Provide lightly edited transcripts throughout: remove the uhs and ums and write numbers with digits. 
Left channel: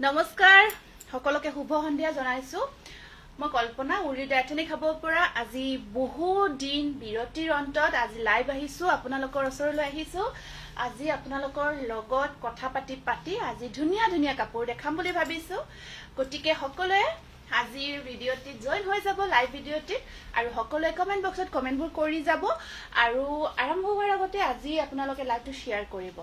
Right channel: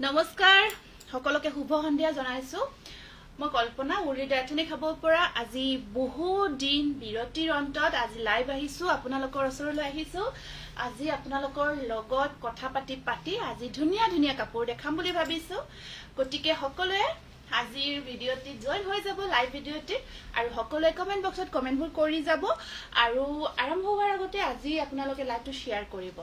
নমস্কাৰ সকলোকে শুভ সন্ধিয়া জনাইছো মই কল্পনা উৰি ডাইথনি খাব পৰা আজি বহু দিন বিৰতিৰ অন্তত আজি লাইভ আহিছো আপোনালোকৰ ওচৰলৈ আহিছো আজি আপোনালোকৰ লগত কথা পাতি আজি ধুনীয়া ধুনীয়া কাপোৰ দেখাম বুলি ভাবিছো গতিকে সকলোৱে আজিৰ ভিডিঅ'টিত জয়েন হৈ যাব লাইভ ভিডিঅ'টিত আৰু সকলোৱে কমেন্ট বক্সত কমেন্টবোৰ কৰি যাব আৰু আৰম্ভ হোৱাৰ আগতে আজি আপোনালোকে লাইভটো শ্বেয়াৰ কৰিব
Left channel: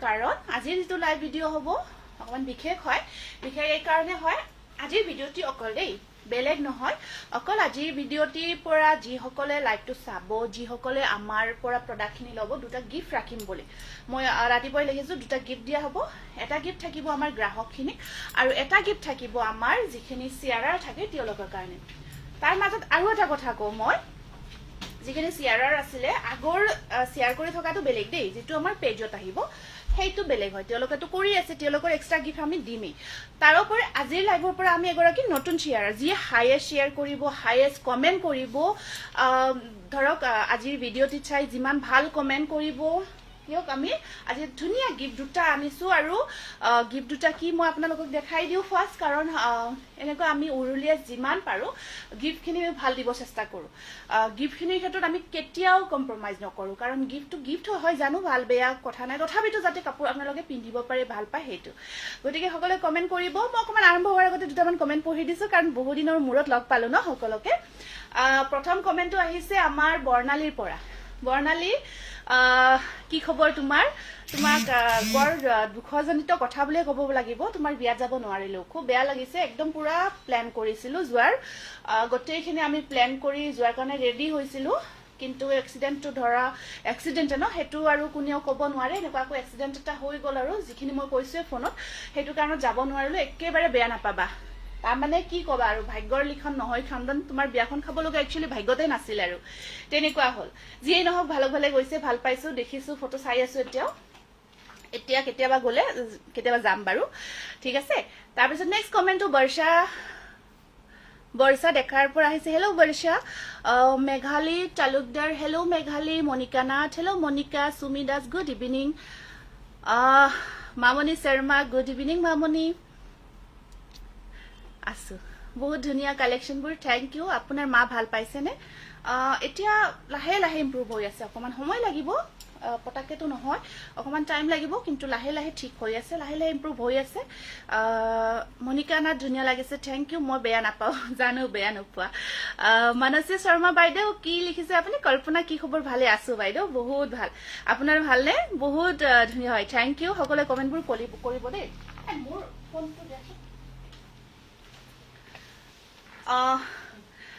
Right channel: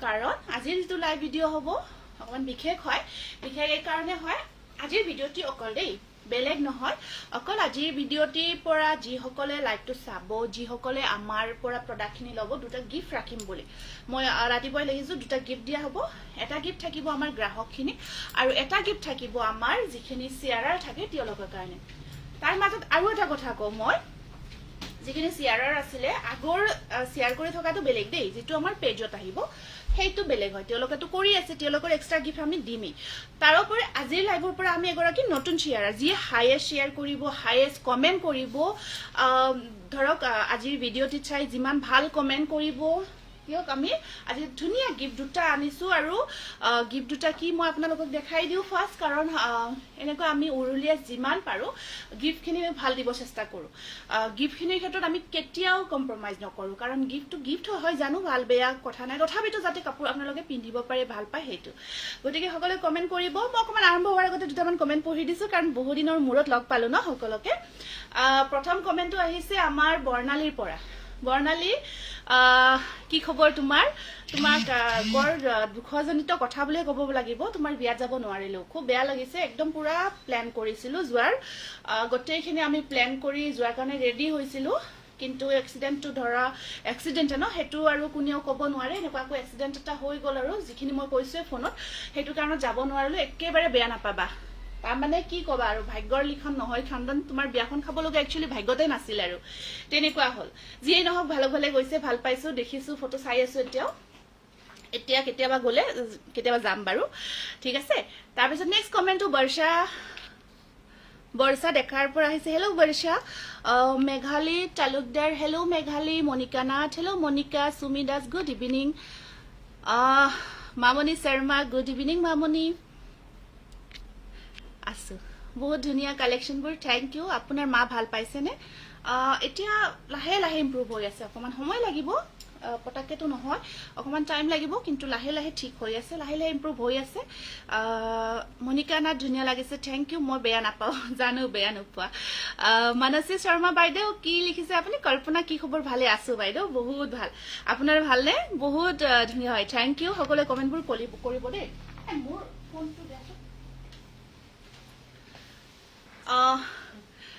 কাৰণ আজিৰ যিটো লাইভ ভিডিঅ' হ'ব অকমান বিশেষ হয় বিশেষ এই কাৰণে হয় আজিৰ ভিডিঅ'টি অকল দেই বেলেগ নহয় অকল আজিৰ ভিডিঅ'টিৰ পৰা যি সকলে লাইভটো চাব যি সকলে আমাৰ পৰা প্ৰডাক্টখিনি ল'ব দুটা গিফ্ট ৰাখিম বুলি মই ৰাতিপুৱাই লিখিছো দুটা গিফ্ট দিয়া হ'ব এটা গিফ্ট থাকিব আমাৰ গ্ৰাহকখিনি আৰু এটা গিফ্ট থাকিব আমাৰ যিখিনি শেয়াৰাৰ থাকে তেওঁলোকৰ কাৰণে তাৰ মাজত আৰু এটা কথা কওঁ মই যিখিনি শেয়াৰাৰ আছিলে আগৰ শেয়াৰ কৰি থকাটো বেলেগ দেই যেটো আমাৰ পেজত আহিব হেইটো বেলেগ হয় তেওঁলোকেটো কৰি আছে তেওঁলোকৰ এক্সট্ৰা গিফ্ট আমি দিমেই তাৰ ওপৰত আজিৰ লাইভৰ পৰা আমি এগৰাকী নতুন শেয়াৰাৰ যি হাইয়েষ্ট শেয়াৰ কৰিব হাইয়েষ্ট কমেন্ট কৰিব ধৰক আজিৰ ভিডিঅ'টি চাই যিমান ভাল কমেন্ট কৰিব কিয়ক আমি আজি ধুনীয়া গিফ্ট দুটা আনিছো আৰু গিফ্ট দুটা কি মই আপোনালোকক দেখাই দিও ফাৰ্স্ট কাৰণ এনেকৈ আমি উৰুলিয়া যিমান পাৰো গিফ্টখিনি ভাল দিব চেষ্টা কৰো গিফ্টখিনিৰ ক্ষেত্ৰত আমি কেতিয়াও কম্প্ৰমাইজ নকৰো কাৰণ গিফ্টটো গিফ্ট হয় জানো ভাল বেয়া কথা নাই তথাপিতো যাতে কাপোৰ আপোনালোকে পিন্ধিব পাৰে ভাল পায় হেতু গতিকে সকলোৱে কমেন্ট কৰিব মই অকমান আৰম্ভ হোৱাৰ আগতে দুটামান কমেন্ট পঢ়ি দিছো কাৰণ বহু দিনৰ মূৰত লগ পালো ন সকলোকে প্ৰথম কমেন্টটো আহিছে আমাৰ বৰ্ণালীৰ পৰা বৰ্ণালী কি খবৰ তোমাক বৰ দুখজনিত কথা বুলিয়ে ক'ব লাগিব তোমাৰ বিয়াত যাব নোৱাৰিলো খুব বেয়া লাগিছে একদম পুৰা প্ল্যান কৰিছিলো যোৱাৰ গটেইখিনি আমি প্ল্যান কৰি যোৱাৰ কাৰণে ৰেডি হৈছিলো কিন্তু এক্সিডেন্টটো ধৰা এক্সিডেন্ট ন হেতু আৰু কোনেও ক'ব নোৱাৰে এনেকুৱাকৈ এক্সিডেন্ট এটা হৈ গল আৰু যিখিনি মই কৈছো ফোনত হেতু কাৰণত যাব নোৱাৰিলো একেবাৰে বেয়া নাপাবা তাৰ মানে কি কবা আৰু ভাগ্যৰ লিখন নহয় খণ্ডন তোমাৰ বিয়াখন খাব লগা একচুয়ালি ভাগ্যতে নাছিল আৰু তেনেকুৱা হল যিয়ে নহক ভালো ভালে গৈছে ভাল পাইছো দেখিছো ফটো চাই আছো এতিয়া কেতিয়াবা গলে কেতিয়াবা যাম বাৰু ঠিক আছে তাৰ পিছত নেক্সট কমেন্টটো বৰ্ষা দেখাৰ পৰা আহিছে hello Barsha Meghali Talukdar hello Meghali Monika Nath hello Monika Sumi Das good evening Mamoni Sharma good evening Mamoni আছো বহুত ধুনীয়া কালেকশনবোৰ থ্যাংক ইউ আপোনাৰ মা ভাল পাইছে নে এতিয়া লাহে লাহে ইমপ্ৰুভ হৈ আছে অকমান সময় লাগিব পটাকেটো নহয় অকমান টাইম লাগিব কিন্তু লাহে লাহে ঠিক হৈ আছে লাহে লাহে ইমপ্ৰুভ হৈ আছে মনিকা না ধুনীয়া লাগিছে থ্যাংক ইউ মই বেয়া নাপাও জানো বেয়া নোপোৱা মানসী শৰ্মা বাইদেউ কি লিখিছে আপুনি কল্পনা কি খবৰ ভালে আছো বাইদেউ বহুত ভাল আপোনাৰ ভালনে বহুত ধুনীয়া হয় থ্যাংক ইউ সকলোৱে কমেন্টবোৰ কৰিব দেই মোৰ ফোনটো দিয়াচোন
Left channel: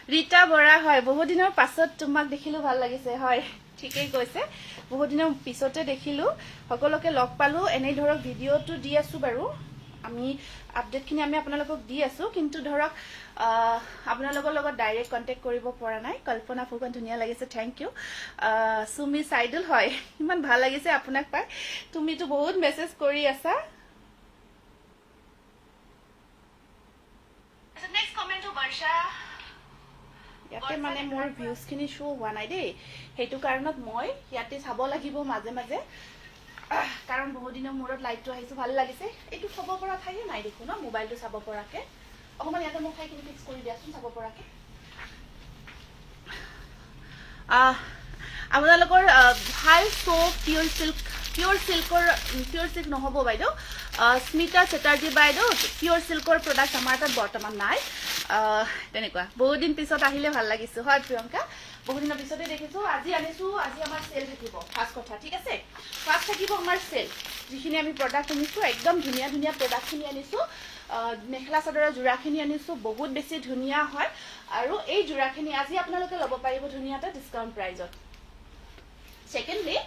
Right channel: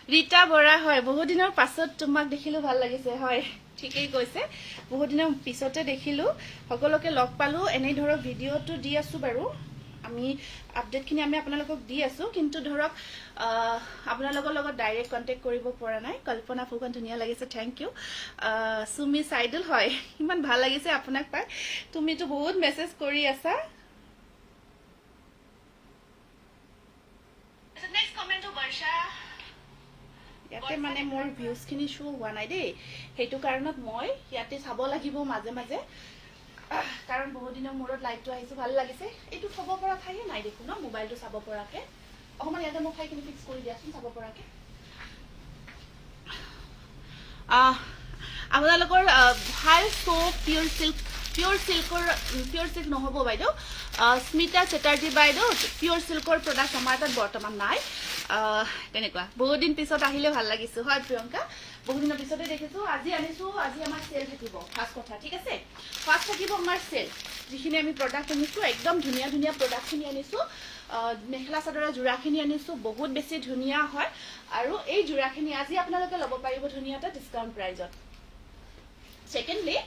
ৰীতা বৰা হয় বহুত দিনৰ পাছত তোমাক দেখিলো ভাল লাগিছে হয় ঠিকই কৈছে বহুত দিনৰ পিছতে দেখিলো সকলোকে লগ পালো এনে ধৰক ভিডিঅ'টো দি আছো বাৰু আমি আপডেটখিনি আমি আপোনালোকক দি আছো কিন্তু ধৰক আপোনালোকৰ লগত ডাইৰেক্ট কন্টেক্ট কৰিব পৰা নাই কল্পনা ফুকন ধুনীয়া লাগিছে থ্যাংক ইউ সুমি সাইদুল হয় ইমান ভাল লাগিছে আপোনাক পাই তুমিতো বহুত মেছেজ কৰি আছা নেক্সট কমেন্টটো বৰ্ষা ইয়াতে মানে মোৰ ভিউজখিনি শো হোৱা নাই দেই হেতু কাৰণত মই ইয়াতে চাব লাগিব মাজে মাজে কাৰণ বহু দিনৰ মূৰত লাইভটো আহিছো ভাল লাগিছে এইটো চাব পৰা ঠাই নাই দেখো ন মোবাইলটো চাব পৰাকে অকমান ইয়াতে মই ঠাইখিনি ফিক্স কৰি দিয়াচোন চাব পৰাকে আপোনালোকৰ ভাল সো পিওৰ সিল্ক নহব বাইদেউ স্মিতা চেটাৰ্জী বাইদেউ পিওৰ সিল্কৰ প্ৰডাক্ট আমাৰ তাত বৰ্তমান নাই তেনেকুৱা বহুত দিন পিছত আহিলে ভাল লাগিছে হয় প্ৰিয়ংকা বহুত দিনৰ পিছতে দেখিছো আজি আনিছো আজি আমাৰ সেল থাকিব ফাৰ্স্ট কথা ঠিক আছে ফাৰ্স্ট থাকিব আমাৰ সেল যিখিনি আমি প্ৰডাক্ট আনিছো একদম ধুনীয়া ধুনীয়া প্ৰডাক্টখিনি আনিছো মেখেলা চাদৰৰ জোৰাখিনি আনিছো বহুত বেছি ধুনীয়া হয় আৰু এই জোৰাখিনি আজি আপোনালোকে ল'ব পাৰিব ধুনীয়া এটা ডিসকাউন্ট প্ৰাইজত সেকেন্ডলি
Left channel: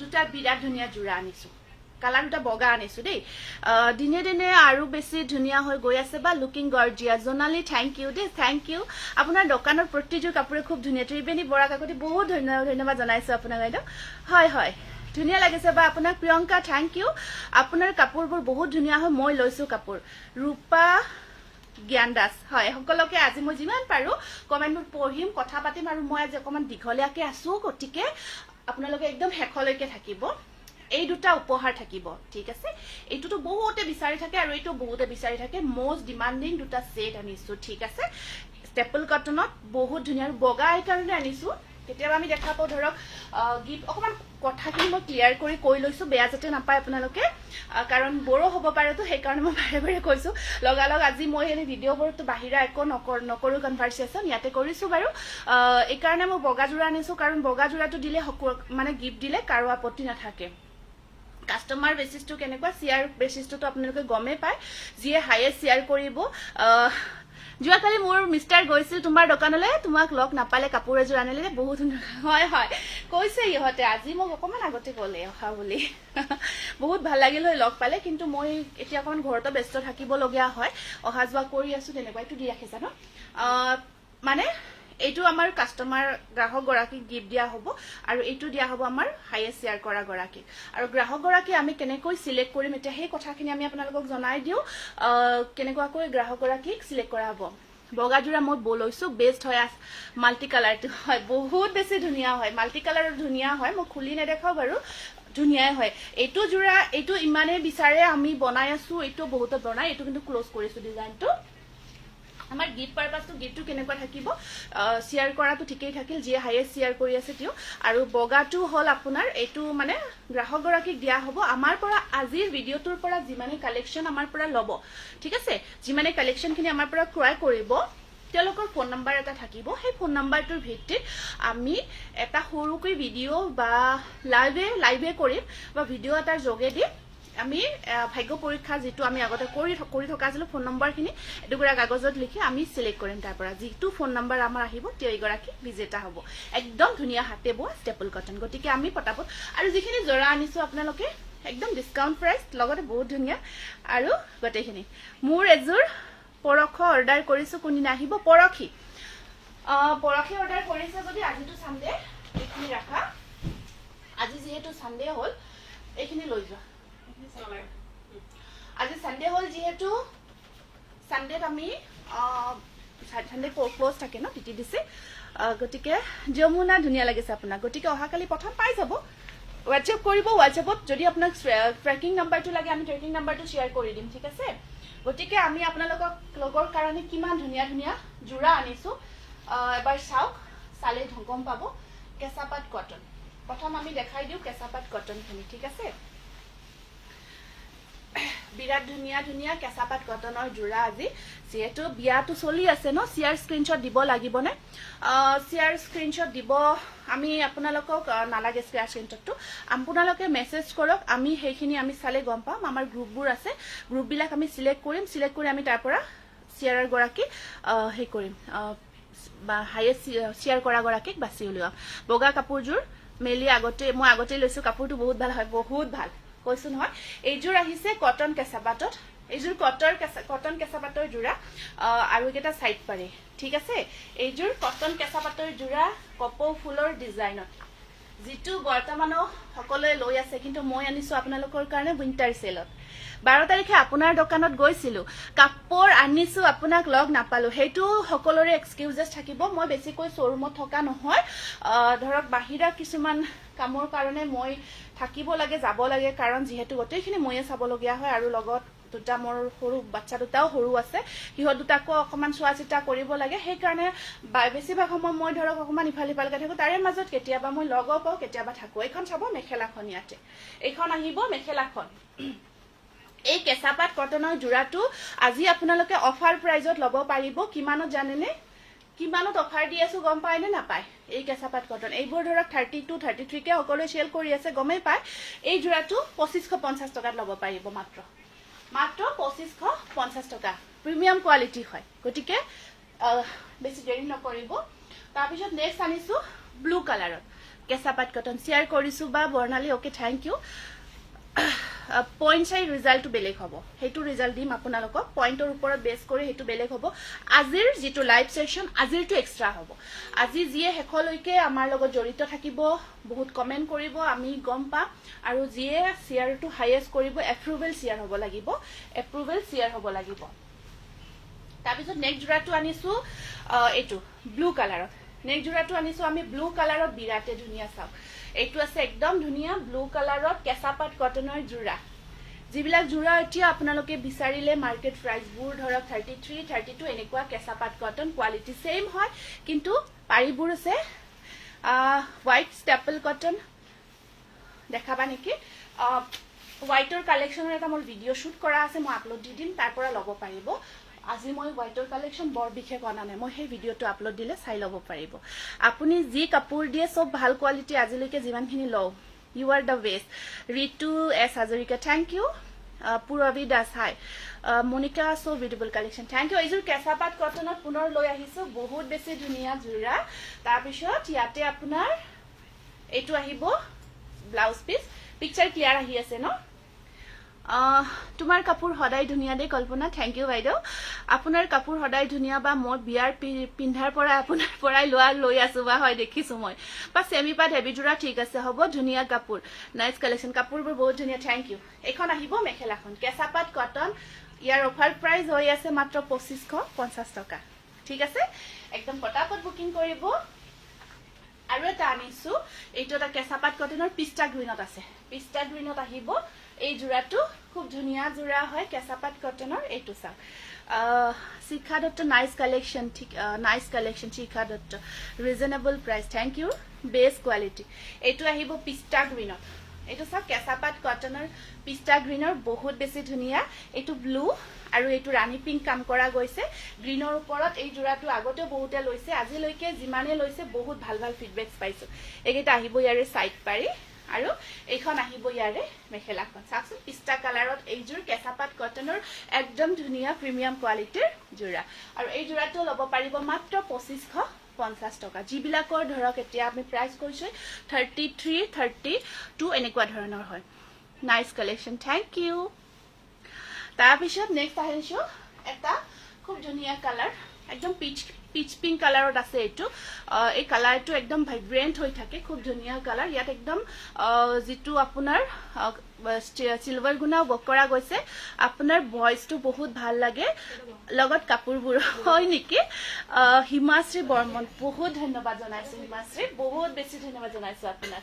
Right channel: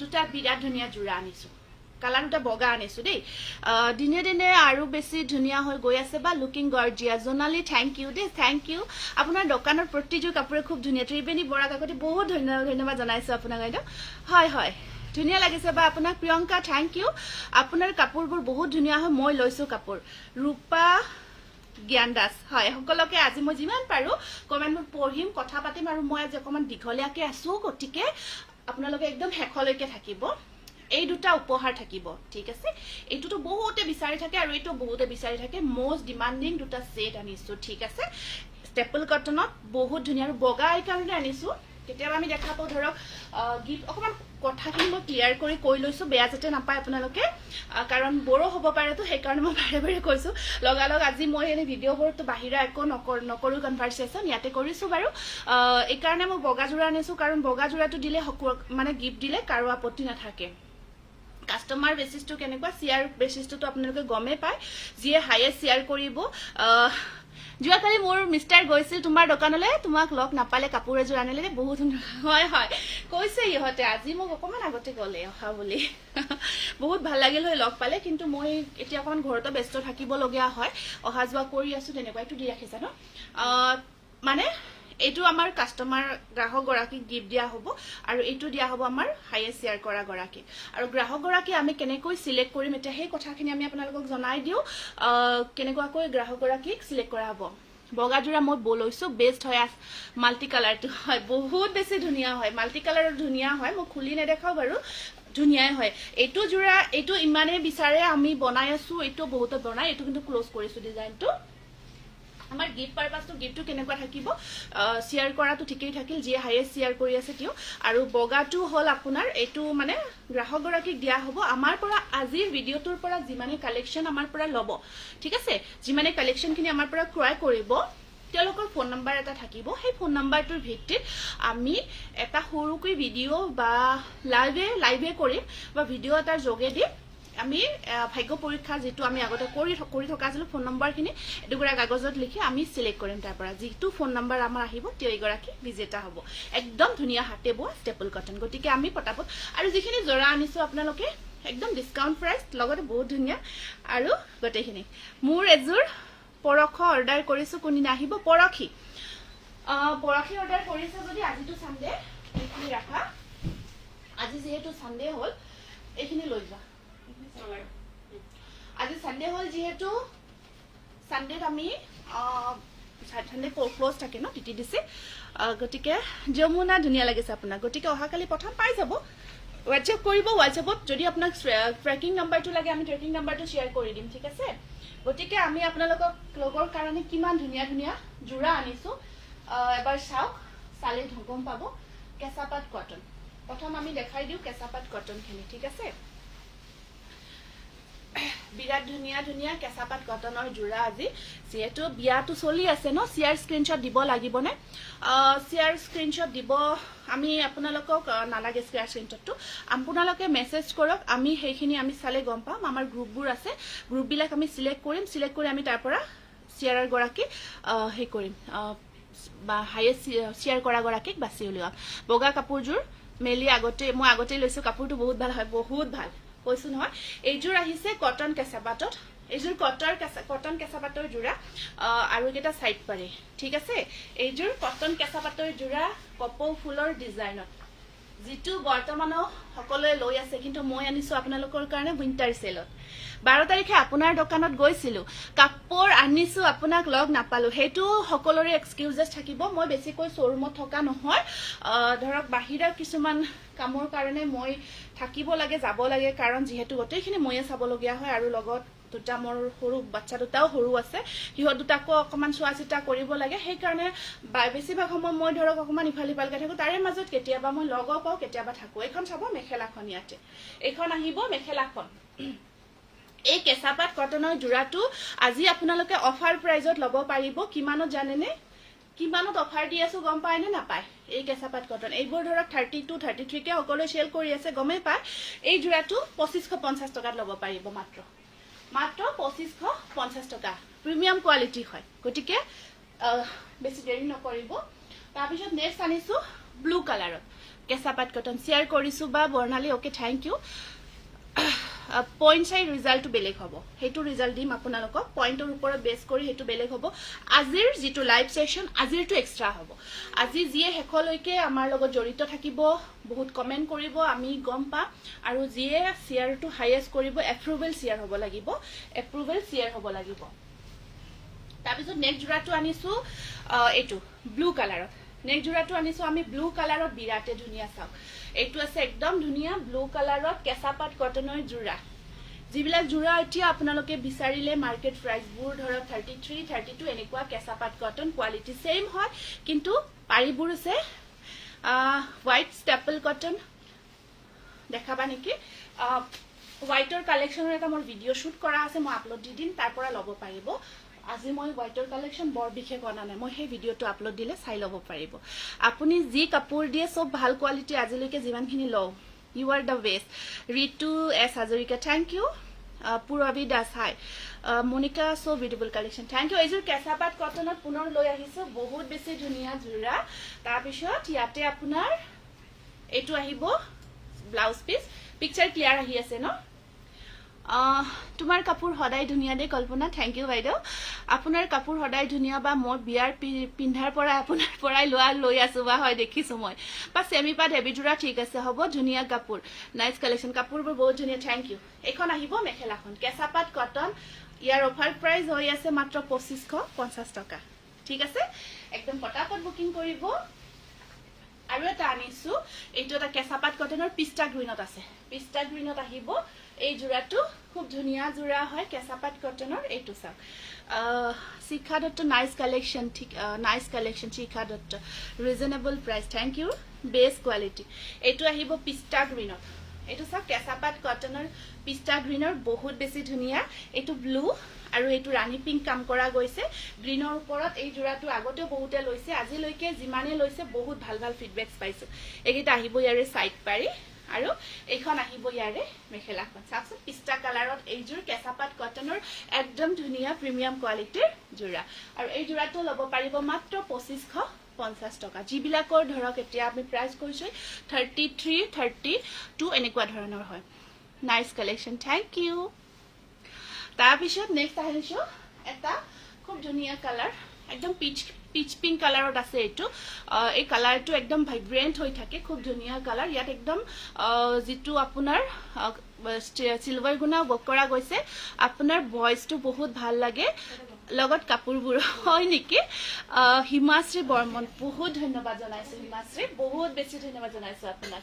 দুটা বিৰাট ধুনীয়া জোৰা আনিছো কালাৰ দুটা বগা আনিছো দেই দিনে দিনে আৰু বেছি ধুনীয়া হৈ গৈ আছে বা লুকিং গৰ্জিয়াস জোনালি থ্যাংক ইউ দেই থ্যাংক ইউ আপোনাৰ দোকানৰ প্ৰতিটো কাপোৰে খুব ধুনীয়া ত্ৰিবেণী বৰা কাকতি বহুত ধন্যবাদ জনাইছো আপোনাক বাইদেউ হয় হয় ধুনীয়া লাগিছে বা আপোনাক প্ৰিয়ংকা থ্যাংক ইউ আপোনাৰ কাপোৰবোৰ বহুত ধুনীয়া হয় মই লৈছো কাপোৰ ৰূপা জ্ঞান দাস হয় সকলোকে আজি মই যিমান পাৰো কমেন্টবোৰ পঢ়িম কথা পাতিম আৰু মই আজি অকমান দীঘলীয়াকে আছো গতিকে আপোনালোকে একদম হেখলৈকে থাকিব এই দুটা উপহাৰ থাকিব ঠিক আছে এইটোতো বহুতে বিচাৰি থাকে আৰু এইটো বহুতে বিচাৰি থাকে মোস্ট ডিমান্ডিং দুটা সেট আনিছো ঠিক আছে স্টেপল কটনত বহুত ধুনীয়া আৰু বগা এই কাৰণে আনিছো কেতিয়াবা আমি দেখা পাও ধৰক গিফট অকমান কথাখিনি মই ক্লিয়াৰ কৰি কৈ লৈছো বেয়া যাতে নাপায় আপোনালোকে কাৰণ বড় হ'ব পাৰে তো সেই কাৰণে মই বাৰে বাৰে কৈছো লগালগ আজি মই এই ভিডিঅ'বোৰতো বাহিৰা একো নকৰো কনভাৰসেচন ইয়াতে কৰিছো বাৰু এই কাৰণে মই বগা জোৰা আনিছো কাৰণ বগা জোৰাটো দিলে মানে গিফট দিলে কাৰো আপত্তি নাথাকে কাস্টমাৰ বেসিসটো কেনেকুৱা শেয়াৰ বেসিসটো আপোনালোকে গমে পায় যিয়ে হাইয়েষ্ট শেয়াৰ কৰিব যোৱাকালি মোৰ মিষ্টাৰ গৈছিল তোমাৰ দোকানলৈ তোমাক লগ নাপালে কাপোৰ এযোৰ আনিলে বহুত হয় হয় কৈছে ইহঁতে আজি মোক অকমান আগতে ক'লে অহা বুলি বহুত ভাল লাগিল হয় লগ পালে কিন্তু মই এতিয়া অকমান ঘৰতে ব্যস্ত থাকিব লগিয়া হয় অহা যোৱা কৰি আছো তেনেকুৱা এইটো দি ৰাখিছা ন মানে এইটো আমাৰ কাস্টমাৰ গ্ৰাহক গৰাকীক গিফট দিয়া হ'ব আৰু এইটো দিয়া হ'ব আমাৰ হাইয়েষ্ট শেয়াৰ কৰা গৰাকী আৰু গ্ৰাহক গৰাকী আমি কেনেকৈ সিলেক্ট কৰিম এটা সেই কথাখিনি আমি আপোনালোকক জনাই দিও কেনেকুৱাকৈ গ্ৰাহক গৰাকীক সিলেক্ট কৰা হ'ব বগা জোৰা মই বলৈছো বেস্ট হয় মাল্টি কালাৰটো হয় বহুত বেছি ধুনীয়া হয় মাল্টি কালাৰৰ ধুনীয়া হয় মই খুলি নেদেখাও বাৰু ধুনীয়াই হয় এইটো জোৰা এইটো ইমানে বিচাৰে আমি বনাই আছো এইটো বহুত বনাই এইটো কিন্তু ক্লোজ কৰিছো ডিজাইনটো আমাৰ গিফট পাৰপাসটো গিফটটো কেনেকুৱা থাকিব শেয়াৰ কৰাটো ঠিকই থাকিল যিয়ে হাইয়েষ্ট শেয়াৰ কৰি আছে তেওঁ আৰু বগাটো হল আপোনাৰ এইটো মানে গ্ৰাহক গৰাকীক দিয়া হ'ব আমাৰ পৰা আজিৰ ভিডিঅ'টোৰ পৰা যিমানে কালেকচন আমাৰ পৰা ল'ব ঠিক আছে যিমানে কালেকচনখিনি আমাৰ পৰা ক্ৰয় কৰিব তেওঁলোকৰ ফোন নাম্বাৰ এটা থাকিব সেই ফোন নাম্বাৰটোৰ ভিত্তিত আমি এটা সৰুকৈ ভিডিঅ' বা লাইভে কৰিম বা ভিডিঅ' এটাৰ যোগেদি আমি ভাগ্য পৰীক্ষা যেটো আমি আগতে কৰি থকা আছিল ফোন নম্বৰখিনি এটুকুৰা কাগজত লিখি আমি সিলেক্ট কৰিম তাৰ পৰা যেটো ফোন নম্বৰ আমাৰ আহিব তেইগৰাকী বিজেতা হ'ব একদম ধুনীয়া হাতে বোৱা স্টেপল কটন গতিকে আমি পটাপট আৰু যিখিনি জৰা আনিছো আপোনালোকে একদম ডিসকাউন্ট প্ৰাইস লগতে বহুত ধুনীয়া আৰু গটেখিনি মোৰ এজুৰ পৰখ অৰ্ডাৰ কৰিছো কোনদিনা আহিব পৰখি অৰ্ডাৰ কৰিছে যদি আজিটো সানডে এইখিনি ৰাখা আজি যেহেতু সানডে হল এইখিনি লৈ যোৱা আজি সানডে হল যেহেতু সানডেত আমি সানডে ক্লোজ থাকে ন টিটি দিছে গতিকে যমুনা ধুনীয়া লাগিছে আপোনাক গতিকে অহাকালি প্ৰথম পাই যাব হোৱাটসএপ কৰিব হোৱাটসএপত যদি আপোনাক ট্ৰেকিং নাম্বাৰটো লাগে আমি ট্ৰেকিং নাম্বাৰটো শেয়াৰ কৰি দিম ঠিক আছে গতিকে আমি আপোনালোকক লগৰ কাৰণে কিমান ধুনীয়া ধুনীয়া জোৰা আনিছো এবাৰ চাওক চালে গম পাব কেঁচাপাত কটন প্ৰথম আমি দেখাই দিও কেঁচাপাত কটনখিনি ঠিক আছে বিৰাট ধুনীয়া ধুনীয়া কেঁচাপাত কটনৰ জোৰা আজি যেহেতু বিয়াটো চলি আছে ন শেয়াৰ স্ক্ৰিনশ্বট দিব লাগিব নে শেয়াৰ স্ক্ৰিনশ্বট দিব আমি আপোনালোকক নালাগে শেয়াৰ স্ক্ৰিনশ্বটটো আপোনালোকে মেসেজ কৰক আমি সেইখিনি আমি চালে গম পাম আমাৰ গ্ৰুপবোৰ আছে গ্ৰুপবিলাক আমি সিলেক্ট কৰি আমি তাৰ পৰা শেয়াৰৰ গৰাকী হে কৰিম বা হাইয়েষ্ট শেয়াৰ কৰা গৰাকীক বাছি উলিয়াম বগা কাপোৰজোৰ মেলি মই আগতে লৈছো কাপোৰটো বহুত ভাল হয় বহুত ভাল কৈছো নহয় এইজোৰ আহিছে কটন কেঁচাপাতত এইজোৰ কটন কেঁচাপাতৰ জোৰা আৰু এটা সাইড পাৰি ঠিক আছে এইজোৰ কটন কেঁচাপাতৰ জোৰা কপৌ ফুলৰ ডিজাইনত যেটো বৰ্তমান সকলোৱে লৈ আছে কিন্তু মই আনিছো আপোনালোকৰ কাৰণে উইন্টাৰ সেলত 12 তাৰিখে আপোনাৰ দোকানত গৈছিলো কাপোৰ আনিছো আপোনাক লগ নাপালো হেতু সকলোৰে এক্সকিউজেছ থাকিব মই বেছিকৈ শ্বৰুমত থকা নহয় ধৰক বাহিৰা কিছুমান কামৰ কাৰণে মই থাকিব লাগে যাব লাগে কাৰণ যেহেতু গটেইখিনি ময়ে চাব লগিয়া হয় আৰু লগত দুটা মোৰ সৰু বাচ্চা দুটাও সৰু আছে হিহত দুটাকো অকমান চোৱাচিতা কৰিব লাগে সেই কাৰণে বেছিভাগ সময় মই ধৰক অকমান ইফালিফালকে থাকো তাৰে মাজত কেতিয়াবা মই লগ পাও কেতিয়াবা থাকো এইখন চাব মেখেলাখন ইয়াতে এইখন আহিব মেখেলাখন এই কেঁচাপাত কটনৰ জোৰাটো আজি আপোনালোকে অফাৰ প্ৰাইজত ল'ব পাৰিব কিমানত জানেনে কিমানত অফাৰ দি আছো গম পায় নে নাপায় এই কেঁচাপাত কটন এইবোৰ ধৰক 32 33 কে সকলোৱে সেল কৰি আছে গমে পায় এই জোৰাটো 2550 টকাত ল'ব পাৰিব মাত্ৰ 2550 টকা প্ৰিমিয়াম কোৱালিটি হয় গতিকে বেছি দেৰি নকৰিব তাৰ পিছত নেক্সট আনিছো ব্লু কালাৰত কেঁচাপাত কটন শেয়াৰ কৰিছো বা বৰ্ণালী ওকে থ্যাংক ইউ পইণ্ট চাই ৰিজাল্টটো বেলেগ হ'ব হেতু ৰিজাল্ট দিম আপোনালোকক পইণ্টৰ ওপৰত বেছ কৰি হেতু বেলেগ হ'ব আজিৰ যেটো লাইভ সেশন আজিৰটো এক্সট্ৰা হ'ব আজি যিয়ে হেকলৈকে আমাৰ লগত জড়িত থাকিব বহুত কমেন্ট কৰিব আমি গম পাম আৰু যিয়ে শেয়াৰটো হাইয়েষ্ট কৰিব এপ্ৰুভেল শেয়াৰ হ'ব লাগিব তাৰ পিছত নেক্সট জোৰাটো আনিছো এটো ব্লু কালাৰত নেক্সট জোড়াটো আনিছো আমি ব্লু কালাৰত বিৰাটে ধুনীয়া চাওক এইটো আছে একদম ধুনীয়া ব্লু কালাৰত কেঁচাপাত কটনৰ জোড়া যিবিলাক জোড়া এতিয়া আপোনালোকে বিচাৰিলে মাৰ্কেট প্ৰাইচবোৰ ধৰক 33 32 এনেকুৱা কেঁচাপাত কটন কোৱালিটি সেম হয় কিন্তু পাৰিবোৰ আছে হোৱাইট ষ্টেপল কটন দেখাবা নেকি হোৱাইটৰ কালেকশ্যনৰ এটা মোৰ ভিডিঅ' শ্বুট কৰা আছে মই আপলোড দি দিম তাৰ পৰা ল'ব পাৰিব আজি মই হোৱাইটৰ কালেকশ্যন বৰ বিশেষ অনা নাই মই সেই ভিডিঅ'টো আপলোড দিলে চাই ল'ব পাৰিব আপুনি যি কাপোৰ দিয়ে সব ভাল কোৱালিটি আজিলৈকে যিমানখিনি লওঁ you are the best Ritu S Hazarika thank you Purabi Das hi Monika so beautiful collection thank you এইযোৰ কেঁচাপাত কটনত পুনৰ লৈ আহিছো বহুত বেছি ধুনীয়া জোৰা তাৰপিছত ইয়াতে আপোনাৰ এইটো আহিব ব্লাউজ পিচ পিকচাৰ ক্লিয়াৰ আহি আছে ন তোমাৰ কাপোৰ সদায় ধুনীয়া দে কল্পনা থেংক ইউ বাইদেউ আপোনাৰ কাপোৰ সদায় ধুনীয়া বা মই বিয়াৰ পিন্ধাৰ পৰা আপোনাৰ পৰাই লৈ আছো বা হয় দেখিছো মই বা সেমিপাত হেভি জোৰা ঠিক আছে হ'ব ধুনীয়া কাপোৰ নাইস কালেকশ্যন কাপোৰবোৰ বহুত ধুনীয়া থেংক ইউ এখন আহিব মেখেলাখন কেঁচাপাত কটন ইয়াৰ অফাৰ প্ৰাইস হৈ আছে মাত্ৰ 2550 টকা ঠিক আছে একদম পটাপট বুকিং কৰিব আৰু এটা আনিছো এইটো এটা কেঁচাপাত কটনৰ পিষ্টা গ্ৰীনত আছে পিষ্টা গ্ৰীনত আহিব এই জোড়াটো খুব ধুনীয়া জোড়া হয় কেঁচাপাত কটনৰ এইটো চাওক শিখা দত্ত নাইস কালেকশ্যন ঠিক nice collection Shikha Dutta reasonable price thank you best quality এইটো আহিব পিষ্টা গ্ৰীনত এইটো চাওক কেঁচাপাত কটনৰ পিষ্টা গ্ৰীনৰ বহুত বেছি ধুনীয়া এইটো ব্লু আৰু এইটো ৰাণী পিংক কাম কৰা গৈছে গ্ৰীনৰ ওপৰত এই জোড়াটো আগতে বহুতে লৈছে আজিলৈকে যিমানে লৈছে বহুত ভাল ভাল ফিডবেকস পাইছো এইটা আহিব ইয়াৰে সাইড পাৰি আৰু এইখন আহিব ইয়াৰে মেখেলাখন চাওকচোন পিষ্টা কালাৰত এইযোৰ কেঁচাপাত কটনৰ একদম ধুনীয়া প্ৰিমিয়াম কোৱালিটিৰ জোড়া আৰু এই জোড়াটো ল'ব পাৰিব মাত্ৰ 2550 টকা যিবিলাকৰ ধৰক এতিয়া আমি প্ৰাইস কৈছো 33 32 এনেকুৱা ধৰণৰ হয় নাইস কালেকশ্যন থেংক ইউ তাৰপিছত নেক্সট আহিছো এটা খুব ধুনীয়া কালাৰ একদম পিচ পিংক কালাৰত আছে এইটো এই কালাৰটো একদম ভাইব্ৰেন্ট হৈ থাকে খুব ধুনীয়া কালাৰ ইয়াত একদম যেটো আপোনাৰ সিলভাৰ গুণা বক কৰা গৈছে আপোনাৰ ভয়েসটো বহুত ভাল লাগে লগত কাপোৰবোৰ হয় নেকি হিমাশ্ৰী বৰ্মন বহুত ধন্যবাদ জনাইছো হিমাশ্ৰী বহুত বেছি ধন্যবাদ জনাইছো আপোনাক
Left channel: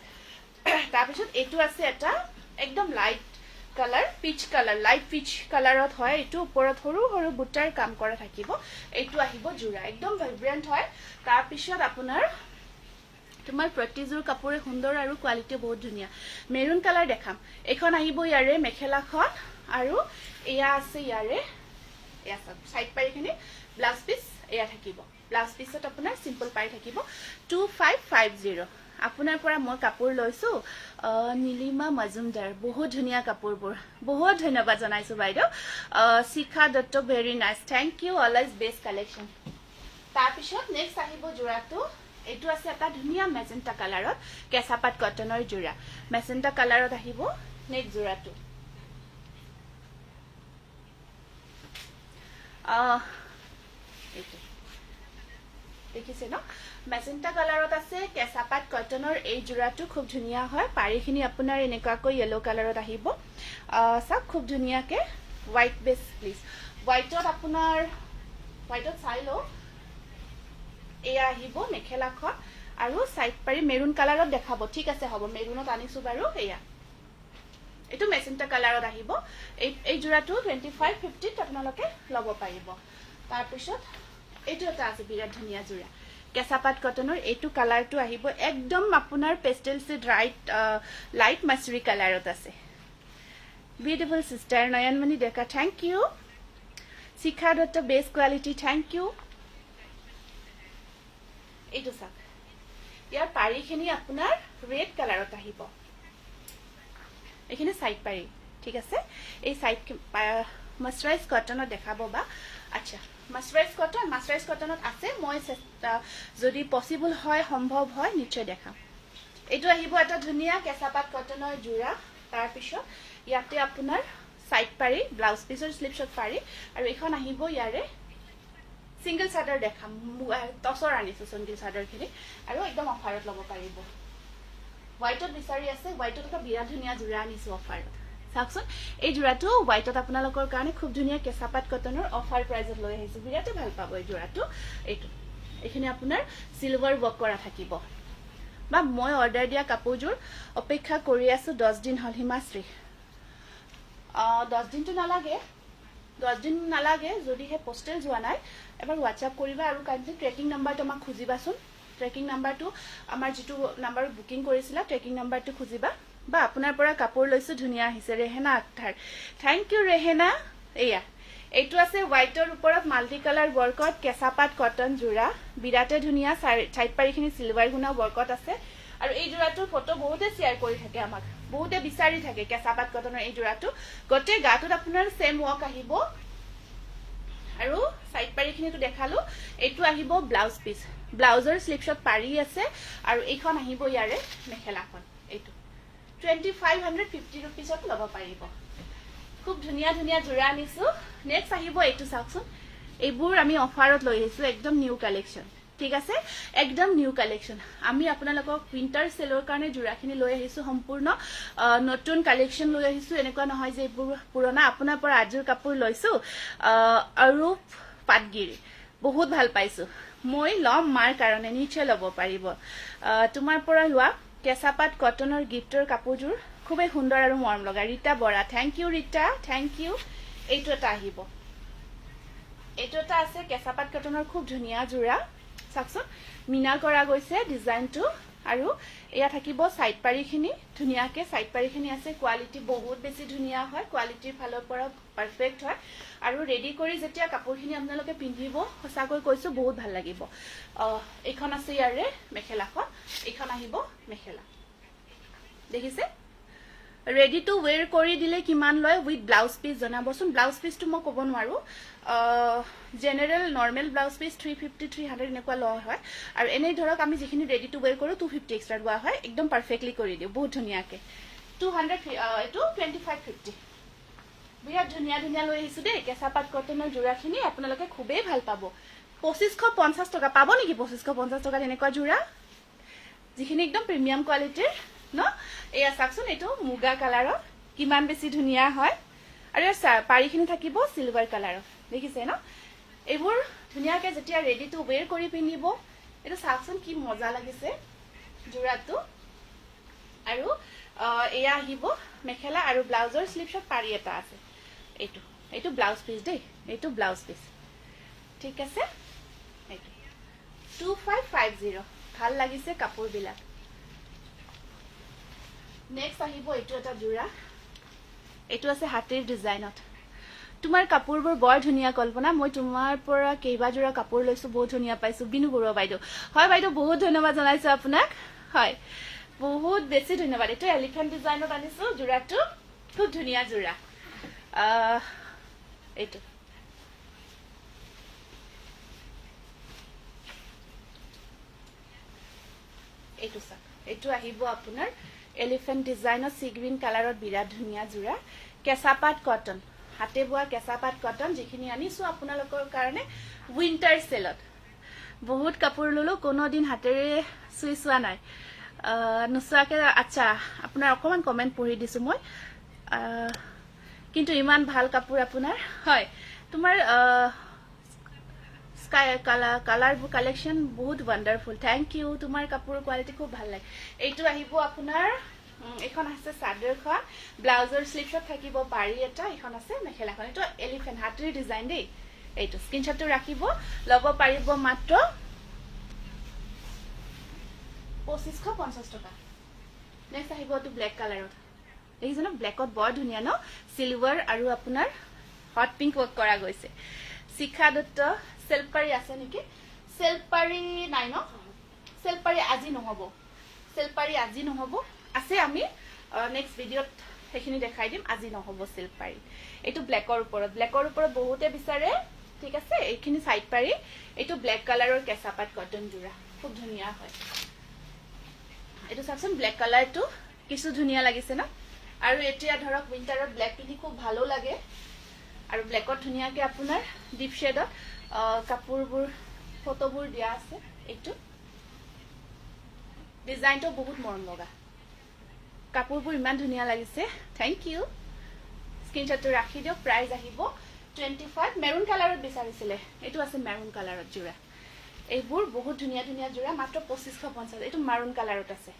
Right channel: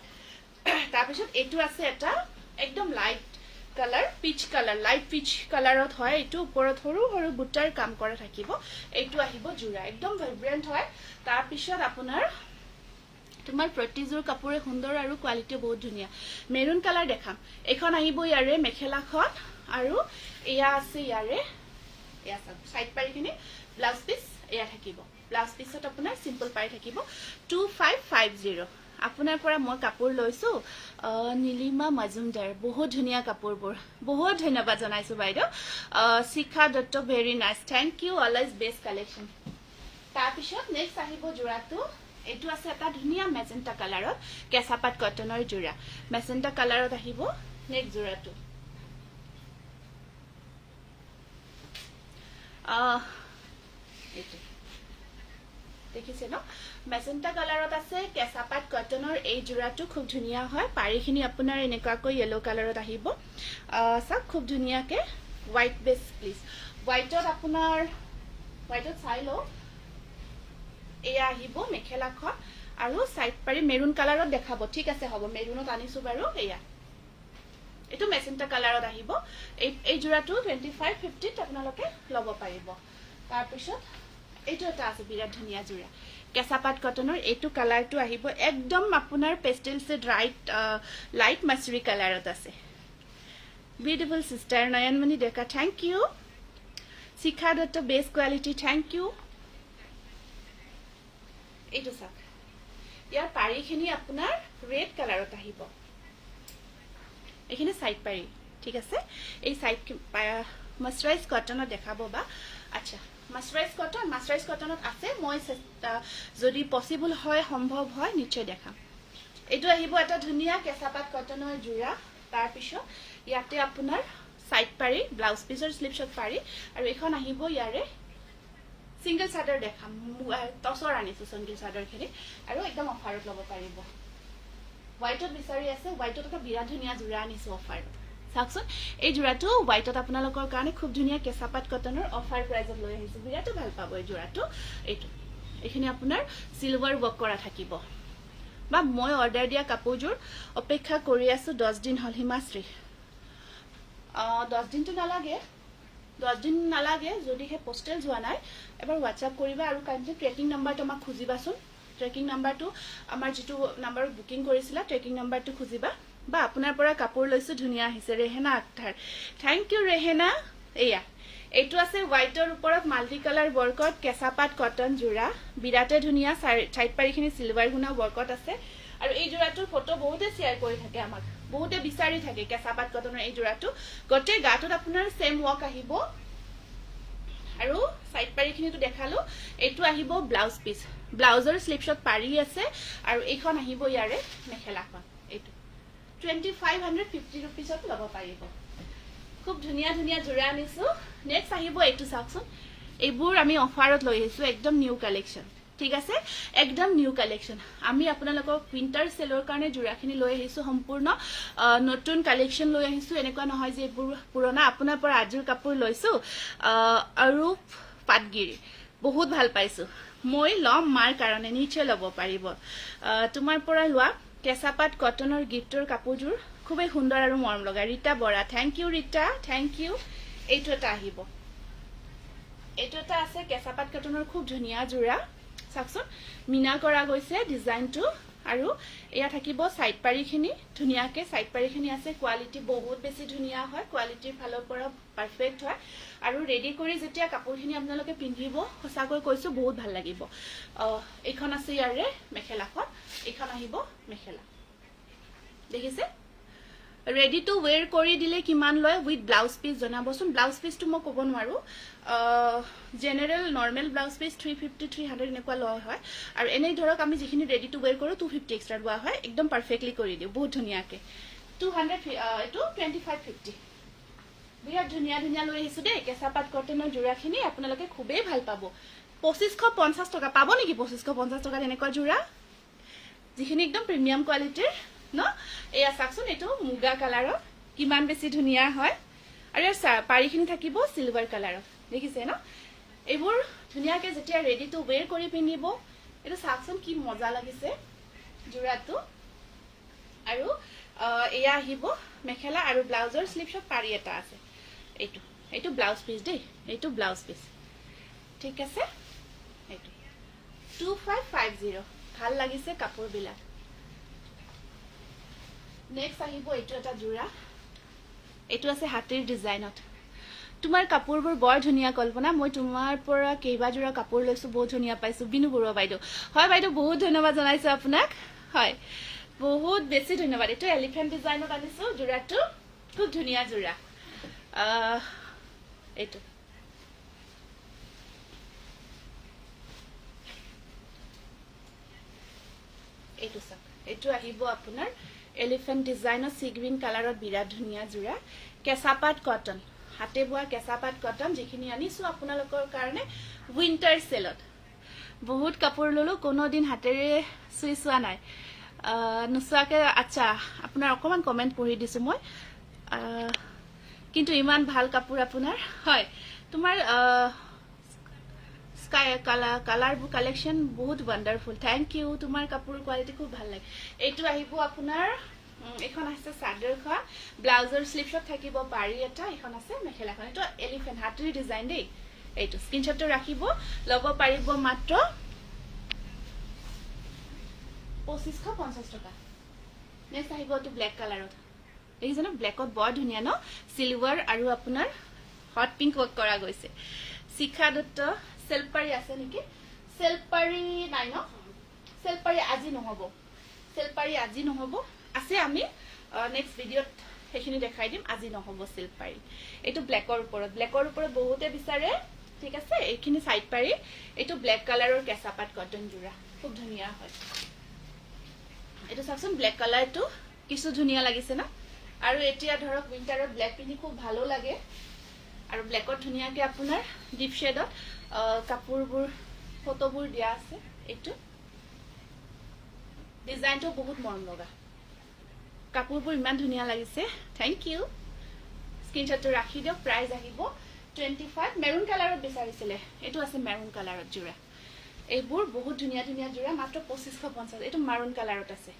তাৰপিছত এইটো আছে এটা একদম light colour peach colour light peach কালাৰত হয় এইটো ওপৰত সৰু সৰু বুটাৰ কাম কৰা থাকিব এইটো আহিব জোড়া একদম ভাইব্ৰেন্ট হয় তাৰপিছত আপোনাৰ তোমাৰ প্ৰতিযোৰ কাপোৰে সুন্দৰ আৰু কোৱালিটি বহুত ধুনীয়া মেৰুন কালাৰ দেখাম এখন আহিব ইয়াৰে মেখেলাখন আৰু এয়া আছে ইয়াৰে এয়া সাইড পাইখিনি ব্লাউজ পিচ এয়া থাকিব ব্লাউজ পিচত আপোনাৰ সিম্পল পাই থাকিব 2550 আপোনাৰ পৰা মই কাপোৰ লৈছো নীলিমা মজুমদাৰ বহুত ধুনীয়া কাপোৰবোৰ বহুত ধন্যবাদ জনাইছো বাইদেউ Shikha Dutta very nice thank you always best collection তাৰপিছত নেক্সট আহিব জোড়াটো এইটো আছে এটা ধুনীয়া মেজেন্টা কালাৰত কেঁচাপাত কটনৰ জোড়া মেজেন্টা কালাৰত আহিব নেক্সট জোড়াটো দেখিছে ন মেজেন্টা কালাৰত আছে কেঁচাপাত কটনৰ এই জোড়াটো খুব ধুনীয়া হয় পাৰিখিনি আপোনাৰ এনেকুৱাকৈ ইয়েলো কালাৰত আহিব সব খুব ধুনীয়াকে হোৱাইট বেস প্লিজ হোৱাইটত আপোনাৰ হোৱাইটত চাই লো এয়া আহিব মেখেলাখন আৰু সাইড পাৰি মেৰুন কালাৰত দেখাব ঠিক আছে হ'ব মেৰুনত আনিছো বাৰু এয়া এইটো মেজেন্টা কালাৰত আহিব এই জোড়াটো 2550 ত আপোনালোকে ল'ব পাৰিব তাৰপিছত এইটো এটা আছে বিৰাট ধুনীয়া জোড়া কেঁচাপাত কটনৰ এইটো কালাৰটো আহিব একদম আপোনাৰ পেস্টেল সে লাইট মাছৰি কালাৰত আছে beautiful sister Nayanmoni Deka thank you Shikha Dutta best quality thank you এইটো চাওক ইয়াৰ পাৰিখিনি আপোনাৰ ৰেড কালাৰত আহিব এখানে সাইড পাৰি ঠিক আছে এই সাইড মাছৰাইজ কটনত দেখাব বা আচ্ছা মাছৰাইজ কটনত আছে মই যদি পসিবল হয় সম্ভৱ হয় নিশ্চয় দেখাম এইটো আহিব এটা ধুনীয়া কেঁচাপাত কটনৰ জোড়া তাৰ পিছত ইয়াতে আপোনাৰ সাইড পাৰি ব্লাউজ পিচৰ স্লিপছত পাৰি আৰু এখন আহিব ইয়াৰে সিঙ্গল চাদৰ দেখাম টসৰ আনিছো সিঙ্গল চাদৰখিনি আৰু একদম অফাৰত ল'ব পাৰিব হোৱাইটত বিচাৰি আছে হোৱাইটত এটা বিৰাট ধুনীয়া জোড়া আনিছো অফাৰত চাওকচোন এই জোড়াটো হোৱাইটত আপোনালোকৰ কাৰণে খুব ধুনীয়া কেঁচাপাত কটনৰ অফাৰ প্ৰাইজত লৈ আহিছো বিৰাট ভাল পাব এই জোড়াটো এইখিনি আপোনাৰ সিলভাৰ ওয়াৰ্ক কৰা থাকিব বা মই অৰ্ডাৰ দিয়া কাপোৰযোৰ অপেক্ষা কৰি আছো 10 দিন হল হিমাশ্ৰী 10 দিন তো নালাগে 10 দিন নালাগে যদি হে পোস্টেল যোৱা নাই এবাৰ WhatsApp কৰিবা আৰু কাইন্ডলি ট্ৰেকিং নাম্বাৰটো আমাক খুজিবাচোন ট্ৰেকিং নাম্বাৰটো আমাৰ যেটো নাম্বাৰত বুকিং কৰিছিলা ট্ৰেকিং নাম্বাৰটো খুজিবা বা আপোনাৰ পৰা কাপোৰ লৈছো ধুনিয়া আহিছে ৰেহেনা আক্তাৰ থ্যাংক ইউ ৰেহেনা এয়া এইটো আছে হোৱাইটৰ ওপৰত মাল্টি কালাৰ ওয়াৰ্কত কেঁচাপাত কটন জোৰা বিৰাটে ধুনিয়া সাইড পাৰিখিনি সিলভাৰ গুণা ওয়াৰ্কত আছে আৰু এই জোৰাটোৰ ফটো বহুতে শেয়াৰ কৰি থাকে আমাক বহুতে বিচাৰি থাকে কেঁচাপাত কটনৰ এই জোৰাটো গটে গাটোত আপোনাৰ সেম ওয়াৰ্ক আহিব আৰু সাইড পাৰিখিনিটো দেখালো এইটো আহিব ব্লাউজ পিস ব্লাউজৰ স্লিপশট পাৰি আছে আৰু এইখন আহিব ইয়াৰে মেখেলাখন এইটো 2550 रुपीसত লব পাৰিব খুব ধুনিয়া ধুনিয়া জোৰা আনিছো নেক্সট আহিব এইটো চাওকচোন এইবোৰ আমি অফাৰত লৈ আহিছো একদম নিউ কালেকশন ঠিক আছে একদম নিউ কালেকশন আমি আপোনালোকক উইন্টাৰ সেলৰ কাৰণে জোৰাখিনি লৈ আহিছো সম্পূৰ্ণ নতুন কালেকশন লৈ আহিছো এনেকুৱা নহয় যে এইবোৰ পুৰণা আপোনাৰ পৰা আজিৰ কাপোৰ লৈছো আৰু পাটগিৰি বহুত ভাল পাইছো মই লম মাৰ কাৰণে নিশ্চয় লব পাৰিব তোমাৰ পৰা লোৱা কেঁচাপাত কটনৰ গিফ্টৰ কাপোৰযোৰ খুবেই সুন্দৰ আৰু মৰম লগা Rita Bora thank you Rita thank you এইটো এটা আহিব এইটো এটা আছে কেঁচাপাত কটনৰ খুব ধুনিয়া জোৰা চাকচোন মিনা কৰা গৈছে ডিজাইনটো আৰু এয়া থাকিব সাইড পাৰিখিনি ধুনিয়াকে সাইড পাৰিখিনি আছে কোৱালিটি বহুত বেছি ধুনিয়া হয় কোৱালিটিৰ ফালৰ পৰা পাৰফেক্ট হয় আৰু ৰেডি কৰি যেতিয়া কাপোৰখিনি আপোনালোকে পিন্ধিব সঁচাকৈ কৈছো বহুত ভাল লাগিব এইখন আছে ইয়াৰে মেখেলাখন এইখন আহিব মেখেলা দেখিছে ৰেডি টু ওয়্যাৰ কৰি দিলে কিমান লয় উইথ ব্লাউজ পিস জনাবচোন ব্লাউজ পিসটো মই ক'ব নোৱাৰো জেনাৰেল নৰমাল ব্লাউজ পিস 350 300 এনেকুৱা লয় হয় আৰু এনেই ধৰক আমি যিখিনি ৰেডি টু ওয়্যাৰ কৰো 250 এক্সট্ৰা লোৱা হয় একদম পাৰফেক্টলি কৰি দিও বহুত ধুনিয়াকে 200 এটো 2550 বিৰাট ধুনিয়া ধুনিয়া লৈ আহিছো দেই কেঁচাপাত কটনৰ জোৰাখিনি আপোনালোকে খুবেই ভাল পাব 2550 টকা পাব নেকি 2550 টকা এনেকুৱা জোৰা যিখিনি একদম প্ৰিমিয়াম কোৱালিটিৰ ন এয়া চাকচোন এটো মুগা কালাৰৰ কিমান বেছি ধুনিয়া হয় আৰু ইয়াৰ পাৰিখিনি থাকিব সিলভাৰ কালাৰৰ দেখিছে ন এইবোৰ ধুনিয়াকে যেতিয়া ৰেডি টু ওয়্যাৰ কৰি পিন্ধিব এটো চাকচোন কি মজা লাগিছে জোৰাটো আৰু এয়া আহিব মেখেলা আৰু ব্লাউজৰ স্লিপশট পাৰি এটা আছে এইটো এইটো ব্লাউজ পিস দেই এইটো ব্লাউজ পিস ঠিক আছে এইটো 2550 ভাল লাগিছে কাপোৰ বিলাক নেক্সট আহিব এইটো এটা জোৰা এইটো আছে হাতীৰ ডিজাইনত তোমাৰ কাপোৰবোৰ বৰ ধুনিয়া কল্পনা মই তোমাৰ পৰা কেইবা জোৰা কাপোৰ লৈছো বহুত ধুনিয়া পাইছো বিনু বৰুৱা বাইদেউ হয় বাইদেউ বহুত ধন্যবাদ জনাইছো আপোনাক হয় বহুত বেছি ধন্যবাদ এইটো এলিফেন্ট ডিজাইনত আনিছো জোৰাটো খুব ধুনিয়া জোৰা এইটো এইটো চাক এইটো আহিব আপোনাৰ এলিফেন্ট ডিজাইনত সি গ্ৰীন কালাৰত বিৰাট ধুনিয়া জোৰা কেঁচাপাত কটন হাতে বোৱা কেঁচাপাত কটন যিখিনি আনিছো আপোনালোকৰ কাৰণে উইন্টাৰ সেলত বহুত কাপোৰ ললো কোনো দিন হাতেৰে চুই চোৱা নাই নুচুৱাকে আচ্ছা আপোনাৰ অকমান কমেন্ট পঢ়ি দিছো মই কিন্তু ইমান ভাল কাপোৰ আপোনাৰ হয় তোমাৰ স্কাই কালাৰ কালেকশন বহুত ওয়ান্ডাৰফুল থ্যাংক ইউ তোমাৰ কাপোৰ কোৱালিটি খুব ভাল লাগে এইটো আহিব আপোনাৰ এখন আছে চাদৰখন ব্লাউজৰ স্লিপশট থাকিব পাৰি এটা এখন আছে মেখেলাখন এটো এলিফেন্ট হাতীৰ ডিজাইন দেই এইটো স্ক্ৰিনশ্বটটো ৰাখিব লব পাৰিব মাত্ৰ 2550 টকা নেক্সট আহিব এটো ব্ল্যাক কালাৰত এই জানো ব্ল্যাকত বৰ ধুনিয়া ন সিলভাৰ আৰু আপোনাৰ হট পিংক ওয়াৰ্ক কৰা গৈছে শিখা দত্ত সেলপাৰি আছে নেকি সেলপাৰি নাই ন সেলপাৰি আজি নহব আছে আমি নেক্সট ভিডিওত হেখিনি দেখাই দিম আজি নহব সেলপাৰি এটো ব্ল্যাকৰ ওপৰত বহুতে বিচাৰে ঠিক আছে এইখিনি সাইড পাৰি এটো ব্ল্যাক কালাৰৰ কেঁচাপাত কটন জোৰা খুব ধুনিয়া হয় এটো চাকচোন ব্ল্যাক কালাৰটো কিছু ধুনিয়া লাগিছে না আৰু এতিয়া ধৰক উইন্টাৰত ব্ল্যাক পিন্ধি খুব ভালো লাগে আৰু ব্ল্যাকত ধুনিয়াকে আপোনাৰ ডিপ শেডত কাপোৰবোৰ ফটোবোৰ দিয়া আছে এইটো ডিজাইনটো বহুত মৰম লগা কাপোৰবোৰ ইমান ধুনিয়া লাগিছে থ্যাংক ইউ স্ক্ৰিনশ্বটটো ৰাখি দিয়ক প্ৰাইস আহিব 25 মেৰুন কালাৰত বিচাৰিছিলে এইটো আছে মেৰুন কালাৰত জোৰা এইবোৰ বহুত ধুনীয়া ধুনীয়া যোৰা মাত্ৰ 2550 এইটো মাৰুন কালাৰত আছে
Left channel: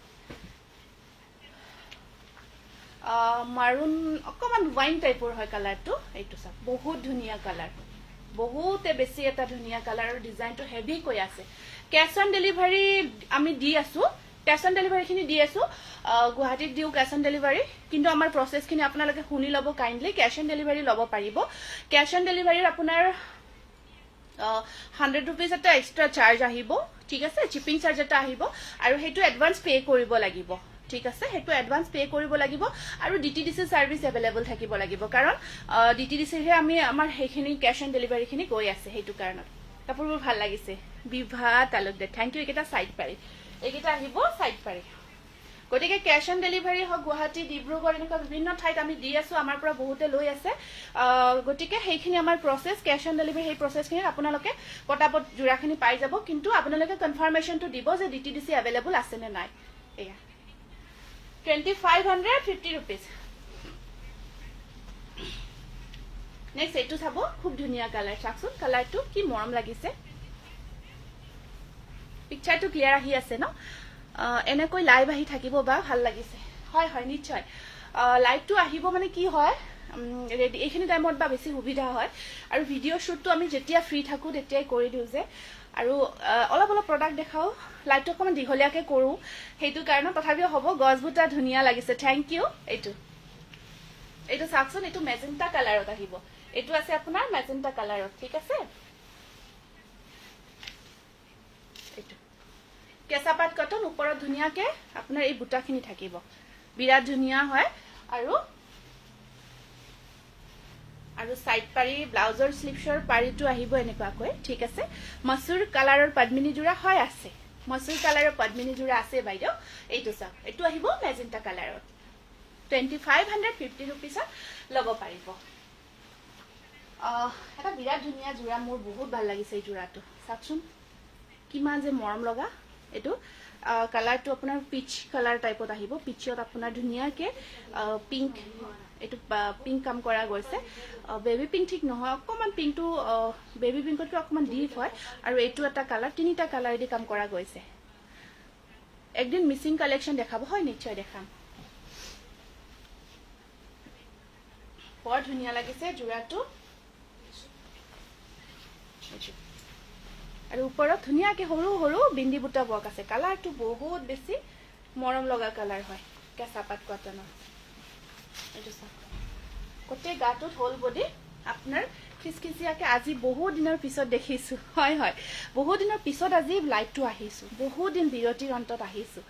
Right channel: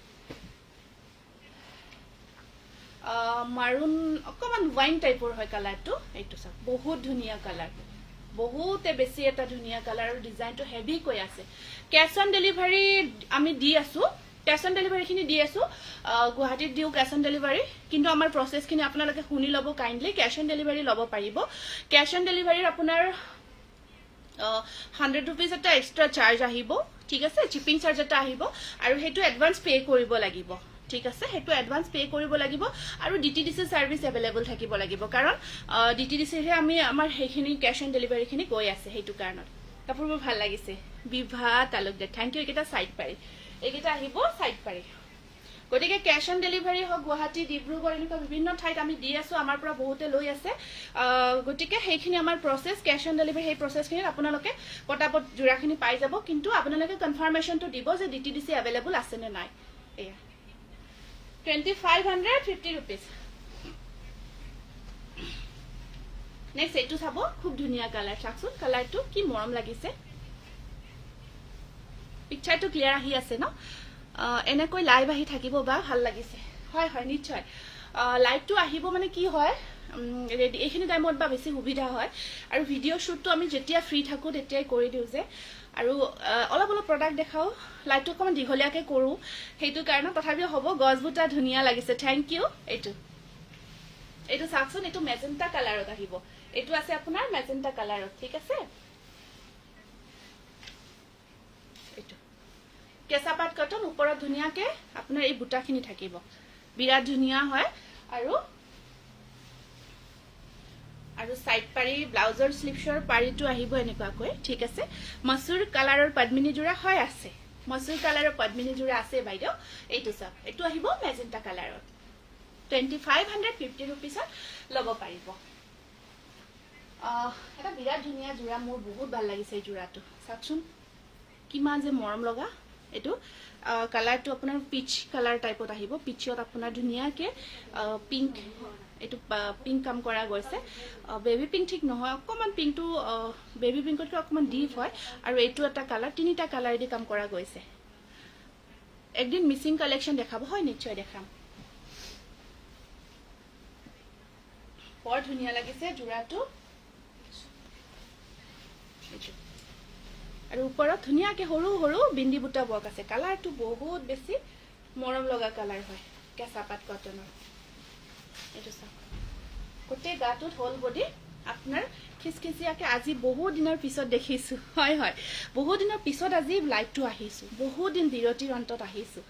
মাৰুন অকমান ওয়াইন টাইপৰ হয় কালাৰটো এইটো চাওক বহুত ধুনীয়া কালাৰ বহুতে বেছি এটা ধুনীয়া কালাৰ আৰু ডিজাইনটো হেভি কৈ আছে ক্যাশ অন ডেলিভাৰী আমি দি আছো ক্যাশ অন ডেলিভাৰী খিনি দি আছো গুৱাহাটীত দিও ক্যাশ অন ডেলিভাৰী কিন্তু আমাৰ প্ৰসেস খিনি আপোনালোকে শুনি লব কাইন্ডলি ক্যাশ অন ডেলিভাৰী লব পাৰিব ক্যাশ অন ডেলিভাৰীৰ আপোনাৰ 100 rupees এটা এক্সট্ৰা চাৰ্জ আহিব ঠিক আছে চিপিং চাৰ্জ এটা আহিব আৰু হেতু এডভান্স পে কৰিব লাগিব ঠিক আছে হেতু এডভান্স পে কৰিব লাগিব আৰু ডিটিডিসি সাৰ্ভিস अवेलेबल থাকিব লাগিব কাৰণ ডিটিডিসি হে আমি আমাৰ হেখিনি ক্যাশ অন ডেলিভাৰী খিনি গৈ আছে হেতু কাৰণত কাপোৰবোৰ ভাল লাগিছে বিভা তালুকদাৰ থ্যাংক ইউ একেটা সাইড পাৰি একেটা আহিব সাইড পাৰি গতিকে ক্যাশ অন ডেলিভাৰী হক গুৱাহাটী ডিব্ৰুগড় এনেকুৱা বিভিন্ন ঠাইত আমি দি আছো আমাৰ পৰা বহুতে লৈ আছে গতিকে হেখিনি আমাৰ প্ৰসেস ক্যাশ অন ডেলিভাৰী এই প্ৰসেসখিনি আপোনালোকে পটাপট জোৰাখিনি পাই যাব কিন্তু আপোনালোকে কনফাৰ্মেশনটো দিব যে ডিটিডিসি अवेलेबल আছে নে নাই এয়া 2550 rupees নেক্সট এটু চাব খুব ধুনীয়া কালাৰ চাকচোন কালাৰটো কি মৰম লাগিছে পিকচাৰটো ক্লিয়াৰ আহি আছে ন এনেকৈ লাইভ আহি থাকিব বা ভাল লাগিছে হয় হয় নিশ্চয় লাইভটো আহিব মানে কি হয় ৰেডি এইখিনি টাইমত বা বেছি সুবিধা হয় আৰু ভিডিও শুটটো আমি যেতিয়া ফ্ৰী থাকো তেতিয়াই কৰি দিও যে আৰু অলপ অলপ প্ৰডাক্ট দেখাও লাইভটো অকমান দীঘলীয়াকে কৰো হেতু কাৰণ তথাপিও হ'ব গছবুটা ধুনীয়া লাগিছে থ্যাংক ইউ এইটো চাকচোন এইটো মেজেন্টা কালাৰত আহিব এইটো আছে আপোনাৰ মেজেন্টা কালাৰত ঠিক আছে কেঁচাপাত কটন ওপৰত ধুনীয়াকে আপোনাৰ এই বুটাখিনি থাকিব বিৰাট ধুনীয়া হয় আৰু সাইড পাৰি ব্লাউজৰ স্লিভছৰ পাৰিটো আহিব এনেকুৱাকৈ ঠিক আছে মসুৰ কালাৰৰ পদ্মিনী জোৰা হয় আছে মসুৰ কালাৰৰ পদ্মিনী জোৰা আছে বাইদেউ এইটো চাওক এইটো আহিব মেজেন্টা কালাৰত 2550 rupees লব পাৰিব এটা বিৰাট ধুনীয়া জোৰা মোৰ বহুত ভাল লাগিছে এই জোৰাটো চাওকচোন কিমান যে মৰম লগা এটো কালাৰটো আপোনাৰ পিচ কালাৰ টাইপত আহিব পিচত আপোনাৰ ধুনীয়াকে পিংক এটো পিংক কাম কৰা গৈছে বেবি পিংক ঠিক নহয় অকমান পিংকটো বেবি পিংকতকৈ অকমান ডিপ হয় আৰু এটো এটা কালাৰ তিনিটা কালাৰ দি কাম কৰা গৈছে একদিন মিসিং কালেকশন দেখাব হয় নিশ্চয় দেখাম বৰ ধুনীয়া লাগিছে জোৰাটো আৰু ওপৰত ধুনীয়াকে সৰু সৰু বিন্দি বুটা বক আছে কালাৰটো বহুত বেছি মৰম লগা কালাৰ হয় কেঁচাপাত কটনৰ এইটো চাওক কোটে গাটোত হোল বডি আপোনাৰ খিসখিসিয়াকে আজি বহুত দিনৰ পিছত দেখিছো হয় হয় বহুত দিনৰ পিছত আজি লাইভটো আহিছো বহুত দিন বিৰতিৰ অন্তত আহিছো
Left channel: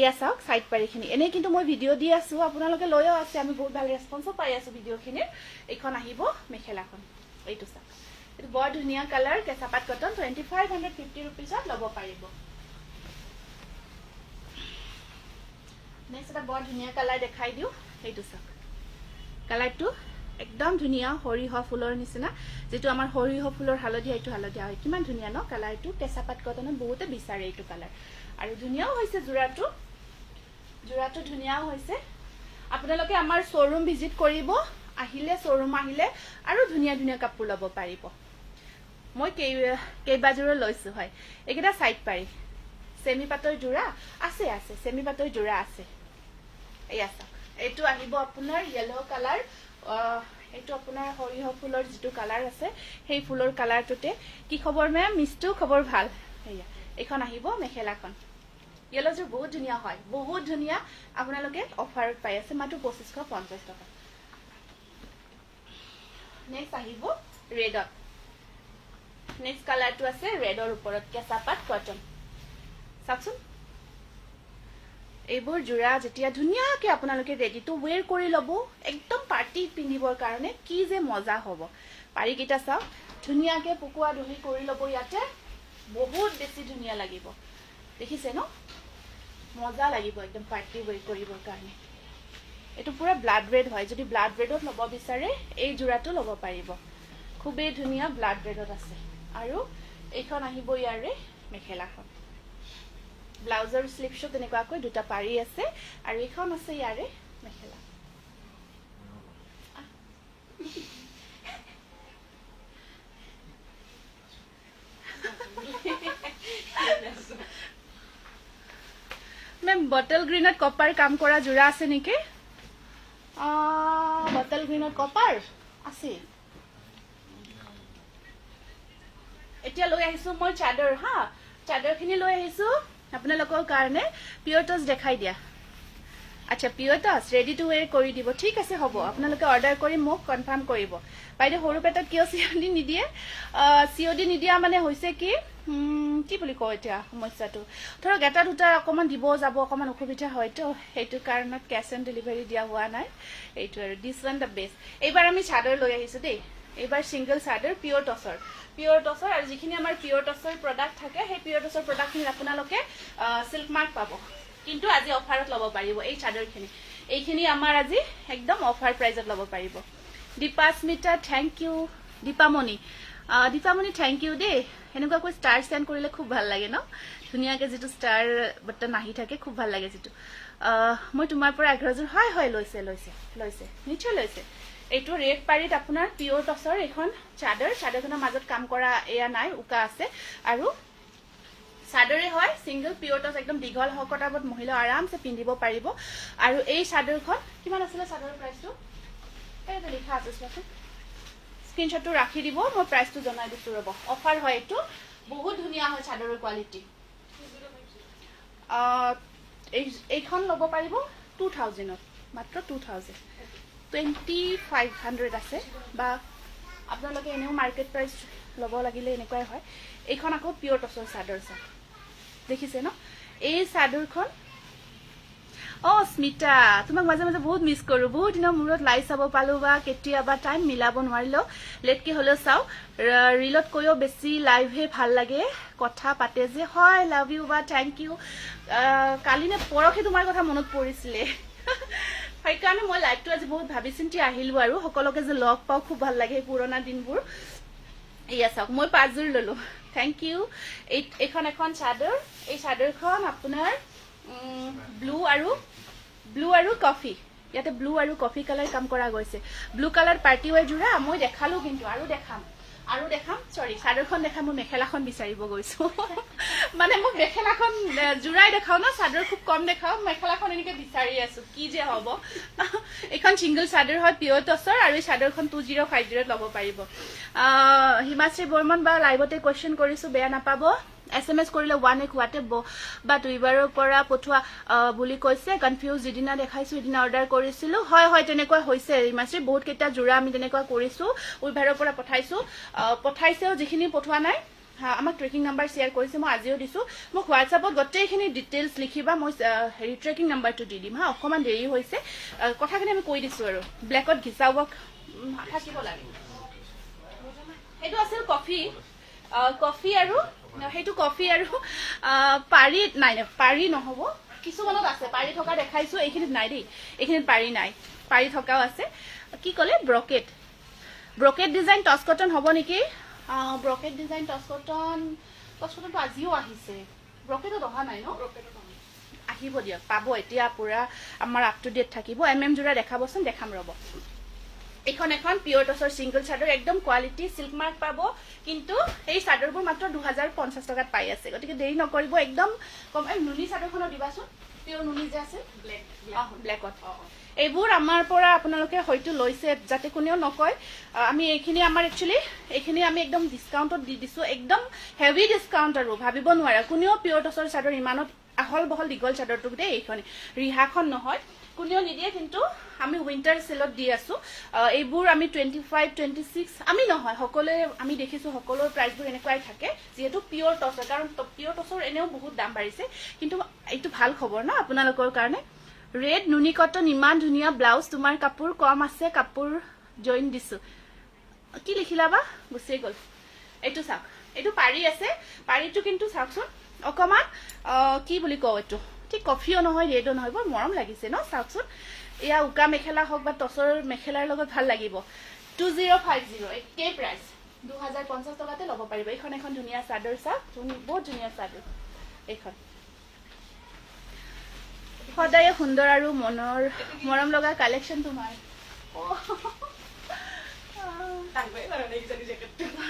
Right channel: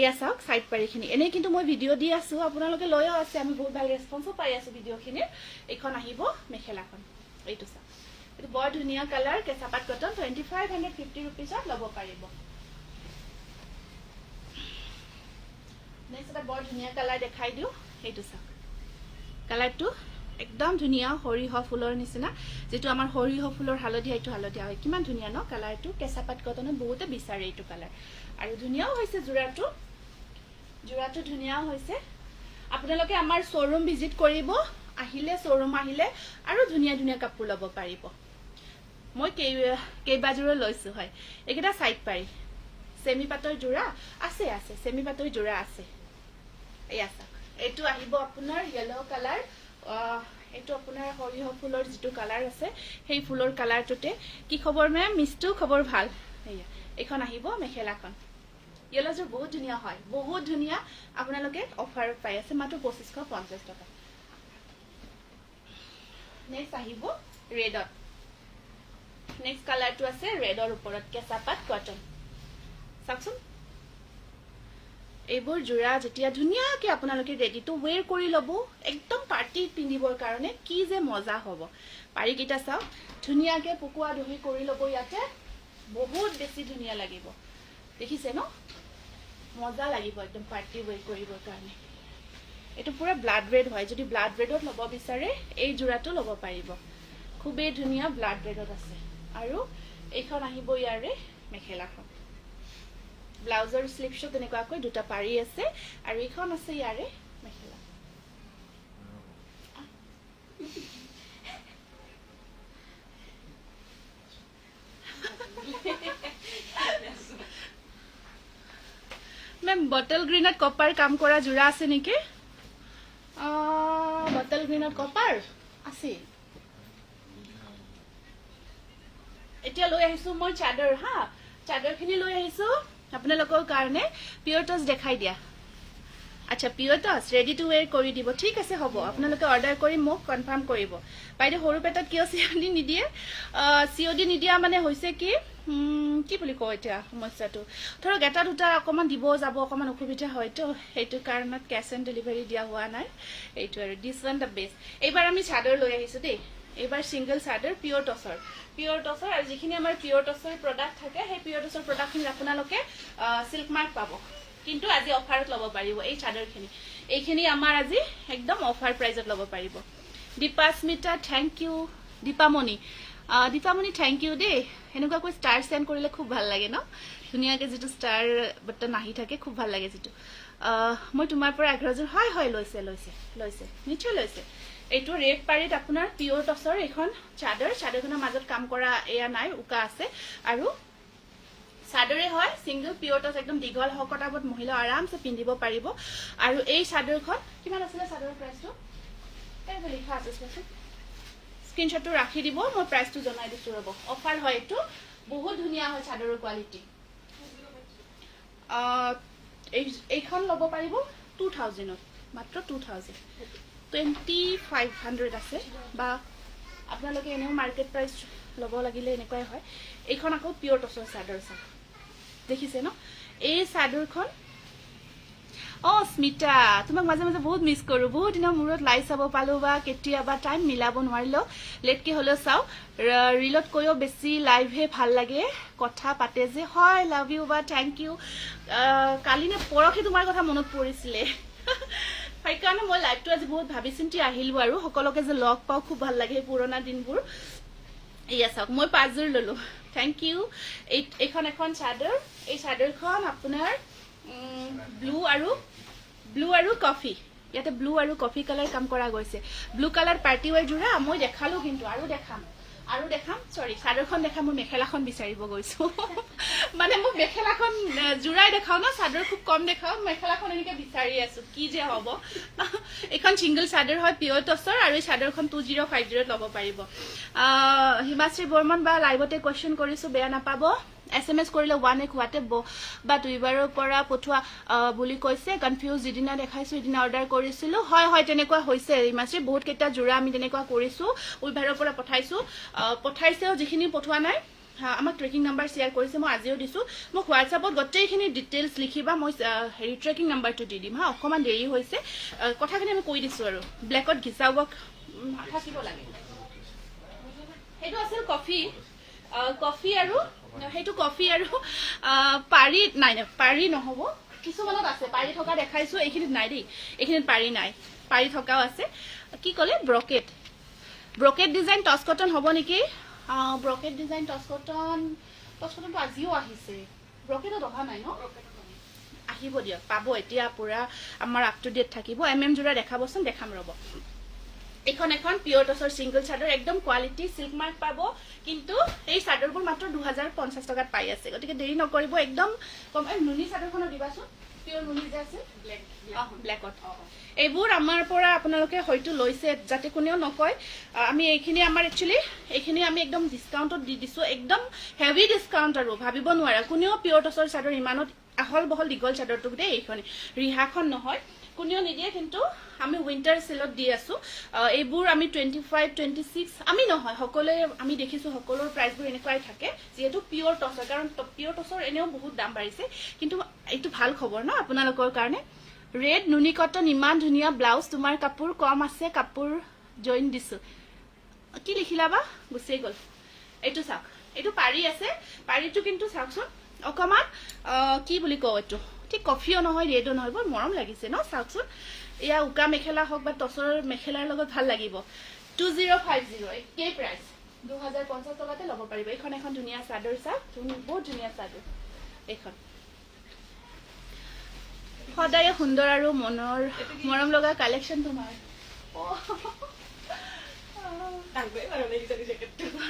এয়া চাওক সাইড পাৰিখিনি এনে কিন্তু মই ভিডিও দি আছো আপোনালোকে লৈও আছে আমি বহুত ভাল ৰেসপন্সো পাই আছো ভিডিওখিনি এখন আহিব মেখেলাখন এইটো চাওক এইটো বৰ ধুনীয়া কালাৰ কেঁচাপাত কটন 2550 rupees লব পাৰিব নেক্সট এটা বৰ ধুনীয়া কালাৰ দেখাই দিও এইটো চাওক কালাৰটো একদম ধুনীয়া হৰিহ ফুলৰ নিচিনা যেটো আমাৰ হৰিহ ফুলৰ হালধীয়া এইটো হালধীয়া হয় কিমান ধুনীয়া ন কালাৰটো কেঁচাপাত কটনত বহুতে বিচাৰে এইটো কালাৰ আৰু ধুনীয়াও হৈছে জোৰাটো ধুনীয়াও হৈছে আপোনালোকে আমাৰ শোৰুম ভিজিট কৰিব আহিলে শোৰুম আহিলে আৰু ধুনীয়া ধুনীয়া কাপোৰ লব পাৰিব মই কেইবাজোৰা লৈছো হয় একেটা সাইড পাৰি সেমি পাতৰ জোৰা আছে সেমি পাতৰ জোৰা আছে এই আছে এইটো আহিব আপোনাৰ ইয়েলো কালাৰ এইটো আপোনাৰ হৰিহ ফুলৰ যেটো কালাৰ আছে সেই ফুলৰ কালাৰটোতে কি খবৰ মেম মিষ্টু খবৰ ভাল এইয়া এখন আহিব মেখেলাখন ইয়েলো জোৰ বহুত ধুনীয়া হয় বহুত ধুনীয়া আপোনালোকে অফাৰত পাই আছে মাত্ৰ 2550 টকা নেক্সট আহিব ৰেডত নেক্সট কালাৰটো আছে ৰেডৰ ওপৰত কেঁচাপাত কটন চাওকচোন এইবোৰ জোৰা যেতিয়া ধুনীয়াকে আপোনালোকে ৰেডি টু ওৱেৰ কৰি লব একদম পাৰ্টি পিন্ধিবৰ কাৰণে কি যে মজা হ'ব পাৰি কিটা চাওক ধুনীয়াকে পুকুৱা দহি কৰি লব ইয়াতে বহুত বেছি ধুনীয়া লাগিব দেখিছে ন মজা লাগিব একদম পাৰ্টি ওৱেৰ কৰিবৰ কাৰণে এটো পুৰা ব্লাড ৰেড হয় যদি ব্লাড ৰেডত লব বিচাৰে এই জোৰাটো লব পাৰিব খুবেই ধুনীয়া ব্লাড ৰেডত আছে আৰু এইখন আহিব ইয়াৰে মেখেলাখন ব্লাউজৰ স্লিভছটো তেনেকুৱাকৈ দুটা পাৰি আছে আৰু এইখন আছে ইয়াৰে মেখেলা মেম বটল গ্ৰীণত কপাৰ কাম কৰা যোৰা আছে নেকি বটল গ্ৰীণত কপাৰ আছে এতিয়া লৈ আহিছো মই চাদৰ হা চাদৰখিনি লৈ আহিছো আপোনালোকৰ কাৰণে পিয়ৰ টচ দেখাই দিয়া আচ্ছা পিয়ৰ টচ ৰেডি টু ৱেৰ কৰি দিব ঠিক আছে হ'ব আপোনালোকে অৰ্ডাৰ কৰি মোক কনফাৰ্ম কৰিব বাইদেউ সৰু পেটত কিয় চিঅডি নিদিয়ে চিঅডি নিদিয়া মানে হৈছে কি কি বুলি কয় এতিয়া সমস্যাটো ধৰক এটা দুটা অকণমান দিব যাব অকণমান অসুবিধা হয়তো সেইটো কাৰণত কেছ অন ডেলিভাৰী দিয়া হোৱা নাই এইটো আৰু দিছ ওৱান দ্য বেষ্ট এইবাৰ আমি চাদৰ লৈ আহিছো দেই এইবাৰ সিংগল চাদৰ পিয়ৰ টচৰ আৰু যিখিনি আমাৰ পিয়ৰ টচৰ প্ৰডাক্ট থাকে সেই পিয়ৰ টচৰ প্ৰডাক্টখিনি আপোনালোকে সিল্ক মাৰ্ক পাব কিন্তু আজি অফাৰত ল'ব পাৰিব এই চাদৰখিনি এইখিনি আমাৰ আজি একদম অফাৰ প্ৰাইজত ল'ব পাৰিব Dipasmita thank you Dipamoni thank you দেই এনেকুৱাকৈ ষ্টাৰ চেণ্ড কৰিলে খুব ভাল লাগে ন ধুনীয়াকৈ যিটো ষ্টাৰ বটন আহি থাকে খুব ভাল লাগে যিটো মই তোমাৰ পৰা 11,000 হয় লৈছে নিশ্চয় লৈছে এইটো ৰেড পাৰীত আপোনাৰ পিয়ৰ টচৰ এখন চাদৰখনৰ মাজত কাম কৰা এয়া নাই উকা আছে আৰু চাদৰে হয় সিংগল পিয়ৰ টচ একদম দীঘল হকটাবত মহিলা আৰামছে পিন্ধিব পাৰিব আৰু এই চাদৰখন কিমান আছিলে চাদৰৰ প্ৰাইচটো এইটো লিখা আছে চোৱাচোন স্ক্ৰীনশ্বটটো ৰাখি দিব মই প্ৰাইচটো জনাই দিছো ৰ'ব অফাৰ হয় এইটো বহুত ধুনীয়া হয় চাদৰৰ কোৱালিটি এইখন ল'ব পাৰিব 2000ত মাত্ৰ 2000 2500 আছে বা আপোনালোকে এনেও মাৰ্কেট প্ৰাইচ ল'ব লাগিলে এনেকুৱাই হয় এইখন আকৌ পিয়ৰ টচৰ চাদৰ চাওক দেখিছে ন এই চাদৰখন স্মিতা তোমাক মাজে মাজে বহুত মিছ কৰো বহুত দিনৰ মূৰত লাইভ চাব পালো বা কেতিয়াবা টাইম মিলাব নোৱাৰিলেও লেটকে হ'লেও চাও ৰিলত কৰিও বেছি লাইভহে ভাল লাগে কথা পাতে যে হয় লাভ ইউ বা থেংক ইউ কালি নে পৰহি তোমাৰ কথা মনত পৰিছিলে সেইকাৰণে মই লাইভটো আজি বহুত ভাবি চিন্তি আহিলো আৰু সকলোকে যে লগ পাওঁ খুব ভাল লাগে পুৰণা দিনবোৰ এয়া চাওক মই 5 জোৰ ললো থেংক ইউ এইখন এখন চাদৰ এই চাদৰখন আপোনাৰ ব্লু আৰু কফি ইয়াতে ব্লু আৰু কফি কালাৰ কাম কৰা গৈছে ব্লু কালাৰ পাৰ্টি ৱেৰ যোৰা মই দেখালো কিন্তু আৰু দেখাম সৰি চাদৰখন দেখাম মই মেখেলাখন বিচাৰিব গৈছো মানে মোক মেখেলাখন জোৰাই দেখাও ন চাদৰ খুব কম দেখাও মেখেলাখন এনেকে বিচাৰি আছো কি যে হ'ব এইখন সিংগল চাদৰ হয় পিয়ৰ টচৰ আৰু এই চাদৰখন 2050 ল'ব পাৰিব হিমাশ্ৰী বৰ্মন বা লাইভতে কোৱেশ্চন কৰিছো বেয়া নাপাব SMS কৰিলে 1 এক হোৱাটে বা দুইবাৰৰ পৰা পঠোৱা বুলি কৈছে কনফিউজ যিদিনা দেখাইছো সিদিনা অৰ্ডাৰ কৰিছিলো হয় তেনেকুৱা হৈছে হিমাশ্ৰী বহুত কেইটা জোৰা আমি তেনেকুৱা কৰিছো উইভাৰৰ পৰা পঠাইছেও যিখিনি পঠোৱা নাই আমাক ট্ৰেকিং নাম্বাৰ শ্বেয়াৰ কৰিছে মই আজিও দিছো মোক হোৱাটছআপত গোটেইখিনি ডিটেইলছ লিখিবা মই হেৰি ট্ৰেকিং নাম্বাৰটো দি দিম হা অকণমান দেৰি হৈছে কথাখিনি আমি কৈ দিছো আৰু ব্লেকত ঘিচাব থাকিব লাগে এইটো আছিল কফি আৰু সেইটো কফি আৰু পাৰি নাই পাৰি নহব কিছুমানত আছে পাৰি থকা দেখাইছো এইখিনিত নাই দেই এইখিনিত পাৰি নাই পাৰি থকাও আছে কি ক'লে ব্ৰকেট ডিজাইন টচ কটন হ'ব নেকি ব্ৰকেট ডিজাইন টচ কটনটো আজিও আহিছে ব্ৰকেটত অহা নাই ন আহিব দিয়ক পাব এতিয়া পুৰা আমাৰ আপ টু ডেট থাকিব জোৰা দেখাবচোন দেখাম ৰ'ব এখন পিয়ৰ টচৰ সিংগল চাদৰ একদম কোৱালিটি সিল্ক মাৰ্ক পাব কিন্তু এই চাদৰবোৰ মাত্ৰ 2050 টকাত পাই আছে গতিকে দেৰি নকৰিব একদম কম নুনি চাদৰখনো দিবাচোন পিয়ৰ নুনি যে আছে ব্লেকত এইবোৰ আমাৰ পৰা আপোনালোকে হয়তো লৈছে যাতে কোনেও নকয় আমি এইখিনি আমাৰ একচুৱেলি এইখিনি আমি একদম ডিছকাউণ্টত দি দিছো একদম হেভি ডিছকাউণ্ট আৰু ভাবিব নোৱাৰে কোনেও পিয়ৰ টচৰ চাদৰ ইমানত আহল বহল দীঘল চাদৰটো দেই এইখন ৰিহাখন নহয় কোনেও নিদিয়ে কিন্তু আমি উইন্টাৰ সেলত দি আছো এইবোৰ আমি 25 26 আমি নহয় সকলোৱে আমি দেখিছো সকলোৰ প্ৰাইচবোৰ এনেকুৱাই থাকে যেহেতু পিয়ৰ টচৰ কাৰণ পিয়ৰ টচৰ এনেও বহুত দাম বাঢ়িছে কিন্তু এইটো ভাল খবৰ না আপোনালোকৰ কাৰণে ৰেড নুনি কটন ইমান ধুনীয়া ব্লাউজ তোমাৰ কাপোৰ কম আছে কাপোৰ জইন দিছো কি লিখিলা বা গুচি গ'ল এইটো চাওক এইটো পাৰি আছে পাৰিটো কিন্তু চাওকচোন অকমান কি বুলি কওঁ এইটো ঠিক কফিও নহয় ৰেডো নহয় বৰ মৰম লাগিছে ন চাওকচোন এয়া উকা মেখেলা হওক বা টচৰ মেখেলাৰ লগত ভাল লাগিব 2050 একেই প্ৰাইচ 2050 টকাতে ল'ব পাৰিব এইখন এখন ধুনীয়া চাদৰ চাওক বহুত ধুনীয়া চাদৰ এইখন সদায় সুন্দৰ আৰু মনৰ মৰম লগা কালেকশ্যন তোমাৰ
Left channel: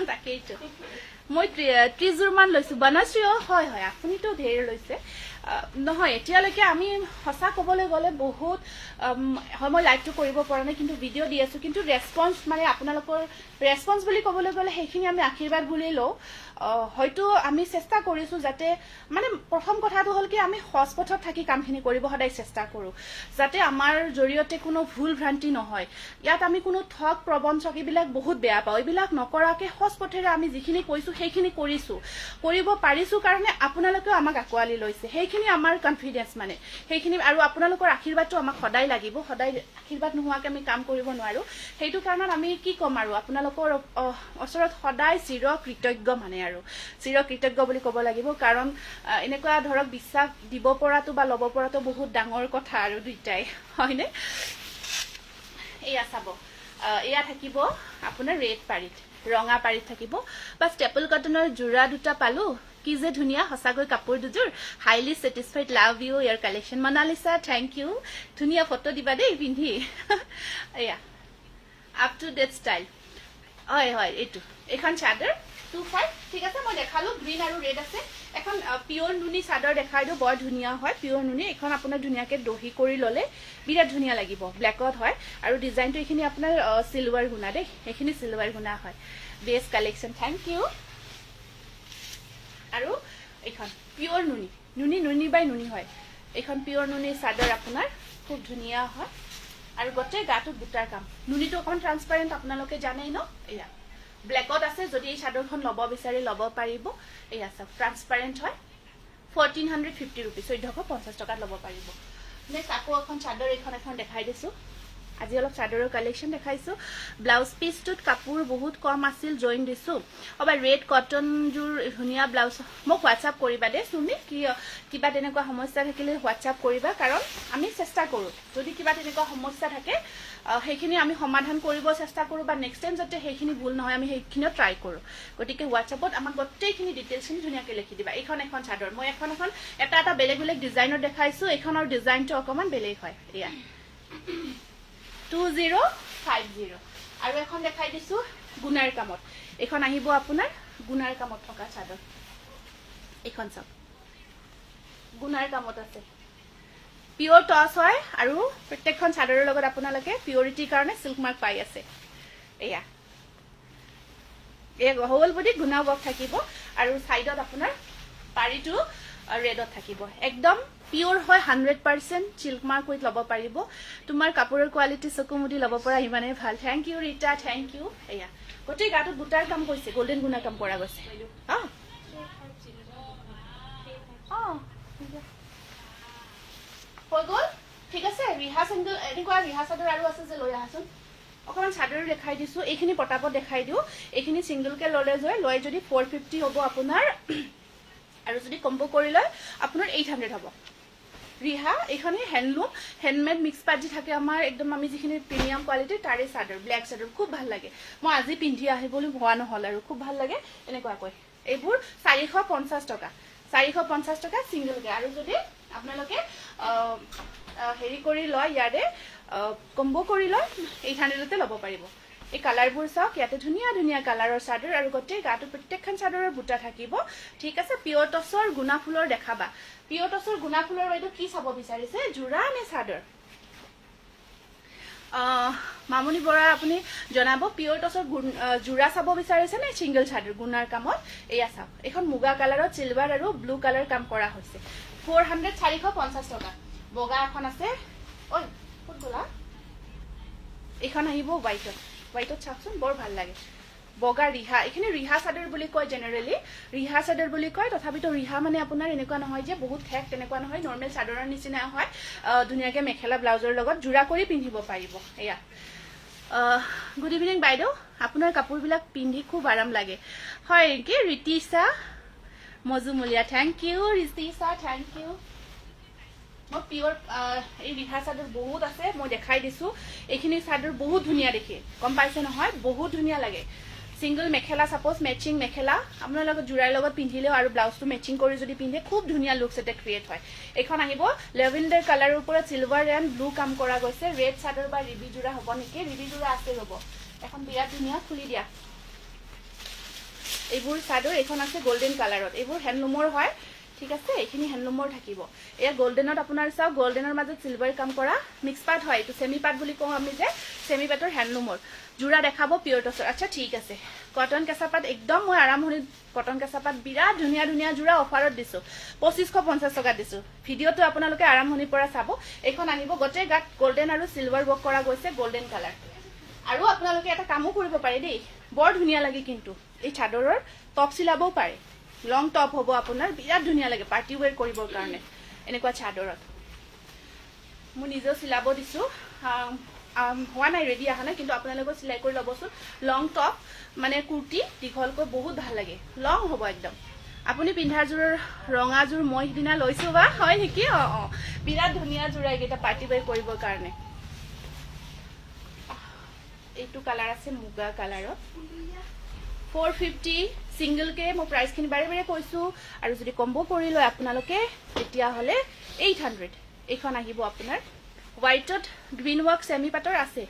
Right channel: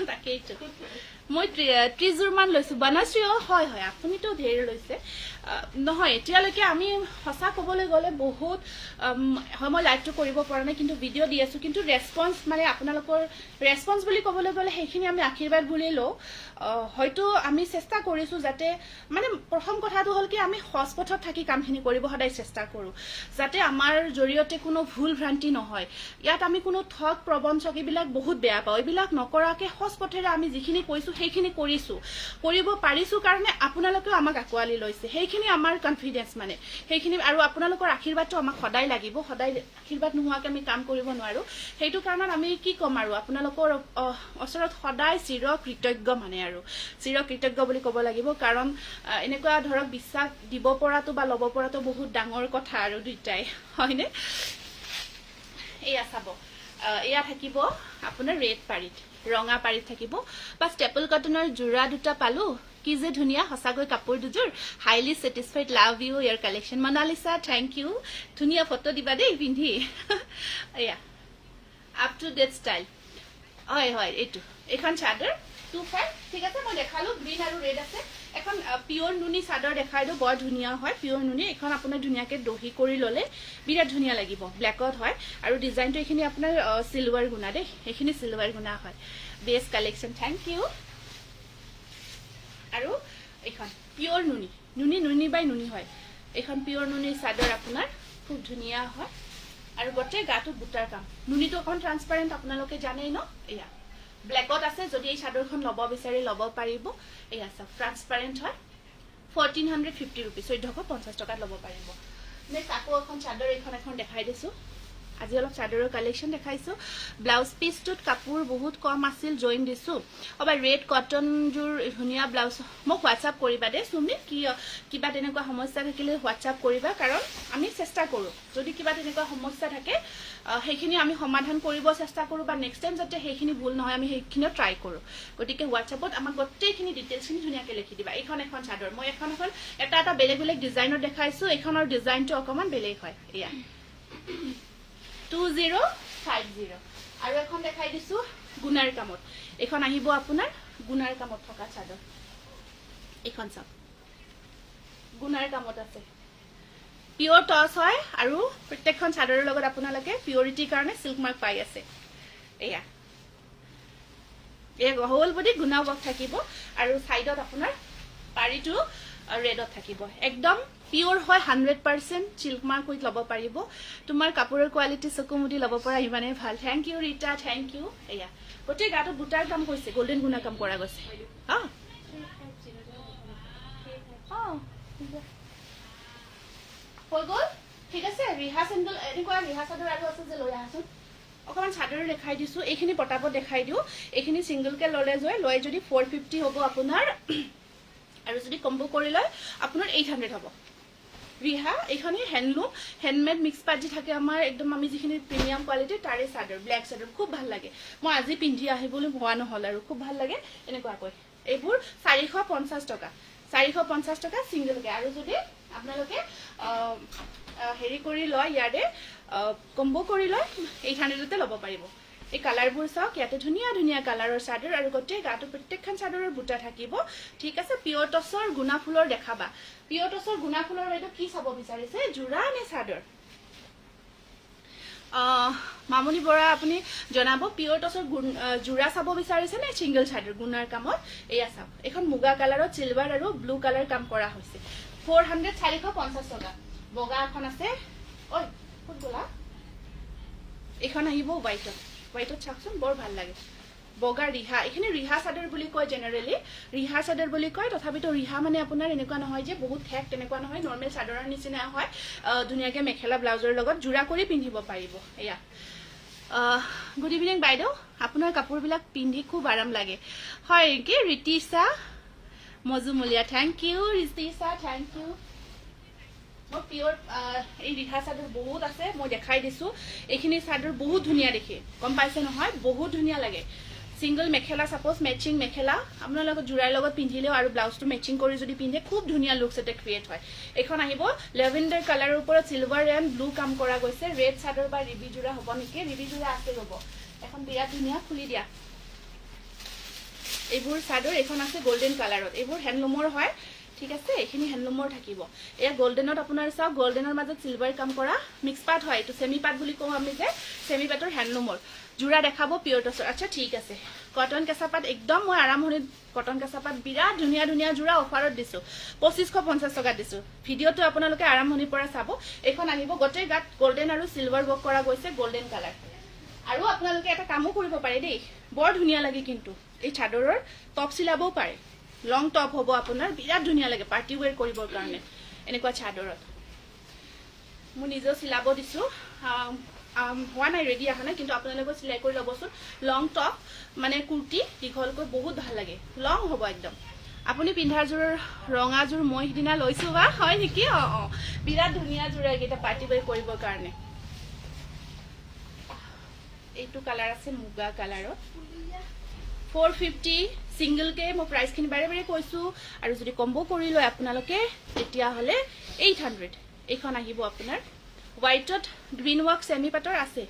তাকেইতো মই 30 মান লৈছো বনশ্ৰী হয় হয় আপুনিতো ধেৰ লৈছে নহয় এতিয়ালৈকে আমি সঁচা ক'বলৈ গ'লে বহুত হয় মই লাইভটো কৰিব পৰা নাই কিন্তু ভিডিঅ' দি আছো কিন্তু ৰেছপন্স মানে আপোনালোকৰ ৰেছপন্স বুলি ক'বলৈ গ'লে সেইখিনি আমি আশীৰ্বাদ বুলি লওঁ হয়তো আমি চেষ্টা কৰিছো যাতে মানে প্ৰথম কথাটো হ'ল কি আমি সৎ পথত থাকি কামখিনি কৰিব সদায় চেষ্টা কৰোঁ যাতে আমাৰ জৰিয়তে কোনো ভুল ভ্ৰান্তি নহয় ইয়াত আমি কোনো ঠগ প্ৰবঞ্চক এইবিলাক বহুত বেয়া পাওঁ এইবিলাক নকৰাকে সৎ পথেৰে আমি যিখিনি কৈছো সেইখিনি কৰিছো কৰিব পাৰিছো কাৰণে আপোনালোকেও আমাক আঁকোৱালি লৈছে সেইখিনি আমাৰ কনফিডেন্স মানে সেইখিনি আৰু আপোনালোকৰ আশীৰ্বাদটো আমাক সদায় লাগিব সদায় আশীৰ্বাদ নোহোৱাকে আমি কাম কৰিব নোৱাৰো সেইটো কাৰণত আমি কি ক'ম আৰু আপোনালোকৰ ওচৰত সদায় চিৰ কৃতজ্ঞ মানে আৰু চিৰ কৃতজ্ঞ বুলি ক'ব লাগিব কাৰণ এনেকুৱা ধৰক বিশ্বাস দিব পৰাটো বা ল'ব পৰাটো বহুত ডাঙৰ কথা আৰু দুইটাই হয়নে এয়া চাব এয়া থাকিব আপোনাৰ ৰেড পাৰিত ৰঙা পাৰিত থাকিব বা ষ্টেপল কটনৰ জোৰা দুটা পালো কি যে ধুনীয়া সঁচাকৈ কাপোৰ দুযোৰ হাইলি ছেটিছফাইড লাভ ইউ ইয়াৰ কালেকশ্যন মনালিছা থেংক ইউ ধুনীয়া ফটো দিবা দেই পিন্ধি এয়া আপ টু ডেট ষ্টাইল হয় হয় এইটো এখন চাদৰ 25 ঠিক আছে মই দেখালো গ্ৰীণ আৰু ৰেড আছে এখন পিওৰ নুনি চাদৰ দেখাই দিও বৰ ধুনীয়া হয় পিওৰ নুনি এখন আপোনাৰ ধুনীয়াকে দহি কৰি ললে বিৰাট ধুনীয়া লাগিব ব্লেকত হয় আৰু ডিজাইনটো এইখিনি আপোনাৰ সিলভাৰ গুণা দেই এইখিনি সিলভাৰ গুণা হয় বেষ্ট কালেকশ্যন থেংক ইউ আৰু এখন পিওৰ নুনি নুনি নুনি বাই নুনি হয় এখন পিওৰ নুনি চাদৰ আপোনাৰ খুব ধুনীয়া হয় আৰু গোটেই গাটো বুটাৰ কাম নুনিটো অকমান ট্ৰান্সপাৰেন্ট আপোনালোকে জানেই ন এয়া ব্লেকত আছে যদি এই চাদৰখন ল'ব বিচাৰি ল'ব পাৰিব এয়া চাওক ট্ৰান্সপাৰেন্ট হয় 1450 रुपीस 1450 টকাত ল'ব পাৰিব নেক্সট আকৌ এখন চাদৰ এখন দেখাই দিছো আজি অলপ চাদৰৰ কালেকশ্যন দেখাইছো ব্লাউজ পিসটোত কাপোৰ বহুত কম আছিল জইন দিছো অবা ৰেড কটন জুৰ ধুনীয়া ব্লাউজ মোক হোৱাটসঅ্যাপ কৰিবা দে সুমি কি কিবা তেনেকুৱা সমস্যা থাকিলে হোৱাটসঅ্যাপ কৰিবা কাৰণ আমি চেষ্টা কৰো যদি কিবা তেনেকুৱা সমস্যা থাকে সেইখিনি আমি সমাধান কৰিব চেষ্টা কৰো বা নেক্সট টাইম যাতে সেইখিনি ভুল নহয় আমি সেইখিনিও ট্ৰাই কৰো গতিকে হোৱাটসঅ্যাপত আমাক গোটেইখিনি ডিটেইলছখিনি ধুনীয়াকৈ লিখি দিবা এখন চাদৰ মই এখন এটা বেলেগ বেলেগ ডিজাইনত দেখাইছো এখনৰ ডিজাইনটো অকমান বেলেগ হয় এয়া 2050 আৰু এখন দেখাই দিছো গুনাৰ কামত এখন আহিব আপোনাৰ গুনাৰ কামত থকা চাদৰ এখন চাওক গুনাৰ কামত আছে পিওৰ টছ হয় আৰু প্ৰত্যেকখন চাদৰৰ লগত আপোনালোকে পিওৰিটিৰ কাৰণে সিল্ক মাৰ্ক পাই আছে এয়া এই হল বডি গুনা ৱৰ্ক থাকিব আৰু সাইডত আপোনাৰ পাৰিটো ৰেডত থাকিব একদম পিওৰ হয় 100% সিল্ক মাৰ্ক উইথ লব পাৰিব তোমাৰ কাপোৰৰ কোৱালিটি চকুমুদি লব পৰা ইমানে ভাল thank you Rita thank you এয়া গোটেই গাটো বুটাৰ কাম কৰিছে গোল্ডেন গুনা কাম কৰা গৈছে হৈ গ'ল ঠিক আছে ৰিহা সিংগল এনেকুৱা ৰিহা চাদৰ আৰু আছে যে লৈ আহাচোন অকমান চাদৰ দেখাই দিছো এইখিনি পটাপট দেখাই দিও এইখিনি সিংগল কে ললে লয় যদি 450 হ'ব আপোনাৰ আৰু যদি কম্বো কৰি লয় আপোনাৰ 800 হ'ব ৰিহা এইখানে হ্যান্ডলুম হ্যান্ডমেড মিক্স পাজি থাকে আমাৰ একদম আমি যিখিনি প্ৰিমিয়াম কোৱালিটি তাৰে চাদৰ ব্ল্যাক চাদৰ খুব ভাল লাগে মই আজি পিন্ধি আহিবলৈ হোৱা নহল আৰু খুব ভাল লাগে এনেকুৱা কয় এইবোৰ 450 টকা 450 টকা সিঙ্গেল কে আৰু যদি আপোনালোকে হেৰি কৰি লয় ইয়াৰে কম্বো কৰি লয় 800 তে ল'ব পাৰিব এই কালাৰবোৰ চাওক ইয়াতে ধুনীয়া ধুনীয়া কালাৰৰ চাদৰ আৰু গোটেই গাটো প্ৰত্যেকখন চাদৰৰ বুটা থাকিব ঠিক আছে পিওৰ টছৰ গুনা ফুলৰ দেখাবা পিওৰ টছৰ গুনা ফুলৰ বাইদো কি চাব বিচাৰিছে জোৰা নে চাদৰ মামনি বৰা আপুনি জনাব পিওৰ টছৰ জোৰা চাব বিচাৰিছে নে সিঙ্গেল চাদৰ গুনাৰ কামত এয়া চাওক এখন মুগা কালাৰত সিলভাৰ আৰু ব্লু কালাৰ কাম কৰা হৈছে 450 টকা বগা এখন আছে ঐ ফুট গোলা এখন আহিব হোৱাইটত চাওকচোন বৰ ভাল লাগে বগা ৰিহা এখানে ৰিহা চাদৰ বুলি কয় জেনাৰেলি ৰিহা চাদৰ বুলি কয় তথাপিতো ৰিহা মানে আপোনাৰ এনেকুৱা নহয় যে বহুত ঠেক তেনেকুৱা নহয় নৰমাল চাদৰৰ নিচিনা হয় দুনিয়াকে মেখেলা ব্লাউজৰ লগত জোৰা কৰি পিন্ধিব পাৰিব এয়া গুড ইভিনিং বাইদেউ আপোনাৰ কাপোৰবিলাক পিন্ধি খুব আৰাম লাগে হয় কি Ritisha মজুমুলিয়া thank U Ritisha thank U মই পিওৰ এই ৰিহা চাদৰ বহুত আছে মই দেখাই দিছো এইখিনি চাদৰ বহুত ধুনীয়া দেখি গম পাইছে নহয় বহুত ধুনীয়া লাগে সিঙ্গল মেখেলা সাপোজ মেচিং মেখেলা আপোনাৰ লগত জোৰাৰ লগত পিন্ধিলেও আৰু ব্লাউজটো মেচিং কৰি যদি পিন্ধে খুব ধুনীয়া লুকস এটা ক্ৰিয়েট হয় এখন আহিব লেভেন্ডাৰ কালাৰৰ ওপৰত সিলভাৰ এণ্ড ব্লু কাম কৰা গৈছে ৰেড চাদৰ বা ৰিবি জোৰা হ'ব নেকি ৰিবি জোৰা আছে ৰব এখন বিৰাট ধুনীয়া খুলি দিয়া এইবোৰ চাদৰ এখন আছে গোল্ডেন কালাৰত, এইবোৰ হেণ্ডলুমৰ হয়, ঠিক আছে। এইখিনি হেণ্ডলুমৰ থাকিব। এয়া গোল্ডেনত আপোনাৰ চাওক, গোল্ডেনৰ মাজত চিলভাৰ কাম কৰা মিক্স পাট হয়, এইটো চেমি পাট বুলি কওঁ আমি যে, চেমি পাটৰ হেণ্ডলুমৰ। যোৰা দেখাব পিয়ৰ টচৰ। আচ্ছা ঠিক আছে। কটন কেঁচা পাট একদম মই আৰম্ভণিত কটন কেঁচা পাট বিৰাট ধুনীয়া ধুনীয়া যোৰা অফাৰত দিছোঁ, 2550 টকাত দিছোঁ। ভিডিঅ'টো আপোনালোকে আৰম্ভণিৰ পৰা চাব। এইখন আহিব গোটেই গাত গোল্ডেন আৰু চিলভাৰ ৱৰ্ক কৰা গৈছে, গোল্ডেন কালাৰ। আৰু আপোনালোকে এটা কামো কৰিব পাৰে দেই, বৰ ধুনীয়া লাগে কিন্তু এই চাদৰৰ টপ চিলাবও পাৰে, লং টপ হ'ব আপোনাৰ, বিৰাট ধুনীয়া লাগে পাৰ্টি ৱেৰ কৰিবৰ কাৰণে এনেকুৱা চাদৰত। মই নিজেও চিলাব দিছোঁ, হোৱা নাই, ৰেডি অহা নাই, কিন্তু আপোনালোকে চিলাই কৰি ল'বচোন। লং টপ মানে কুৰ্তি দীঘলকৈ বহুত ভাল লাগে, লং হ'ব একদম। আপুনি পিন্ধাযোৰৰ ৰঙাযোৰ মই সিদিনা লৈছোঁ বা হয় নেকি? বিৰাট ধুনীয়া যোৰা এইকেইটা পাৰ্টি ৱেৰ কৰিবৰ কাৰণে। এইটো কালাৰ আছে মুগা কালাৰত, 450 ছিংগলকে মই প্ৰাইচখিনি বাৰে বাৰে কৈছোঁ। আৰু যদি কম্বো কৰি লয় আপোনালোকে তেতিয়াহ'লে 800। এইখন আহিব আপোনাৰ হোৱাইটত গ্ৰীণ ৱৰ্ক চেমি পাটৰ আছে,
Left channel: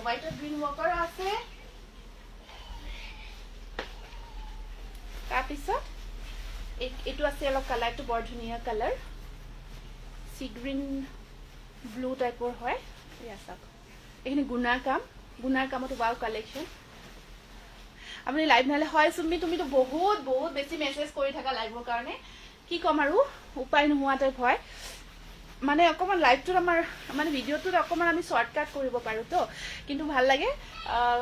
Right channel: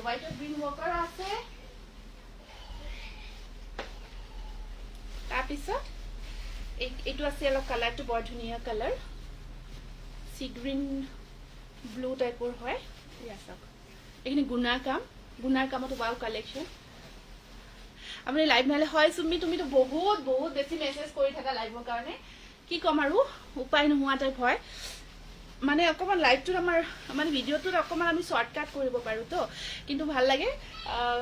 হোৱাইটত গ্ৰীণ ৱৰ্কৰ আছে। তাৰপিছত এইটো আছে অলপ কালাৰটো বৰ ধুনীয়া কালাৰ, চি গ্ৰীণ ব্লু টাইপৰ হয়। এয়া চাওক, এইখিনি গুণাৰ কামত ৱাও কালেকশ্যন। আপুনি লাইভ নহ'লে হয় চুমি, তুমিতো বহুত বহুত বেছি মেছেজ কৰি থাকা লাইভৰ কাৰণে, কি ক'ম আৰু উপায় নোহোৱা টাইপ হয়। মানে অকণমান লাইভটোত আমাৰ মানে ভিডিঅ'টোত অকণমান আমি শ্বৰ্টকাট কৰিব পাৰোঁ তো, কিন্তু ভাল লাগে।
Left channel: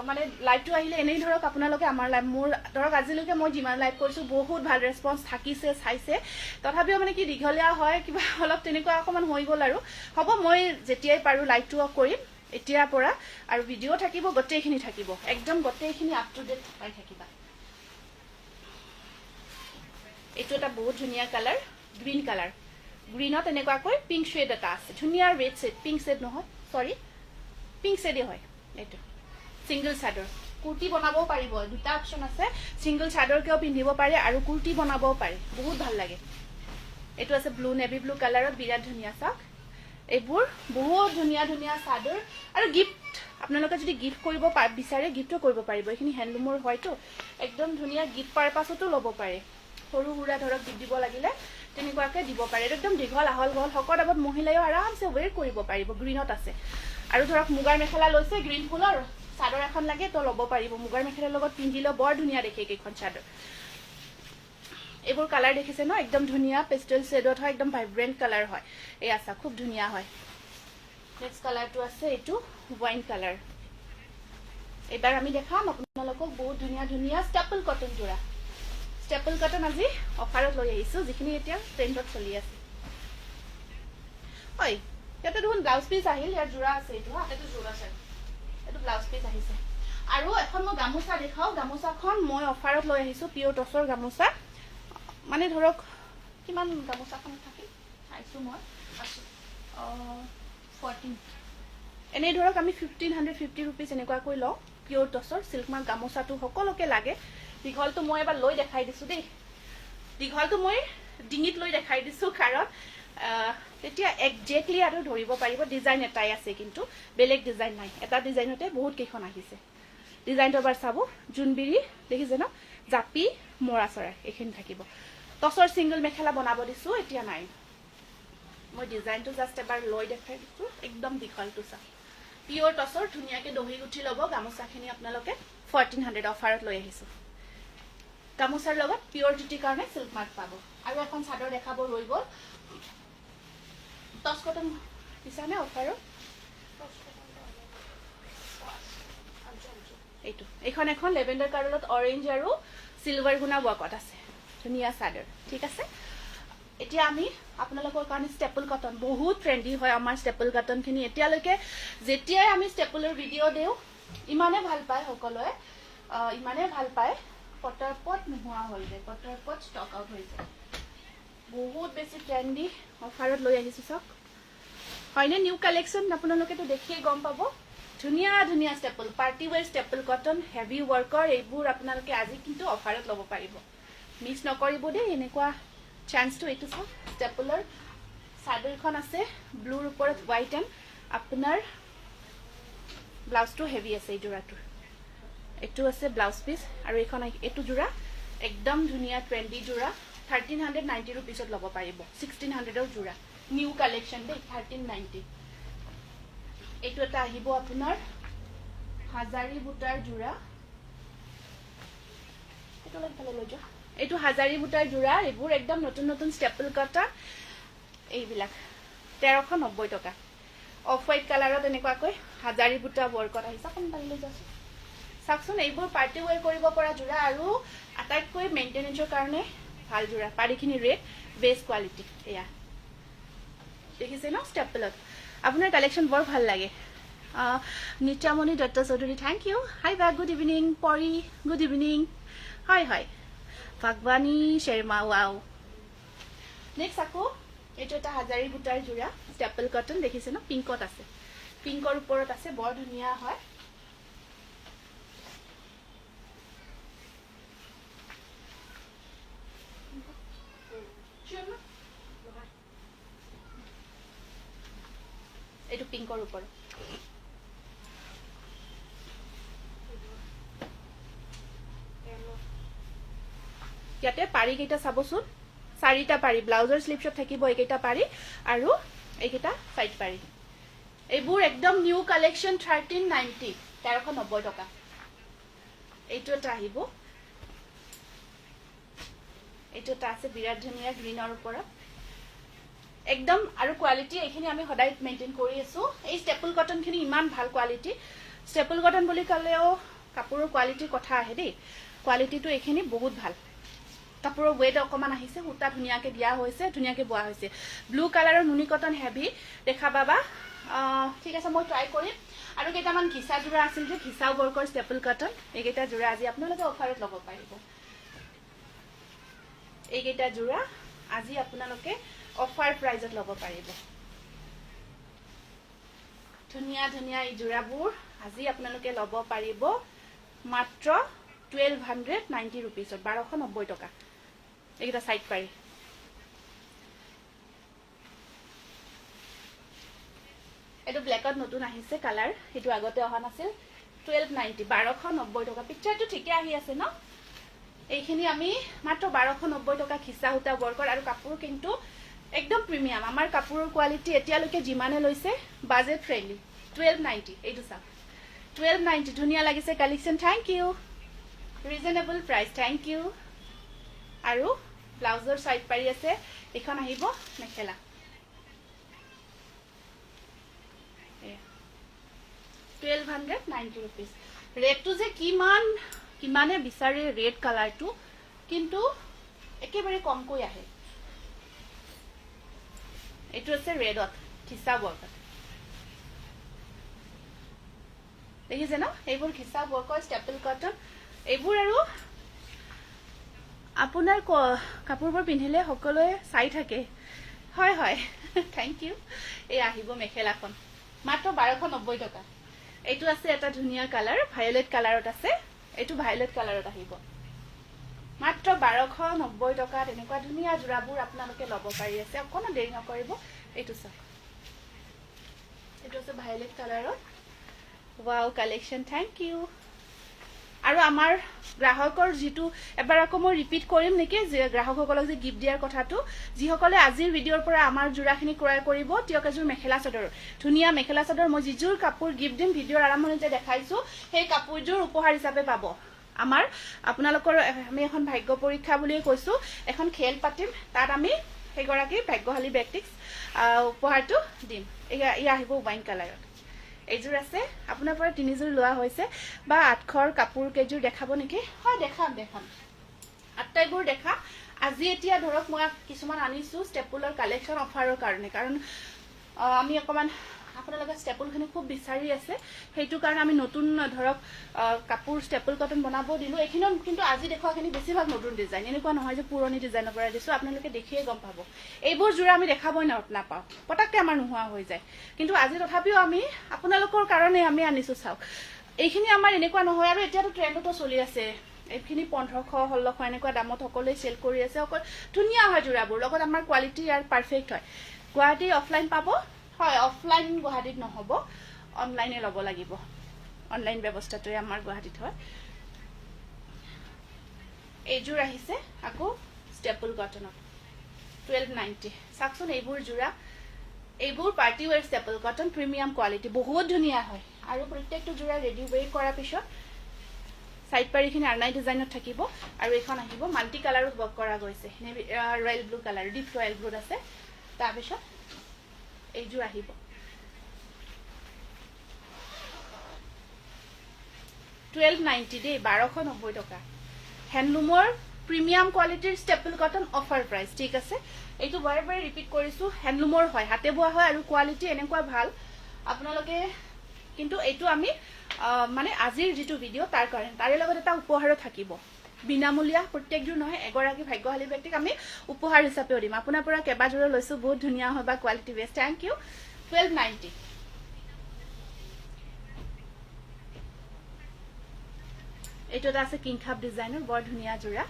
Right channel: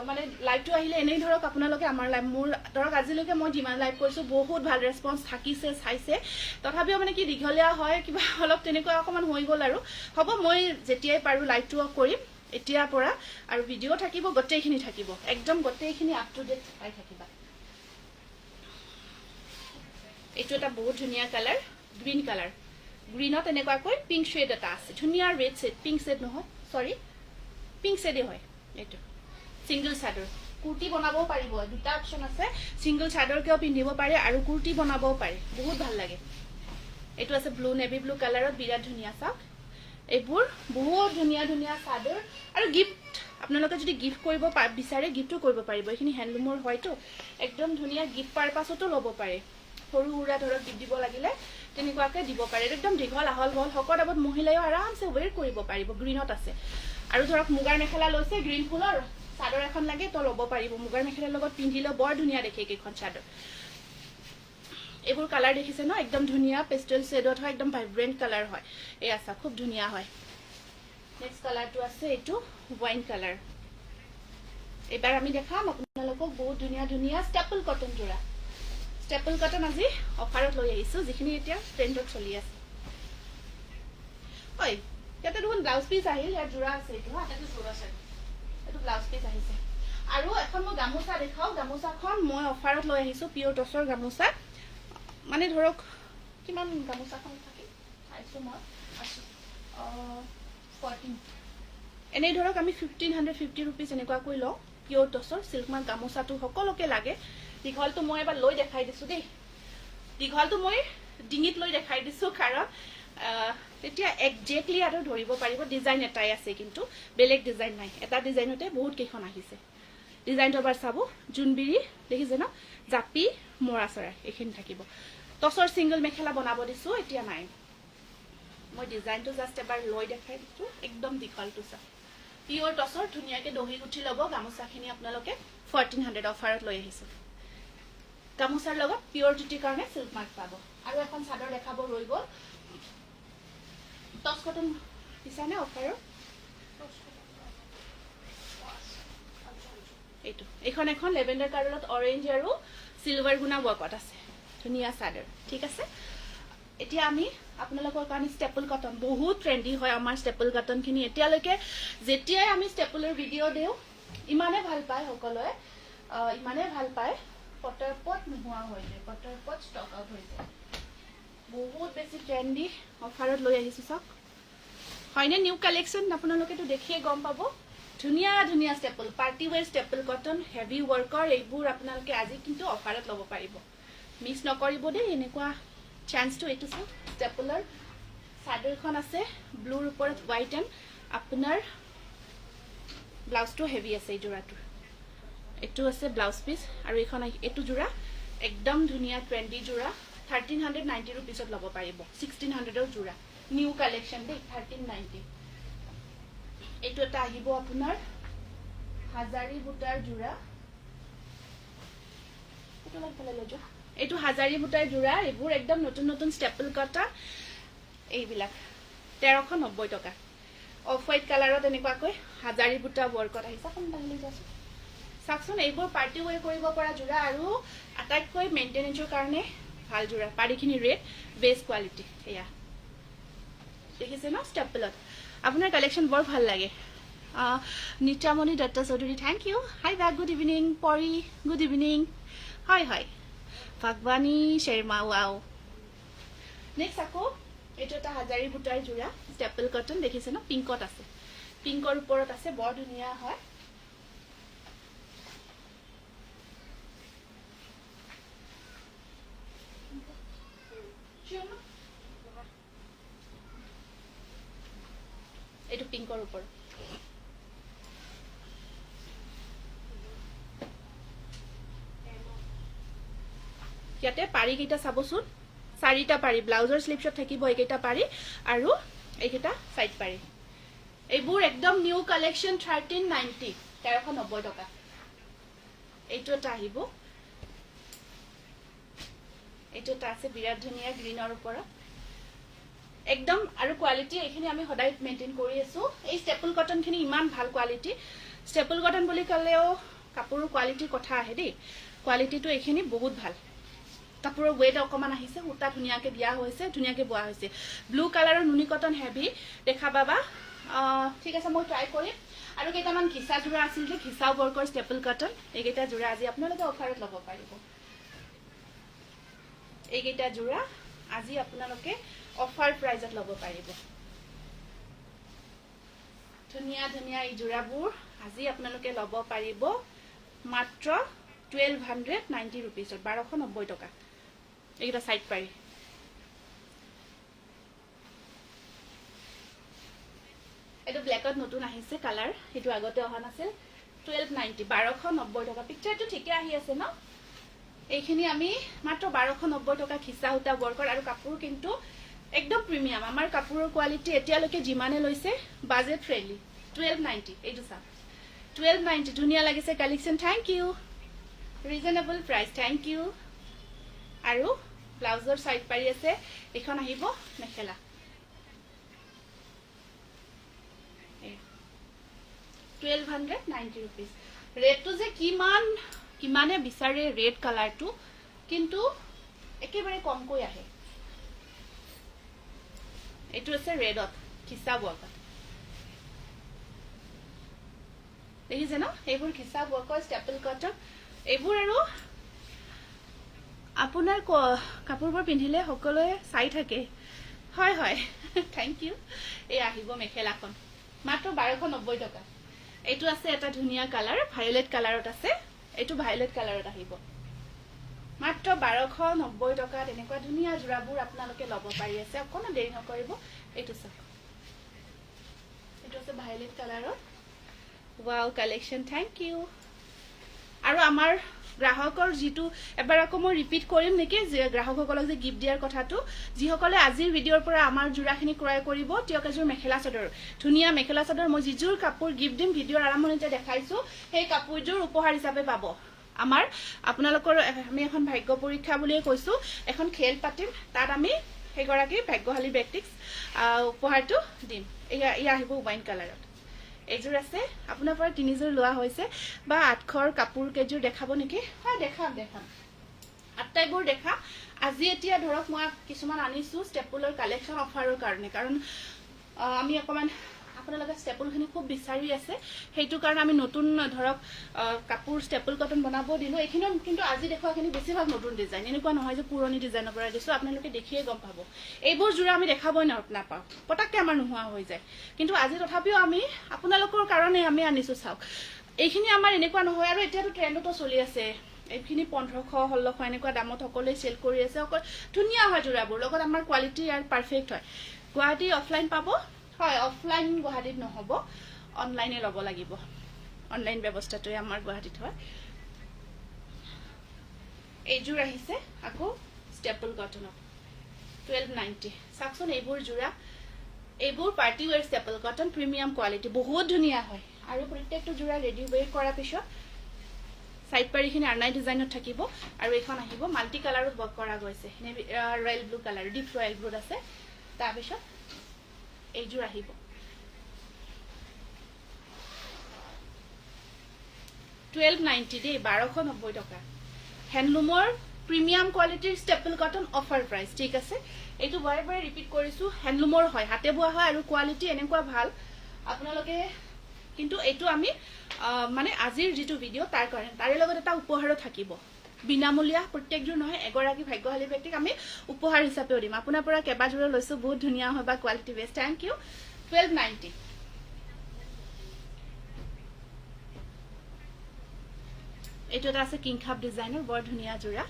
মানে লাইভটো আহিলে এনেই ধৰক আপোনালোকে আমাৰ লাইভ, মোৰ ধৰক আজিলৈকে মই যিমান লাইভ কৰিছোঁ বহুত ভাল ৰেছপন্স থাকিছে, চাইছে। তথাপিও মানে কি দীঘলীয়া হয়, কিবা অলপ তেনেকুৱা অকণমান হৈ গ'ল আৰু। হ'ব, মই যেতিয়াই পাৰোঁ লাইভটো কৰিম এতিয়াৰ পৰা, আৰু ভিডিঅ' থাকিব, গোটেইখিনি থাকিব, একদম গোটেইখিনি আপ টু ডেট পাই থাকিবা। এইটো এটা বহুত ধুনীয়া কালাৰ, গ্ৰীণ কালাৰ, গ্ৰীণত এনেকুৱাকৈ পিংক শ্বেড এটা আছে, ধুনীয়া ৰেড শ্বেড, পিংক শ্বেড নহয়, চৰি পিংক শ্বেডেই হয়। এইটো ছিংগল চাদৰ, কুৰ্তি বনাবও পাৰিব, দুটা অপশ্যন আছে, ছিংগল চাদৰকেও পিন্ধিব পাৰে আৰু কুৰ্তি বনাবও পাৰে, বহুত ভাল লাগে। এইটো আছে ব্লু, নেভি ব্লু কালাৰত, বিৰাট ধুনীয়া চাওক। এইবোৰ বহুত ধুনীয়া ধুনীয়া চাদৰ, আৰু গিফ্ট আপোনালোকে যদি গিফ্ট কৰিব বিচাৰে গিফ্টো কৰিব পাৰিব। এইখিনি হেণ্ডলুমৰ হয়তো, একদম ধুনীয়া গিফ্ট পাৰপাছতো ল'ব পাৰে, সৰু সুৰা ধৰক গিফ্ট দিব লাগিলে তেনেকুৱাকৈ দিব পাৰে। একদম দীঘল আহল বহল শকত আবত মহিলাইও আৰামছে ৱেৰ কৰিব পাৰিব, গ্ৰীণত আছে। আৰু ধৰক মুগাৰ মেখেলা লৈছে, গ্ৰীণ ফুলৰ চাদৰ এখন লাগে তো ল'ব পাৰিব, মুগাৰ মেখেলাৰ লগত পিন্ধিলেও বৰ ধুনীয়া দেখে কেইখন চাদৰ। এইবোৰ কালাৰ দেখিছে ন, একদম ধুনীয়া পেষ্টেল শ্বেডত হয়, একদম ভাইব্ৰেণ্ট কালাৰ হয়। এই আছা খুব ধুনীয়া হয়। নেক্সট কালাৰটো আছে এইটো ৱাইন কালাৰ। এইবাৰ আমি দেখাম আপোনালোকক বহুত ধুনীয়া ধুনীয়া ষ্টেপল কটন যোৰা। ষ্টেপল কটন আজি অফাৰত লৈ আহিছোঁ, যিখিনি এতিয়া ট্ৰেণ্ডত চলি আছে। হয়, ইয়াতে দেখোন ব্লাউজ পিচ আহিল, ইয়াত যোৰা আছে, এইটো এইটো যোৰা চাই, এইটো ব্লাউজ পিচ আহিছে। আৰু এখন মই গামোচা দেখাওঁ, গামোচাখন মই অফাৰত লৈ আহিছোঁ, পিয়ৰ টচৰ গামোচা। মানে ধৰক কিমান গামোচাখন থাকিল চাইছোঁ মই, আছোঁ 14। এনেই ধৰক আমি 1550 ৰুপিজ এনেকুৱাকৈ লওঁ, পিয়ৰ টচৰ চিল্ক মাৰ্ক গামোচাটো সকলোকে লাগে। দীঘলটো মই এবাৰ লৈ দেখাই দিছোঁ দেই, দীঘলটো মই ডিঙিত লৈ দেখাই দিছোঁ, কাৰণ এতিয়া একজেক্টলি আৰু ধৰিব পাৰিব। ডিজাইন এটাই আছে, কিন্তু বেলেগ ডিজাইন নাই, এটা ডিজাইনতে বহুত কেইখন আহিছে। ডিজাইনটো এবাৰ চাব, জোনবিৰি দেখিছে ন, জাপি মৰা চৰাই এইখিনি থাকিব। টচৰ ছিংগল মেখেলা বনাব দিছোঁ, এতিয়া নাই। মই ডিজাইনটো জাষ্ট এবাৰ লৈ দেখাই দিছোঁ, একদম দীঘলটো চাওক, পিয়ৰ টচৰ ধুনীয়াকৈ দহি গুঠি ল'ব। গামোচাখিনি আপোনালোকে 1400 অফাৰত লৈ আহিছোঁ। গামোচাৰ লগত পিয়ৰ জুটিৰ কাৰণে চিল্ক মাৰ্ক পাব। আৰু এখন চাদৰ দেখাব ৰৈ গ'ল, টচ কটন দিছানে অফাৰত? এইটো এইখন এখন লেভেণ্ডাৰ কালাৰত অৰেঞ্জ আৰু চিলভাৰ গুণা ৱৰ্কত আছে, ধুনীয়া চাদৰ, ঠিক আছে। এতিয়া আমি আপোনালোকৰ কাৰণে ষ্টেপল কটন, বহুত ট্ৰেণ্ডি হয় আমাৰ ষ্টেপল কটনখিনি। এতিয়ালৈকে যেতিয়াই আমি ষ্টেপলৰ ভিডিঅ' দিওঁ ইমানেই ভাল পায় সকলোৱে, ইমানেই ভাল পায়, পটপট নোহোৱা হৈ যায়, পটপট ষ্টক আউট হৈ যায়। বহুত বেছি ট্ৰেণ্ডি অফাৰত লৈ আহিছোঁ চাওক, হয়নে নিউ কালেকশ্যন, আপোনালোকেতো দেখিয়ে গম পাব। ধুনীয়া ধুনীয়া staple, party wear staple cotton, heavy ৱৰ্কৰ, এইবোৰ আপোনালোকে আজি কিন্তু অফাৰত ল'ব পাৰিব, মিছ নকৰিব দেই এনেকুৱা চান্সটো। এইটো চাওক, ষ্টেপলৰ চাদৰখন আছে ব্লুৰ ওপৰত হোৱাইট, এণ্ড আপোনাৰ ব্লাউজটো হেভি আছে এই যোৰাটোৰ, এইটো আছে ব্লাউজ পিচ আৰু এইখন এইটো জোৰা একদম ধুনীয়া ট্ৰেন্ডি জোৰা 1390 रुपीसत ল'ব পাৰিব 1600ৰ জোৰা নিউ কালেকশন দেই 1390 এইটো এটা আহিব আপোনাৰ হাজাৰী বুটাৰ জোৰা এইটো লাগি ফেলে লৈ যোৱা এইটো হাজাৰী বুটাৰ জোৰা এইবোৰ একদম নতুন নতুন ষ্টেপল কটন এইবিলাক 1390 টকা অফ হোৱাইট কালাৰত এনেকুৱাকৈ হাজাৰী বুটা ৱৰ্কত আহিছে কোন পাইলে যাছে সাকচোন এইবোৰ পাৰ্টি ওয়্যাৰ কৰিব পৰা জোৰা আৰু আটাইতকৈ মেইনটেনেন্সৰ কাৰণে ভাল জোৰা পাৰিখিনি ৰেট বেষ্ট কোৱালিটি এয়া দেখিছে ন ষ্টেপলত আপোনাৰ কালেকশন বৰ ভাল লাগে Nityamoni Dutta Choudhury thank you hi বা গুড ইভিনিং পৰি গুড ইভিনিং হয় হয় ভগৱানী শৰ্মা ওয়াও নেক্সট আকৌ এইটো এটা হাজাৰী বুটাৰ জোৰা ষ্টেপল কটন দেখিছে ন পিংকত আছে পিংকৰ ওপৰত আছে বৰ ধুনীয়া হয় এইটো পিংকৰ ওপৰত ইয়াতে পাৰি কেইটা চাবচোন চাৰিটা পাৰি ব্লাউজৰ স্লিপছত থাকিব এইকেইটা পাৰি আৰু এইকেইটা সাইড পাৰি এইবোৰ একদম নিউ কালেকশন 1390 1390 টকা এইটো এটা আহিব এইটো এটা আছে বিৰাট ধুনীয়া গ্ৰীনৰ ওপৰত একদম আৰু কোৱালিটি এইখিনি আমি সদায় মেইনটেইন কৰি আছো এই ষ্টেপল কটন খিনি ইমান ভাল কোৱালিটি ষ্টেপল কটন বুলি কলেও কাপোৰৰ কোৱালিটিৰ কথা আহে দেই কোৱালিটিটো এইখিনি বহুত ভাল কাপোৰৰ ওয়েট অকমান আহিছে উটা ধুনীয়াকে দিয়া হৈছে ধুনীয়াকে বোৱা হৈছে ব্লু কালাৰৰ নুনি কটন হেভি দেখা পাবা ঠিক আছে মই ট্ৰাই কৰিম আৰু কেইটামান ঘিসা জোৰা আছিল যে ঘিসা ৱৰ্কৰ ষ্টেপল কটন এইকেইটা জোৰা আজি আপোনালোকে অফাৰত ল'ব পাৰিব এইকেইটা জোৰা আজি আপোনালোকে অফাৰ প্ৰাইজত ল'ব পাৰিব ধুনীয়া ধুনীয়া এই জোৰাবোৰ আজি আপোনালোকে ল'ব পাৰিব মাত্ৰ 1290 रुपीसত 1290 টকা এইটা সাইড পাৰি এটা ব্ল্যাকত নতুন আহিছে কালাৰ এটো আগতে অহা নাছিল 1290 1290 টকা পিকচাৰটো ঠিকে আহি আছে ন এইখিনি আমি মাত্ৰ 1290 টকা খিসা হুটা ৱৰ্কৰ আৰু কাপোৰ কিন্তু একদম প্ৰিমিয়াম আমাৰ কাপোৰৰ কোৱালিটি এতিয়ালৈকে জিমানে লৈছে বাজেট ফ্ৰেন্ডলি 1290 এইটো সা 1290 ধুনীয়া লাগিছে collection thank you reasonable price thank you আৰু ব্লাউজৰ সাইড পাৰি আছে এখন আহিব মেখেলা 1290 रुपीस ৰেটটো যে কিমানে বিচাৰে ৰেড কালাৰটো কিন্তু একেবাৰে কমকৈ আহে এইটো আছে ৰেডত খিসা ৱৰ্ক দেখিছে ন এইবোৰ খিসা ৱৰ্কৰ ষ্টেপল কটন এইবোৰ আৰু আপোনাৰ কাপোৰবোৰ পিন্ধিলে সকলোৱে চাই থাকে হয় হয় থ্যাংক ইউ এই আহিব মেখেলাখন মাত্ৰ 1290 টকা এইটো আছে এটা ধুনীয়া কালাৰ ভায়োলেট কালাৰত আছে এইটো ভায়োলেট কালাৰত আহিব মাত্ৰ 1290 টকা এনেকুৱা ধুনীয়া জোৰাবোৰ আপোনালোকে ল'ব পাৰি আছে অকণ দেৰি নকৰিব এইটো চাওক এইটো আছে ভায়োলেট কালাৰত ওয়াও কালেকশন থ্যাংক ইউ আৰু আমাৰ গ্ৰাহকৰ যেটো এবাৰ আকৌ মই ৰিপিট কৰিম নেকি যে গ্ৰাহকসকলক যে গিফট দিয়াৰ কথাটো যিসকলে আজিৰ ভিডিঅৰ পৰা আমাৰ জোৰাখিনি ক্ৰয় কৰিব তিয়ক এজোৰ মেখেলা চাদৰ ধুনীয়া মেখেলা চাদৰ মই যিজোৰ কাপোৰ গিফট দিম ভিডিঅৰ আৰম্ভণিতে দেখাইছো সেই কাপোৰজোৰ উপহাৰ হিচাপে পাব আমাৰ আপোনালোকৰ আমি এখন ভাগ্য পৰীক্ষা বুলিয়ে কৈছো এখন খেল পাতিম তাত আমি সেইগৰাকী ভাগ্যশালী ব্যক্তিক উপহাৰটো দিম ইয়া আহিব ওয়াইন কালাৰত এইজোৰ আছে আপোনাৰ পৰা তিনিজোৰ লোৱা হৈছে বা আঠখৰ কাপোৰ কেজোৰ দেখাব নেকি হয় দেখাম আটাইবোৰ দেখা আজি এতিয়া ধৰক মই কিছুমান আনিছো ষ্টেপলৰ কালেকশন অফাৰৰ কাৰণে কাৰণ আমি অকমান আপোনালোকে ষ্টেপলখিনি খুব বিচাৰি আছে সেইটো কাৰণে আমি নতুন ধৰক কাপোৰ ষ্টেপল কটন বনাব দিলো এইখিনি কিন্তু আজি দেখুৱাখিনি বেছিভাগ নতুন ডিজাইন এনেকুৱা নহয় যে পুৰণি ডিজাইনৰ পৰা দিছো আপোনালোকে দেখিয়ে গম পাব এইবোৰ জোৰা আমি দেখাবই নাপাওঁ পটককে আমাৰ নোহোৱা হৈ যায় কিন্তু আজি তথাপিও আমি আপোনালোকৰ কাৰণে আমি আনিছো চাওক এইখিনি আমাৰ এনেকুৱা নহয় আৰু এতিয়াতো ট্ৰেন্ডটো চলি আছে এইখিনি 1500 1600 এনেকুৱা দামত সকলোৱে সেল কৰি আছে অকল ধুনীয়া হয় জোৰাবোৰ লগত আমাৰ কোৱালিটি আৰু পাৰফেক্ট হয় গুৱাহাটী অফলাইন পাব হয় অফলাইন গুৱাহাটীত নহব অনলাইনে ল'ব লাগিব অনলাইন ব্যৱস্থাটোৱে আমাৰ গুৱাহাটীত হয় এইযোৰ আহিছে আকৌ ষ্টেপল কটনত 1290 চাকচোন এইবোৰ জোৰা এইবোৰ party where staple cotton premium quality বহুত ধুনীয়া হয় আৰু প্ৰত্যেকটো জোৰা ৰেডি ৱেৰ কৰাৰ পিছত সাইড পাৰিখিনি আৰ্নাই ডিজাইনত থাকিব আৰু এখন আহিব মাল্টি কালাৰত ওয়াৰ্ক কৰা গৈছে royal blue colour deep royal ব্লুত আছে তাৰ পিছত এইযোৰ আহিব 1290 দেই 1290 টকা হ্যান্ডলুমৰ প্ৰিমিয়াম কোৱালিটিৰ ষ্টেপল কটন অফাৰ প্ৰাইস ঠিক আছে এইটো বাৰে বাৰে ৰিপিট কৰিছো হ্যান্ডলুমৰ হয় হাতে বোৱা হয় আৰু কোৱালিটি এনেকুৱা ভাল আপোনালোকে কিন্তু এইটো আমি মানে আজিৰ যেটো ভিডিও তাৰ কাৰণে তাৰে লগত এটা উপহাৰো থাকিব বিনামূলীয়া প্ৰত্যেকজোৰ নহয় এগৰাকী ভাগ্যশালী ব্যক্তিক আমি উপহাৰ হিচাপে দিম আপোনাৰ পৰা কেবাজোৰ লৈছো বহুত ধুনীয়া হয় বা কোৱালিটি বেষ্ট থ্যাংক ইউ 1290 এইটো এটা আছে কিং খাপ ডিজাইনৰ বৰ ধুনীয়া জোৰা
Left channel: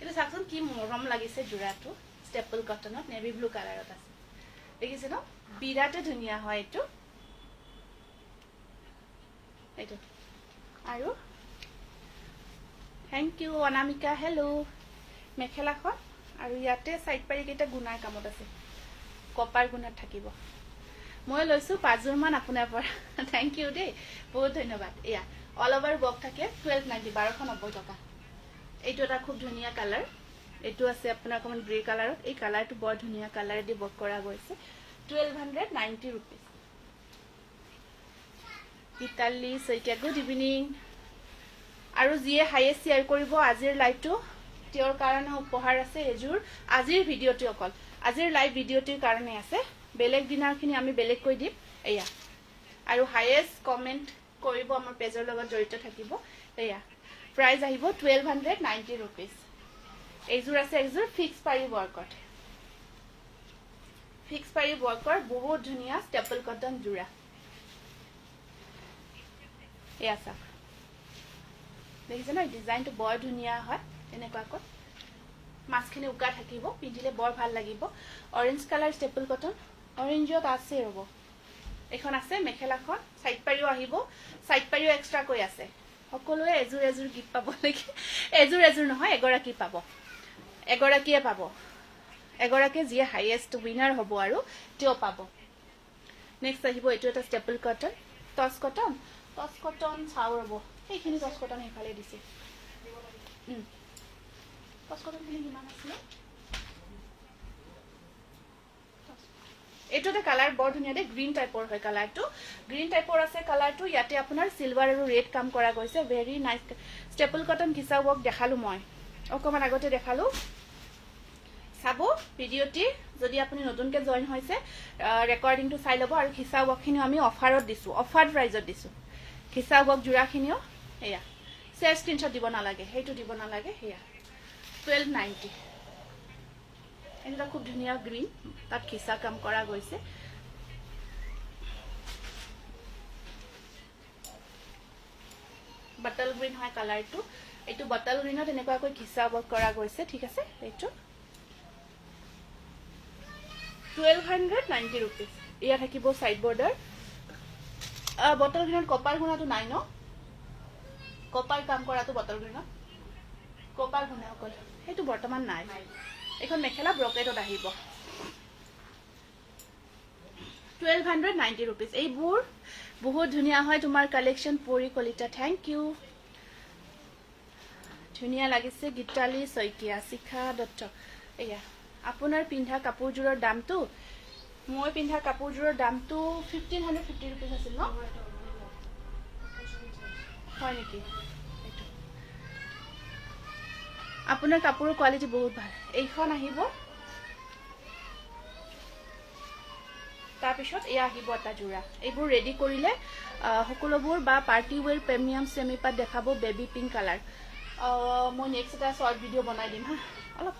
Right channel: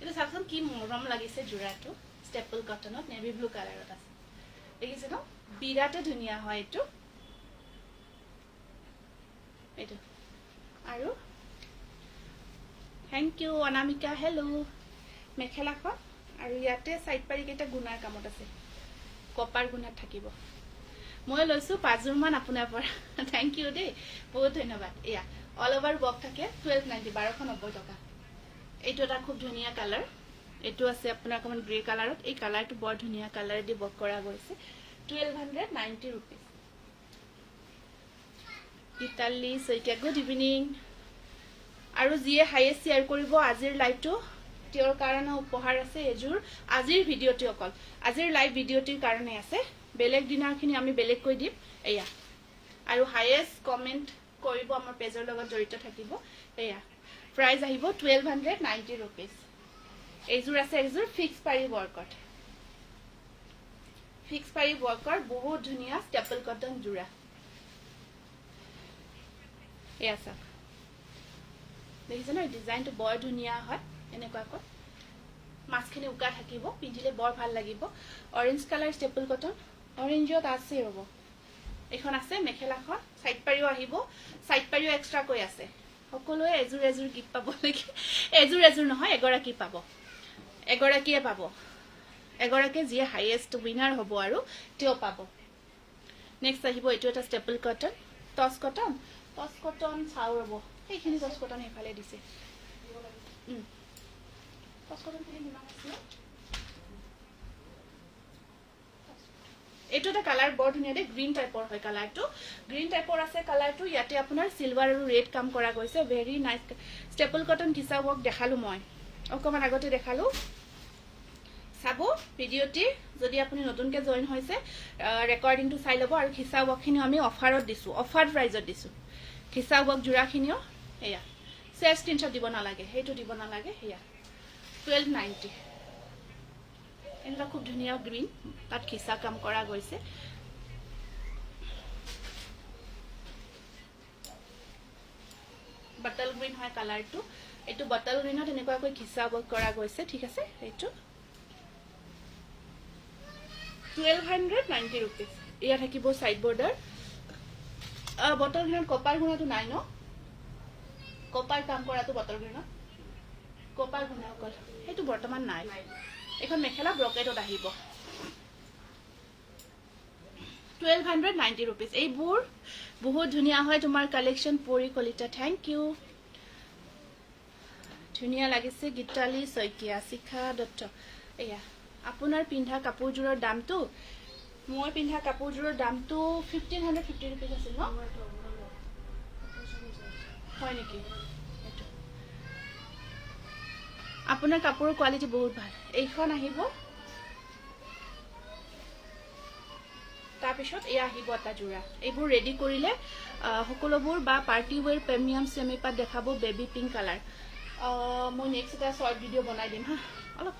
এটা চাকচোন কি মৰম লাগিছে জোৰাটো ষ্টেপল কটনত নেভি ব্লু কালাৰত আছে দেখিছে ন বিৰাটে ধুনীয়া হয় এইটো এইটো আৰু থ্যাংক ইউ অনামিকা হেল্ল মেখেলাখন আৰু ইয়াতে সাইড পাৰি কেইটা গুণাৰ কামত আছে কপাৰ গুণাত থাকিব মই লৈছো 5 জোৰ মান আপোনাৰ পৰা থ্যাংক ইউ দেই বহুত ধন্যবাদ এয়া অল ওভাৰ বক থাকে 1290 1290 টকা এইটো এটা খুব ধুনীয়া কালাৰ এইটো আছে আপোনাৰ কমন গ্ৰে কালাৰত এই কালাৰটো বৰ ধুনীয়া কালাৰ দি বক কৰা গৈছে 1290 rupees ইতালি সৈতে গুড ইভিনিং আৰু যিয়ে হাইয়েষ্ট শেয়াৰ কৰিব আজিৰ লাইভটো তেওঁৰ কাৰণে উপহাৰ আছে এজুৰ আজিৰ ভিডিওটি অকল আজিৰ লাইভ ভিডিওটিৰ কাৰণে আছে বেলেগ দিনাৰখিনি আমি বেলেগ কৈ দিম এয়া আৰু হাইয়েষ্ট কমেন্ট কৰিব আমাৰ পেজৰ লগত জড়িত থাকিব এয়া প্ৰাইস আহিব 1290 rupees এইজুৰ আছে এইজুৰ ফিক্স পাৰি ওয়াৰ্কৰ বহুত ধুনীয়া ষ্টেপল কটন জোৰা এয়া চাক দেখিছে ন ডিজাইনটো বৰ ধুনীয়া হয় এনেকুৱাকৈ মাছখিনি উকা থাকিব পিন্ধিলে বৰ ভাল লাগিব অৰেঞ্জ কালাৰ ষ্টেপল কটন অৰেঞ্জত আছে ৰব এখন আছে মেখেলাখন সাইড পাৰিও আহিব সাইড পাৰিও এক্সট্ৰা কৈ আছে সকলোৱে এজুৰ এজুৰ গিফট পাব নেকি এজুৰ নহয় এগৰাকী পাব এগৰাকীয়ে পাব এগৰাকী যিয়ে হাইয়েষ্ট উইনাৰ হ'ব আৰু তেওঁ পাব নেক্সট আহিব এইটো এটা ষ্টেপল কটন টছ কটন চাও ৰব এইখিনি টছ কটন এফালে দিছে টছ কটন খিনি কিমান আছে এইটো এটা কালাৰ বৰ ধুনীয়া দে গ্ৰীন টাইপৰ হয় কালাৰটো গ্ৰীন টাইপৰ আছে কালাৰটো ইয়াতে আপোনাৰ সিলভাৰ আৰু ৰেড কাম কৰা গৈছে ভেৰি নাইস ষ্টেপল কটন ঘিচা ৱৰ্ক দেখালো মই অকমান আগতে দেখালো চাবো ভিডিওটি যদি আপুনি নতুনকে জয়েন হৈছে ৰেকৰ্ডিংটো চাই লব আৰু ঘিচা ৱৰ্কখিনি আমি অফাৰত দিছো অফাৰ প্ৰাইজত দিছো ঘিচা ৱৰ্ক জোৰাখিনিও এয়া শেয়াৰ স্ক্ৰিনশ্বট দিব নালাগে হেইটো দিব নালাগে এয়া 1290 এনেকুৱা খুব ধুনীয়া গ্ৰীন তাত ঘিচা কাম কৰা গৈছে বটল গ্ৰীন হয় কালাৰটো এইটো বটল গ্ৰীনত এনেকুৱাকৈ ঘিচা ৱৰ্ক কৰা গৈছে ঠিক আছে এইটো 1290 rupees ইয়া থাকিব সাইড বৰ্ডাৰ বটল গ্ৰীনত কপাৰ গুণাটো নাই ন কপাৰ কাম কৰাটো বটল গ্ৰীনত কপাৰ গুণা অকল এইটো বৰ্তমান নাই এখন মেখেলা ব্ৰকেটত আহিব 1290 rupees এইবোৰ বহুত ধুনীয়া হয় তোমাৰ কালেকশন পৰি কলিতা থ্যাংক ইউ ধুনীয়া লাগিছে গীতালি সৈকিয়া শিখা দত্ত এয়া আপোনাৰ পিন্ধা কাপোৰজোৰৰ দামটো মই পিন্ধা কাপোৰজোৰৰ দামটো 1550 rupees আছিল ন হয় নেকি আপোনাৰ কাপোৰৰ কোৱালিটি বহুত ভাল এইখন আহিব তাৰ পিছত এয়া আহিব এটা জোৰা এইবোৰ ৰেডি কৰিলে সকলোবোৰ বা পাৰ্টি ওয়্যাৰ প্ৰিমিয়াম সেমি পাত দেখাব বেবি পিংক কালাৰ মই নেক্সট এটা শৰ্ট ভিডিও বনাই দিম হা অলপ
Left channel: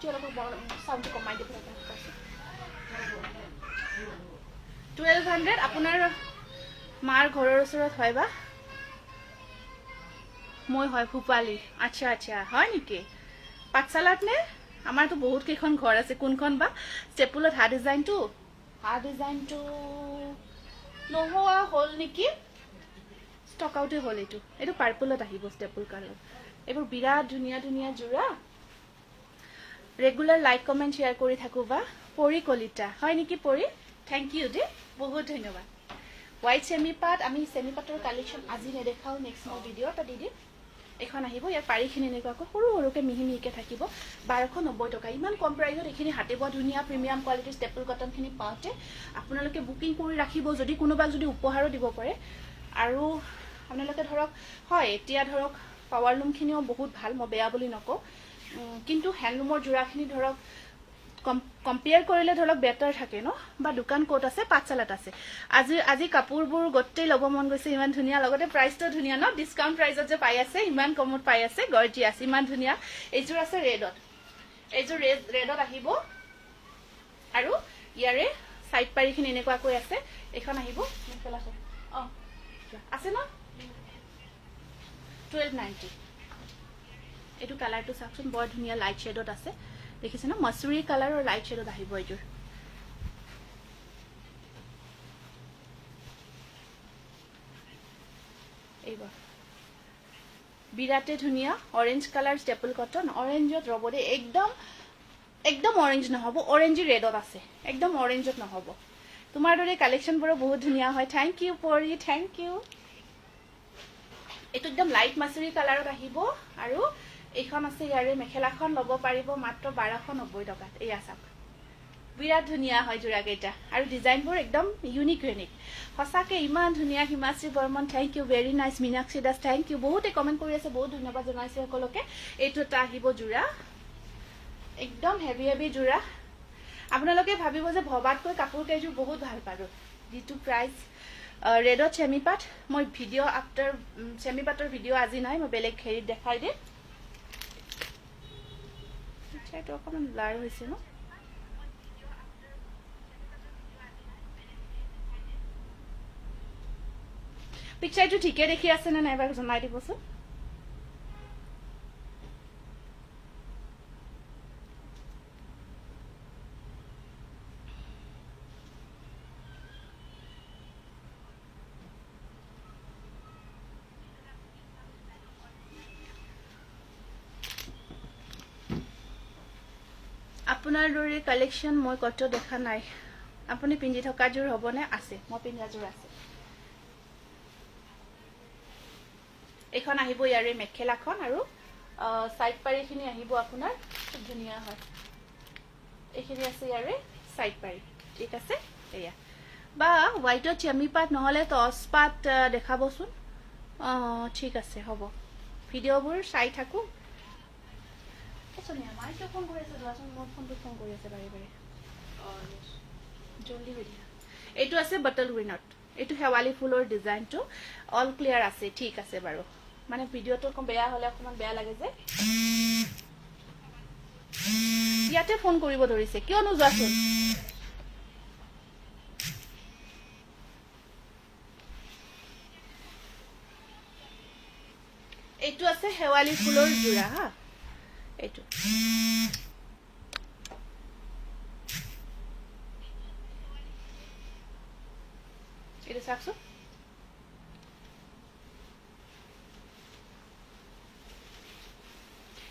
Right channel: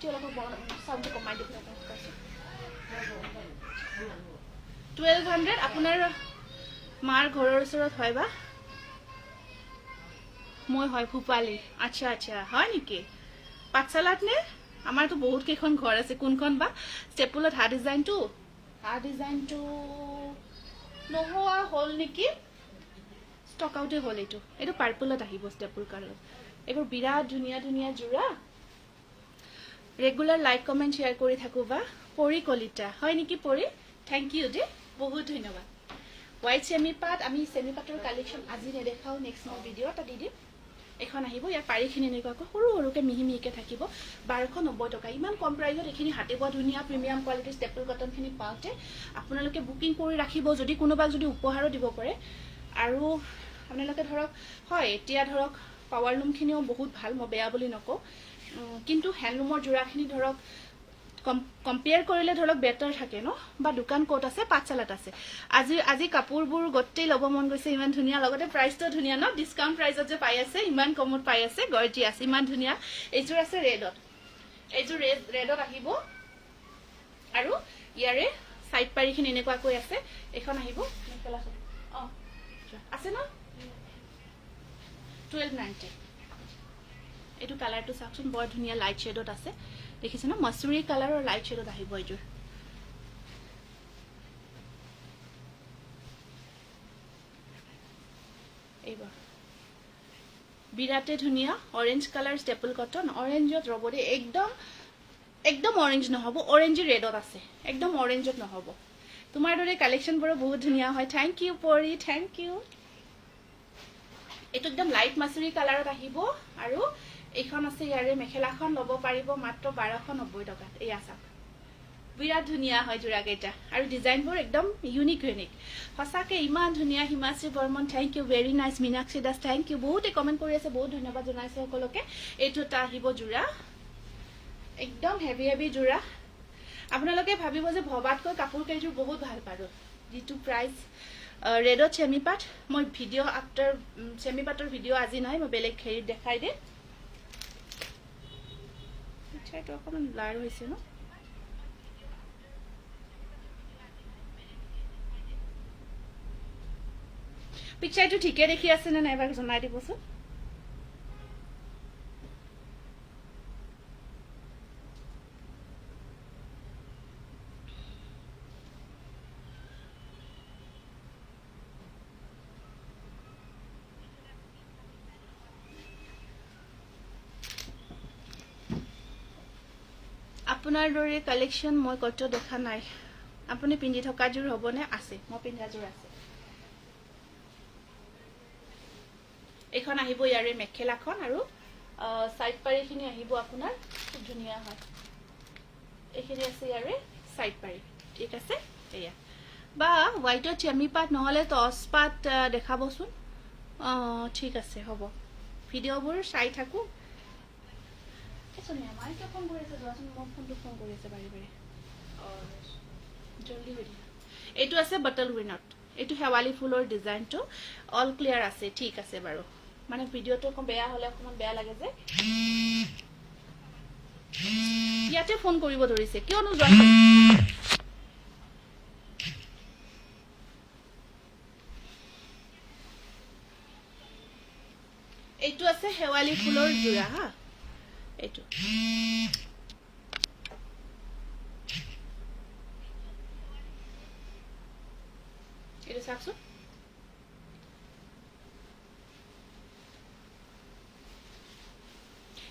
সাউন্ডটো কমাই দিব 1200 আপোনাৰ মাৰ ঘৰৰ ওচৰত হয় বা মই হয় ভূপালী আচ্ছা হয় নেকি পাঠশালাত নে আমাৰতো বহুত কেইখন ঘৰ আছে কোনখন বা ষ্টেপুলত হা ডিজাইনটো নোহোৱা হ'ল নেকি ষ্টক আউটে হ'ল এইটো পাৰ্পলত আহিব ষ্টেপুল কালাৰ এইবোৰ বিৰাট ধুনীয়া ধুনীয়া যোৰা ৰেগুলাৰ লাইক কমেণ্ট শ্বেয়াৰ কৰি থাকো বা পৰি কলিতা হয় নেকি পৰি থেংক ইউ দে বহুত ধন্যবাদ হোৱাইট চেমি পাট আমি চেমি পাটৰ কালেকশ্যন আজি নেদেখাও নেক্সট মই ভিডিঅ' এটা দি দিম এখন আহিব ইয়াৰ পাৰিখিনি এনেকুৱাকৈ সৰু সৰুকৈ মিহি মিহিকৈ থাকিব 1290 টকা ইমান কম প্ৰাইজত এইখিনি হাতে বোৱা ধুনীয়া প্ৰিমিয়াম কোৱালিটিৰ ষ্টেপল কটনখিনি পাওঁতে আপোনালোকে বুকিং কৰি ৰাখিব যদি কোনোবাক যদি উপহাৰো দিব পাৰে আৰু আপোনালোকে ধৰক হয় এতিয়া ধৰক পাৱাৰ লুমখিনিও বহুত ভাল মই বেয়া বুলি নকওঁ কিন্তু হেণ্ডলুমৰ যোৰাখিনি ধৰক কম্পেয়াৰ কৰিলে ধৰক বেটাৰ থাকে ন বা দোকান ক'ত আছে পাঠশালাত আছে আজি কাপোৰবোৰ গোটেই ল'ব মন গৈছে ইমান ধুনীয়া লগতে প্ৰাইচটো ধুনীয়া ন ডিছকাউণ্ট প্ৰাইজত যে পাই আছে ইমান কমত পাই আছে গৰ্জিয়াছ ইমান ধুনীয়া এইযোৰ আছে ৰেডত এইযোৰ ৰেডত আহিব আৰু ইয়াৰে সাইড পাৰিখিনি এনেকুৱাকৈ আছে এখন আহিব মেখেলাখন আছে ন 1290 এইটো কালাৰটো চাওকচোন বৰ ধুনীয়া লাইট শেডত আছে দেখিছে ন মসুৰী কালাৰ আৰু লাইট শেডত আহিব এইটোৰ এইবাৰ বিৰাটে ধুনীয়া অৰেঞ্জ কালাৰ ষ্টেপল কটন অৰেঞ্জত ৰ'ব দেই একদম অৰেঞ্জ নহ'ব অৰেঞ্জি ৰেডত আছে একদম অৰেঞ্জত নহ'ব তোমাৰ দৰে কালেকশ্যনবোৰো বহুত ধুনীয়া হয় থেংক ইউ পৰি থেংক ইউ এইটো একদম লাইট মাছুৰী কালাৰত আহিব আৰু এইখন আছে ইয়াৰে মেখেলাখন ল'ব পাৰিব মাত্ৰ 1290 টকাত এয়া চাওক বিৰাট ধুনীয়া হয় যোৰাকেইটা আৰু ডিজাইনবোৰ একদম ইউনিক সঁচাকে ইমান ধুনীয়া Himashree Barman thank you very nice Minakshi Das thank you বহুতে কমেণ্ট কৰি আছে বহুত ধন্যবাদ জনাইছে সকলোকে এইটো এটা আহিব যোৰা একদম হেভি হেভি যোৰা আপোনালোকে ভাবিব যে ভবাতকৈ কাপোৰ কেইযোৰ বহুত ভাল পাৰো যিটো প্ৰাইচ ৰেডত চেমি পাট মই ভিডিঅ' আফটাৰ চেমি পাটৰ ভিডিঅ' আজি নাই মই বেলেগ হেৰিত দেখাই দিম এইটো অকণমান ব্লাৰ হৈছে ন পিকচাৰটো ঠিকে দেখি আছে নে নাই এবাৰ জনাই দিবচোন আপোনাৰ দৰে কালেকশ্যন মই কত দেখা নাই আপুনি পিন্ধি থকা যোৰ হ'বনে আছে মই পিন্ধা যোৰ আছে এখন আহিব ইয়াৰে মেখেলাখন আৰু সাইড পাৰিখিনি আহিব আপোনাৰ খুব ধুনীয়া হয় এইখিনি আছে ইয়াৰে সাইড পাৰি ঠিক আছে এয়া বা হোৱাইটৰ চেমি পাট নহলে টচ পাট দেখাবচোন ঠিক আছে হ'ব ভিডিঅ'বোৰ চাই থাকো সোনিয়া মাইকে ফোন কৰি আছে যোৱাচোন মোৰ ফোনটো ফোন কৰি আছে বাৰে বাৰে জলদি হৈ দিয়া এইটো আছে বটল গ্ৰীনত এইটো হেৱালি ফুলৰ ডিজাইনটো অল ক্লিয়াৰ আছে ঠিক আছে বাৰু মানে ভিডিঅ'টো অকণ বেয়া হলে অকমান বেয়া লাগে যে ইয়াতে ফোন কৰিব ধৰিছে কিয়নো যোৱাচোন এইটো আছে হেৱালি ফুলৰ যোৰা হা এইটো এইটো চাওকচোন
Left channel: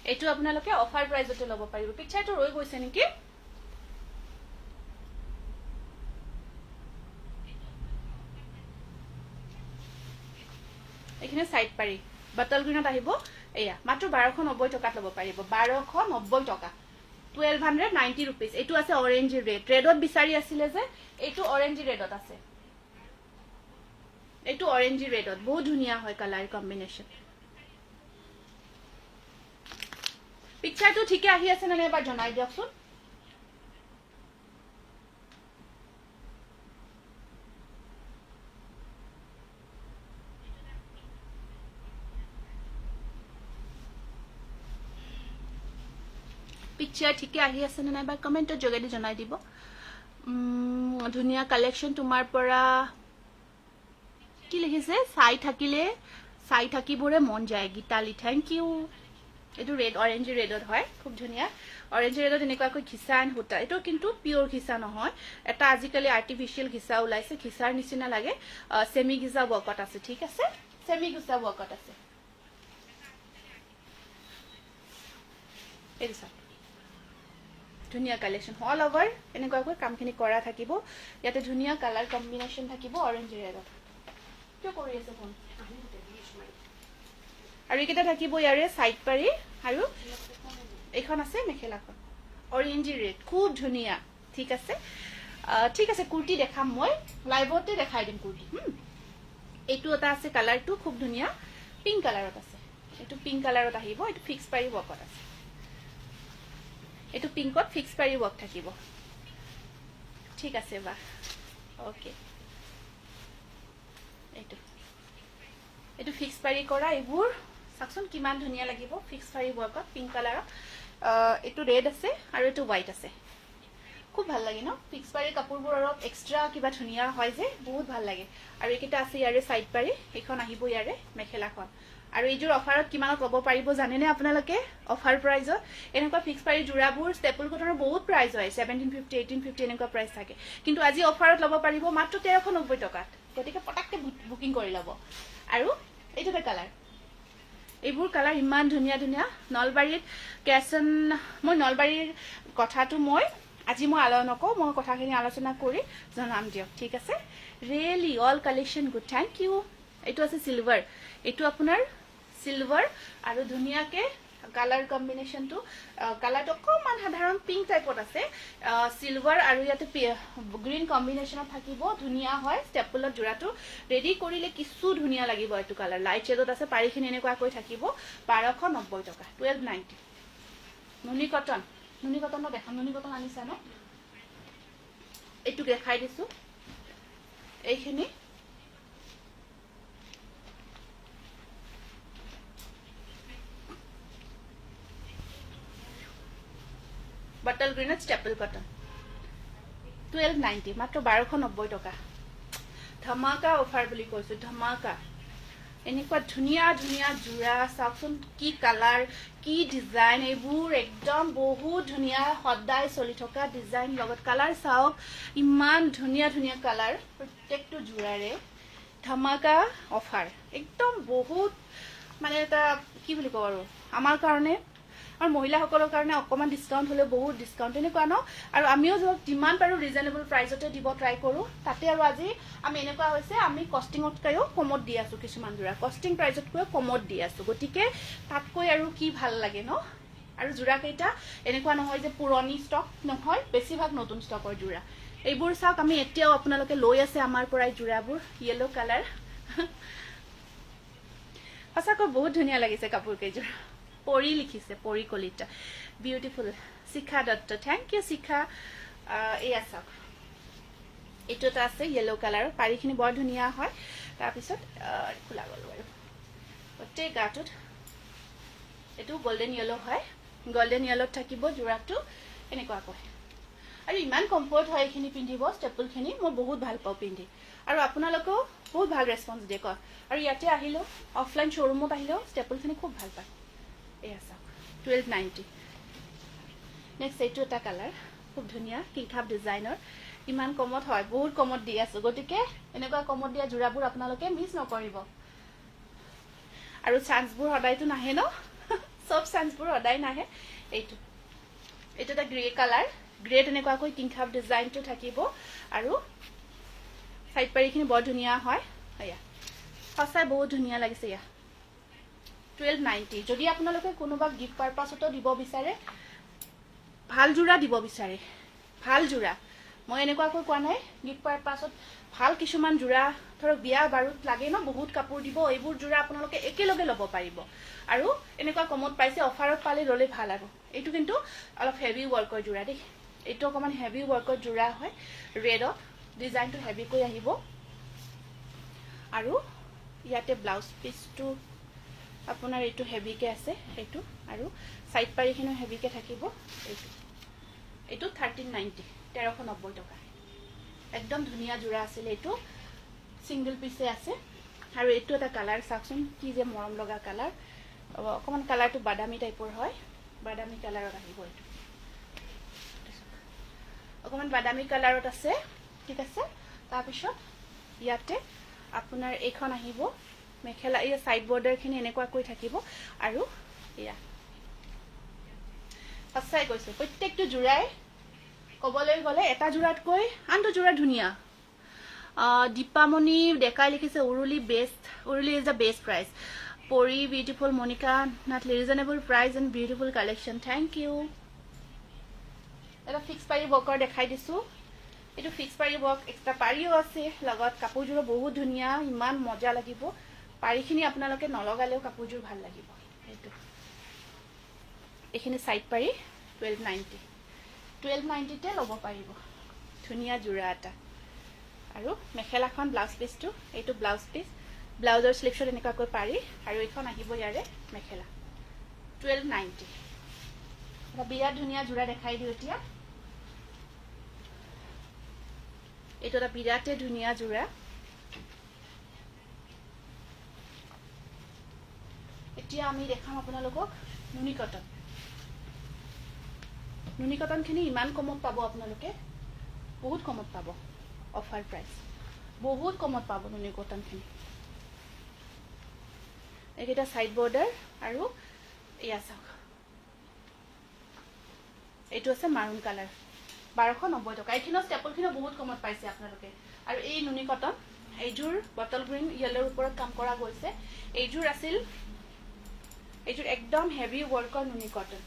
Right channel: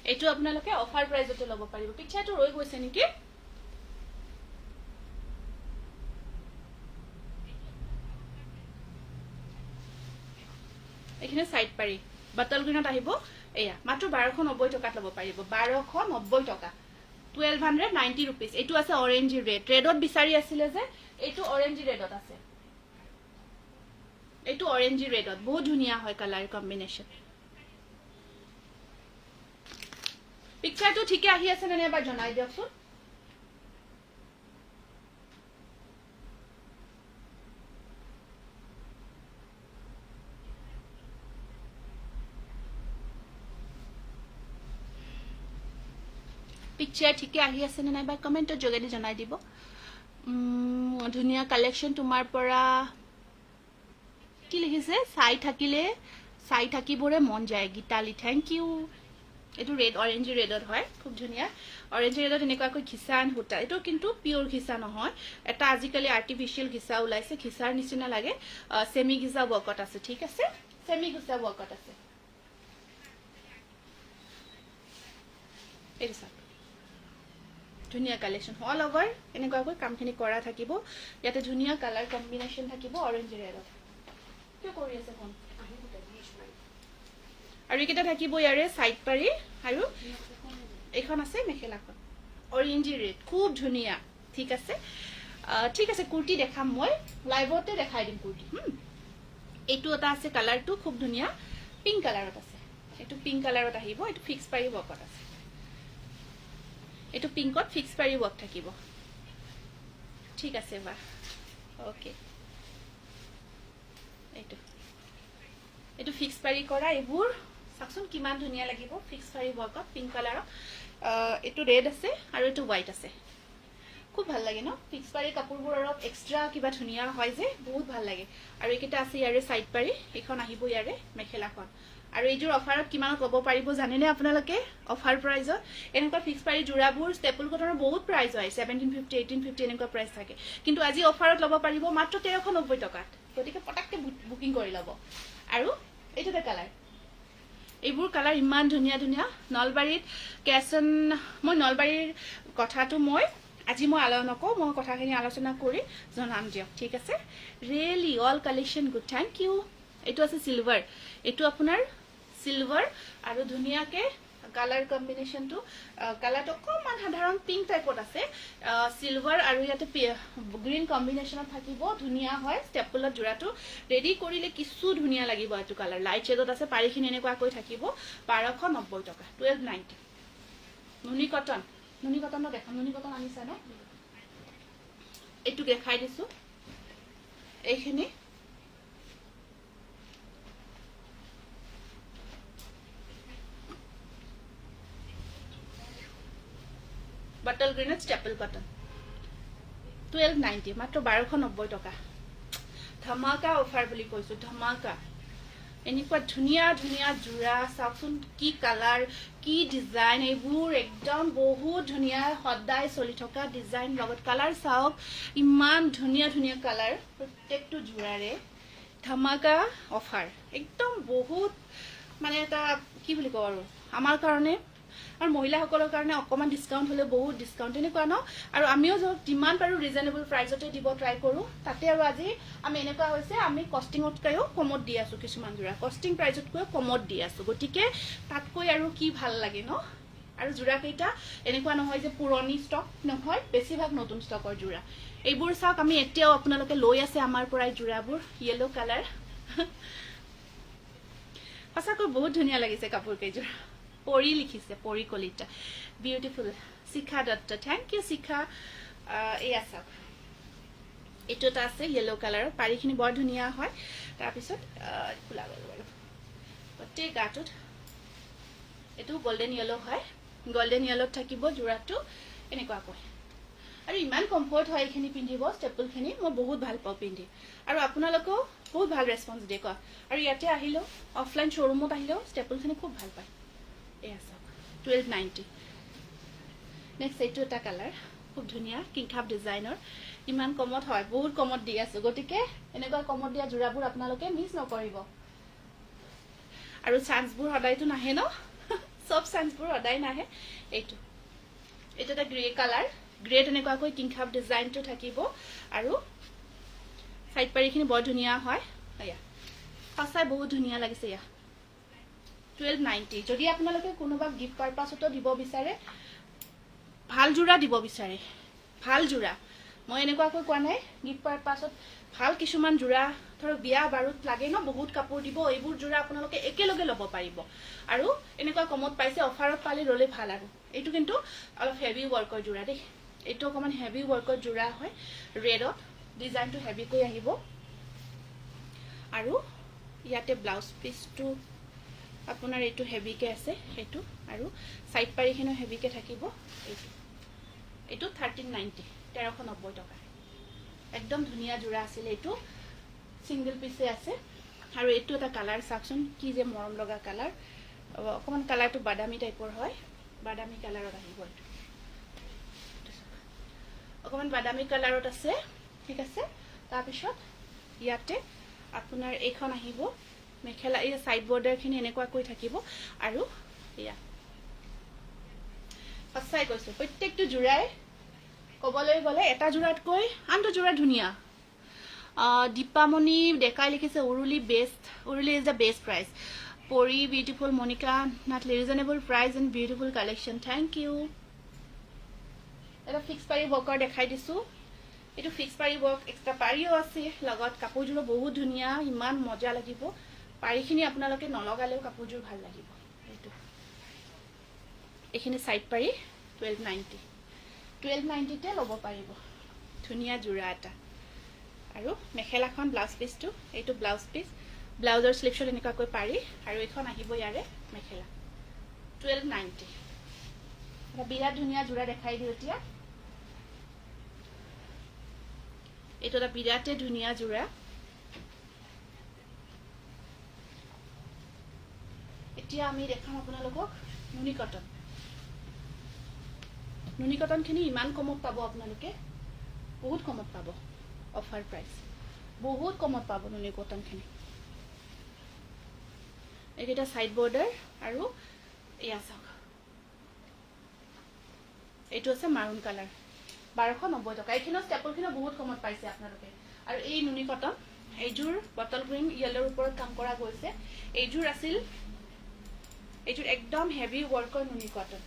এইটো আপোনালোকে অফাৰ প্ৰাইজতে ল'ব পাৰিব পিকচাৰটো ৰৈ গৈছে নেকি এইখিনি সাইড পাৰি বটল গ্ৰীনত আহিব এয়া মাত্ৰ 1290 টকাত ল'ব পাৰিব 1290 টকা 1290 rupees এইটো আছে অৰেঞ্জ ৰেডত বিচাৰি আছিলে যে এইটো অৰেঞ্জ ৰেডত আছে এইটো অৰেঞ্জ ৰেডত বহুত ধুনীয়া হয় কালাৰ কম্বিনেশ্যন পিকচাৰটো ঠিকে আহি আছে নে এবাৰ জনাই দিয়কচোন পিকচাৰ ঠিকে আহি আছে নে এবাৰ কমেন্টৰ যোগেদি জনাই দিব ধুনীয়া কালেকশ্যন তোমাৰ পৰা কি লিখিছে চাই থাকিলে চাই থাকিবৰে মন যায় গীতালি থ্যাংক ইউ এইটো ৰেড অৰেঞ্জ ৰেডত হয় খুব ধুনীয়া অৰেঞ্জ ৰেডত এনেকুৱাকৈ ঘিচা এণ্ড সূতা এইটো কিন্তু পিয়ৰ ঘিচা নহয় এটা আজিকালি আৰ্টিফিচিয়েল ঘিচা ওলাইছে ঘিচাৰ নিচিনা লাগে সেমি ঘিচা ৱৰ্কত আছে ঠিক আছে সেমি ঘিচা ৱৰ্কত আছে এই চাওক ধুনীয়া কালেকশ্যন অল অভাৰ এনেকুৱাকৈ কামখিনি কৰা থাকিব ইয়াতে ধুনীয়া কালাৰ কম্বিনেশ্যন থাকিব অৰেঞ্জ ৰেডত কিয় কৰি আছে ফোন আৰু এইকেইটা থাকিব ইয়াৰে চাইড পাৰি আৰু এইখন আছে মেখেলাখন অৰেঞ্জ ৰেড খুব ধুনীয়া ঠিক আছে কুৰ্তি দেখাম মই লাইভতে দেখাই দিম কুৰ্তি এইটো এটা আছে কালাৰটো খুব ধুনীয়া পিংক কালাৰত আছে এইটো পিংক কালাৰত আহিব এইটো ফিক্স পাৰি ৱৰ্কত আছে এইটো পিংকত ফিক্স পাৰি ৱৰ্ক থাকিব ঠিক আছে বা ওকে এইটো ফিক্স পাৰি কৰা এইবোৰ চাকচোন কিমান ধুনীয়া লাগিব ফিক্স পাৰি ৱৰ্কত পিংক কালাৰত এইটো ৰেড আছে আৰু এইটো হোৱাইট আছে খুব ভাল লাগে ন ফিক্স পাৰি কাপোৰবোৰ অলপ এক্সট্ৰা কিবা ধুনীয়া হয় যে বহুত ভাল লাগে আৰু এইকেইটা আছে ইয়াৰে চাইড পাৰি এইখন আহিব ইয়াৰে মেখেলাখন আৰু এইযোৰ অফাৰত কিমানত ল'ব পাৰিব জানেনে আপোনালোকে অফাৰ প্ৰাইজত এনেকুৱা ফিক্স পাৰি জোৰাবোৰ ষ্টেপল কটনৰ বহুত প্ৰাইজ হয় 1750 1850 এনেকুৱা প্ৰাইচ থাকে কিন্তু আজি অফাৰত ল'ব পাৰিব মাত্ৰ 1390 টকাত গতিকে পটাককে বুকিং কৰি ল'ব আৰু এইটো এটা কালাৰ এইবোৰ কালাৰ ইমান ধুনীয়া ধুনীয়া নলবাৰীত কেছন মই নলবাৰীৰ কথাটো মই আজি মই নকওঁ মই কথাখিনি আলোচনা কৰি জনাম দিয়ক ঠিক আছে really all collection good thank you এইটো আছে চিলভাৰ এইটো আপোনাৰ চিলভাৰ আৰু ধুনীয়াকে কালাৰ কম্বিনেশ্যনটো কালাৰটো অকণমান সাধাৰণ পিংক টাইপত আছে চিলভাৰ আৰু ইয়াতে গ্ৰীণ কম্বিনেশ্যনত থাকিব ধুনীয়া হয় ষ্টেপলত জোৰাটো ৰেডি কৰিলে কিছু ধুনীয়া লাগিব এইটো কালাৰ লাইট শ্বেডত আছে পাৰিখিনি এনেকুৱাকৈ থাকিব 1290 টকা 1290 নুনি কটনৰ দেখাম নুনি কটন আনিছা ন এইটো দেখাই দিছো এইখিনি बटल ग्रीन स्टेपल कटन 1290 मात्र 1290 टका धमाका ऑफर বুলি কৈছো ধমাকা এনেকুৱা ধুনীয়া ধুনীয়া জোৰা চাওকচোন কি কালাৰ কি ডিজাইন এইবোৰ একদম বহুত ধুনীয়া সদায় চলি থকা ডিজাইন লগত কালাৰ চাওক ইমান ধুনীয়া ধুনীয়া কালাৰ প্ৰত্যেকটো জোৰাৰে ধমাকা অফাৰ একদম বহুত মানে এটা কি বুলি কওঁ আৰু আমাৰ কাৰণে আৰু মহিলাসকলৰ কাৰণে অকমান ডিসকাউন্ট হলে বহুত ডিসকাউন্ট এনেকুৱা ন আৰু আমিও যিমান পাৰো ৰিজনেবল প্ৰাইজতে দিব ট্ৰাই কৰো তাতে আৰু আজি আমি এনেকুৱা হৈছে আমি কষ্টিংতকৈও কমত দি আছো কিছুমান জোৰা কষ্টিং প্ৰাইজতকৈ কমত দি আছো গতিকে তাতকৈ আৰু কি ভাল লাগে ন আৰু জোৰা কেইটা এনেকুৱা নহয় যে পুৰণি ষ্টক নহয় বেছিভাগ নতুন ষ্টকৰ জোৰা এইবোৰ চাওক আমি এতিয়াও আপোনালোকে লৈ আছে আমাৰ পৰাই জোৰাবোৰ ইয়েলো কালাৰ সঁচাকৈ বহুত ধুনীয়া লাগিছে কাপোৰ কেইযোৰ পৰি লিখিছে পৰি Kalita beautiful Shikha Dutta thank you শিখা এই আছক এইটো এটা আছে ইয়েলো কালাৰ পাৰিখিনি বৰ ধুনীয়া হয় তাৰ পিছত খোলা গল বাৰু গোটেই গাটোত এইটো গোল্ডেন ইয়েলো হয় গোল্ডেন ইয়েলোত থাকিব জোৰাটো এনেকুৱা কয় আৰু ইমান কমফৰ্ট হয় এইখিনি পিন্ধিব ষ্টেপলখিনি মই বহুত ভাল পাওঁ পিন্ধি আৰু আপোনালোকেও বহুত ভাল ৰেছপন্স দিয়ে কয় আৰু ইয়াতে আহিলো অফলাইন শ্বৰুমত আহিলেও ষ্টেপলখিনি খুব ভাল পায় এই আছক 1290 নেক্সট এইটো এটা কালাৰ খুব ধুনীয়া কিংখাপ ডিজাইনৰ ইমান কমত হয় বহুত কমত দি আছো গতিকে এনেকুৱা কমত দিয়া জোৰাবোৰ আপোনালোকে মিছ নকৰিব আৰু চান্সবোৰ সদায়তো নাহে ন সব চান্সবোৰ সদায় নাহে এইটো এটা গ্ৰে কালাৰ গ্ৰে এনেকুৱাকৈ কিংখাপ ডিজাইনটো থাকিব আৰু সাইড পাৰিখিনি বৰ ধুনীয়া হয় আয়া সঁচাই বহুত ধুনীয়া লাগিছে ইয়া 1290 যদি আপোনালোকে কোনোবা গিফট পাৰপাসতো দিব বিচাৰে ভাল জোৰা দিব বিচাৰে ভাল জোৰা মই এনেকুৱাকৈ কোৱা নাই গিফট পাৰপাসত ভাল কিছুমান জোৰা ধৰক বিয়া বাৰুত লাগে ন বহুত কাপোৰ দিব এইবোৰ জোৰা আপোনালোকে একেলগে ল'ব পাৰিব আৰু এনেকুৱা কমত পাইছে অফাৰত পালে ললে ভাল আৰু এইটো কিন্তু অলপ হেভি ৱৰ্কৰ জোৰা দেই এইটো অকমান হেভি ৱৰ্কৰ জোৰা হয় ৰেডত ডিজাইনটো হেভি কৈ আহিব আৰু ইয়াতে ব্লাউজ পিসটো আপোনাৰ এইটো হেভিকে আছে এইটো আৰু সাইড পাৰিখিনি হেভিকে থাকিব এইটো 1390 1390 টকা একদম ধুনীয়া জোৰা আছিল এইটো সিঙ্গেল পিসে আছে আৰু এইটো এটা কালাৰ চাকচোন কি যে মৰম লগা কালাৰ অকণমান কালাৰটো বাদামী টাইপৰ হয়, বাদামী কালাৰত আহিব। অকণমান বাদামী কালাৰত আছে, ঠিক আছে। তাৰপিছত ইয়াতে আপোনাৰ এইখন আহিব মেখেলা, এই চাইড বৰ্ডাৰখিনি এনেকুৱাকৈ থাকিব। আৰু এয়া সঁচাই কৈছোঁ, প্ৰত্যেকটো যোৰাই ক'বলৈ গ'লে এটা যোৰাতকৈ আনটো যোৰা ধুনীয়া। দীপামণি ডেকাই লিখিছে Uruli best, Uruli is the best price. পৰি beautiful, Monika Nath reasonable price and beautiful collection, thank you. এটা ফিক্স পাৰি ৱৰ্কৰ দেখাই দিছোঁ। এইটো ফিক্স পাৰি ৱৰ্ক, এক্সট্ৰা পাৰিও আছে লগত। কাপোৰযোৰো বহুত ধুনীয়া, ইমান মজা লাগিব। পাৰিখিনি আপোনালোকে নলগালেও কাপোৰযোৰ ভাল লাগিব। এইটো এইখিনি চাইড পাৰি 1290, 1290তে ল'ব পাৰিব। ধুনীয়া যোৰা এটা। আৰু মেখেলাখন ব্লাউজ পিচটো, এইটো ব্লাউজ পিচ, ব্লাউজৰ শ্লিপছত এনেকুৱাকৈ পাৰি। আৰু এইখন আহিব ইয়াৰে মেখেলা, 1290। এটা বিৰাট ধুনীয়া যোৰা দেখাই দিওঁ এতিয়া। এইটো এটা বিৰাটেই ধুনীয়া যোৰা। এতিয়া আমি দেখাম আপোনালোকক নুনি কটন। নুনি কটনখিনি ইমান কমত পাব আপোনালোকে, বহুত কমত পাব। অফাৰ প্ৰাইচ, বহুত কমত পাব নুনি কটনখিনি। এইকেইটা চাইড বৰ্ডাৰ। আৰু এয়া চাওক, এইটো আছে মাৰুণ কালাৰ, 1290 টকা। এইখিনিও ষ্টেপলখিনিও বহুত কমত পাইছে আপোনালোকে। আৰু এই নুনি কটন, এইযোৰ বটল গ্ৰীণ য়েল্লোৰ ওপৰত কাম কৰা গৈছে। এইযোৰ আছিল, এইযোৰ একদম হেভি ৱৰ্কৰ নুনি কটন,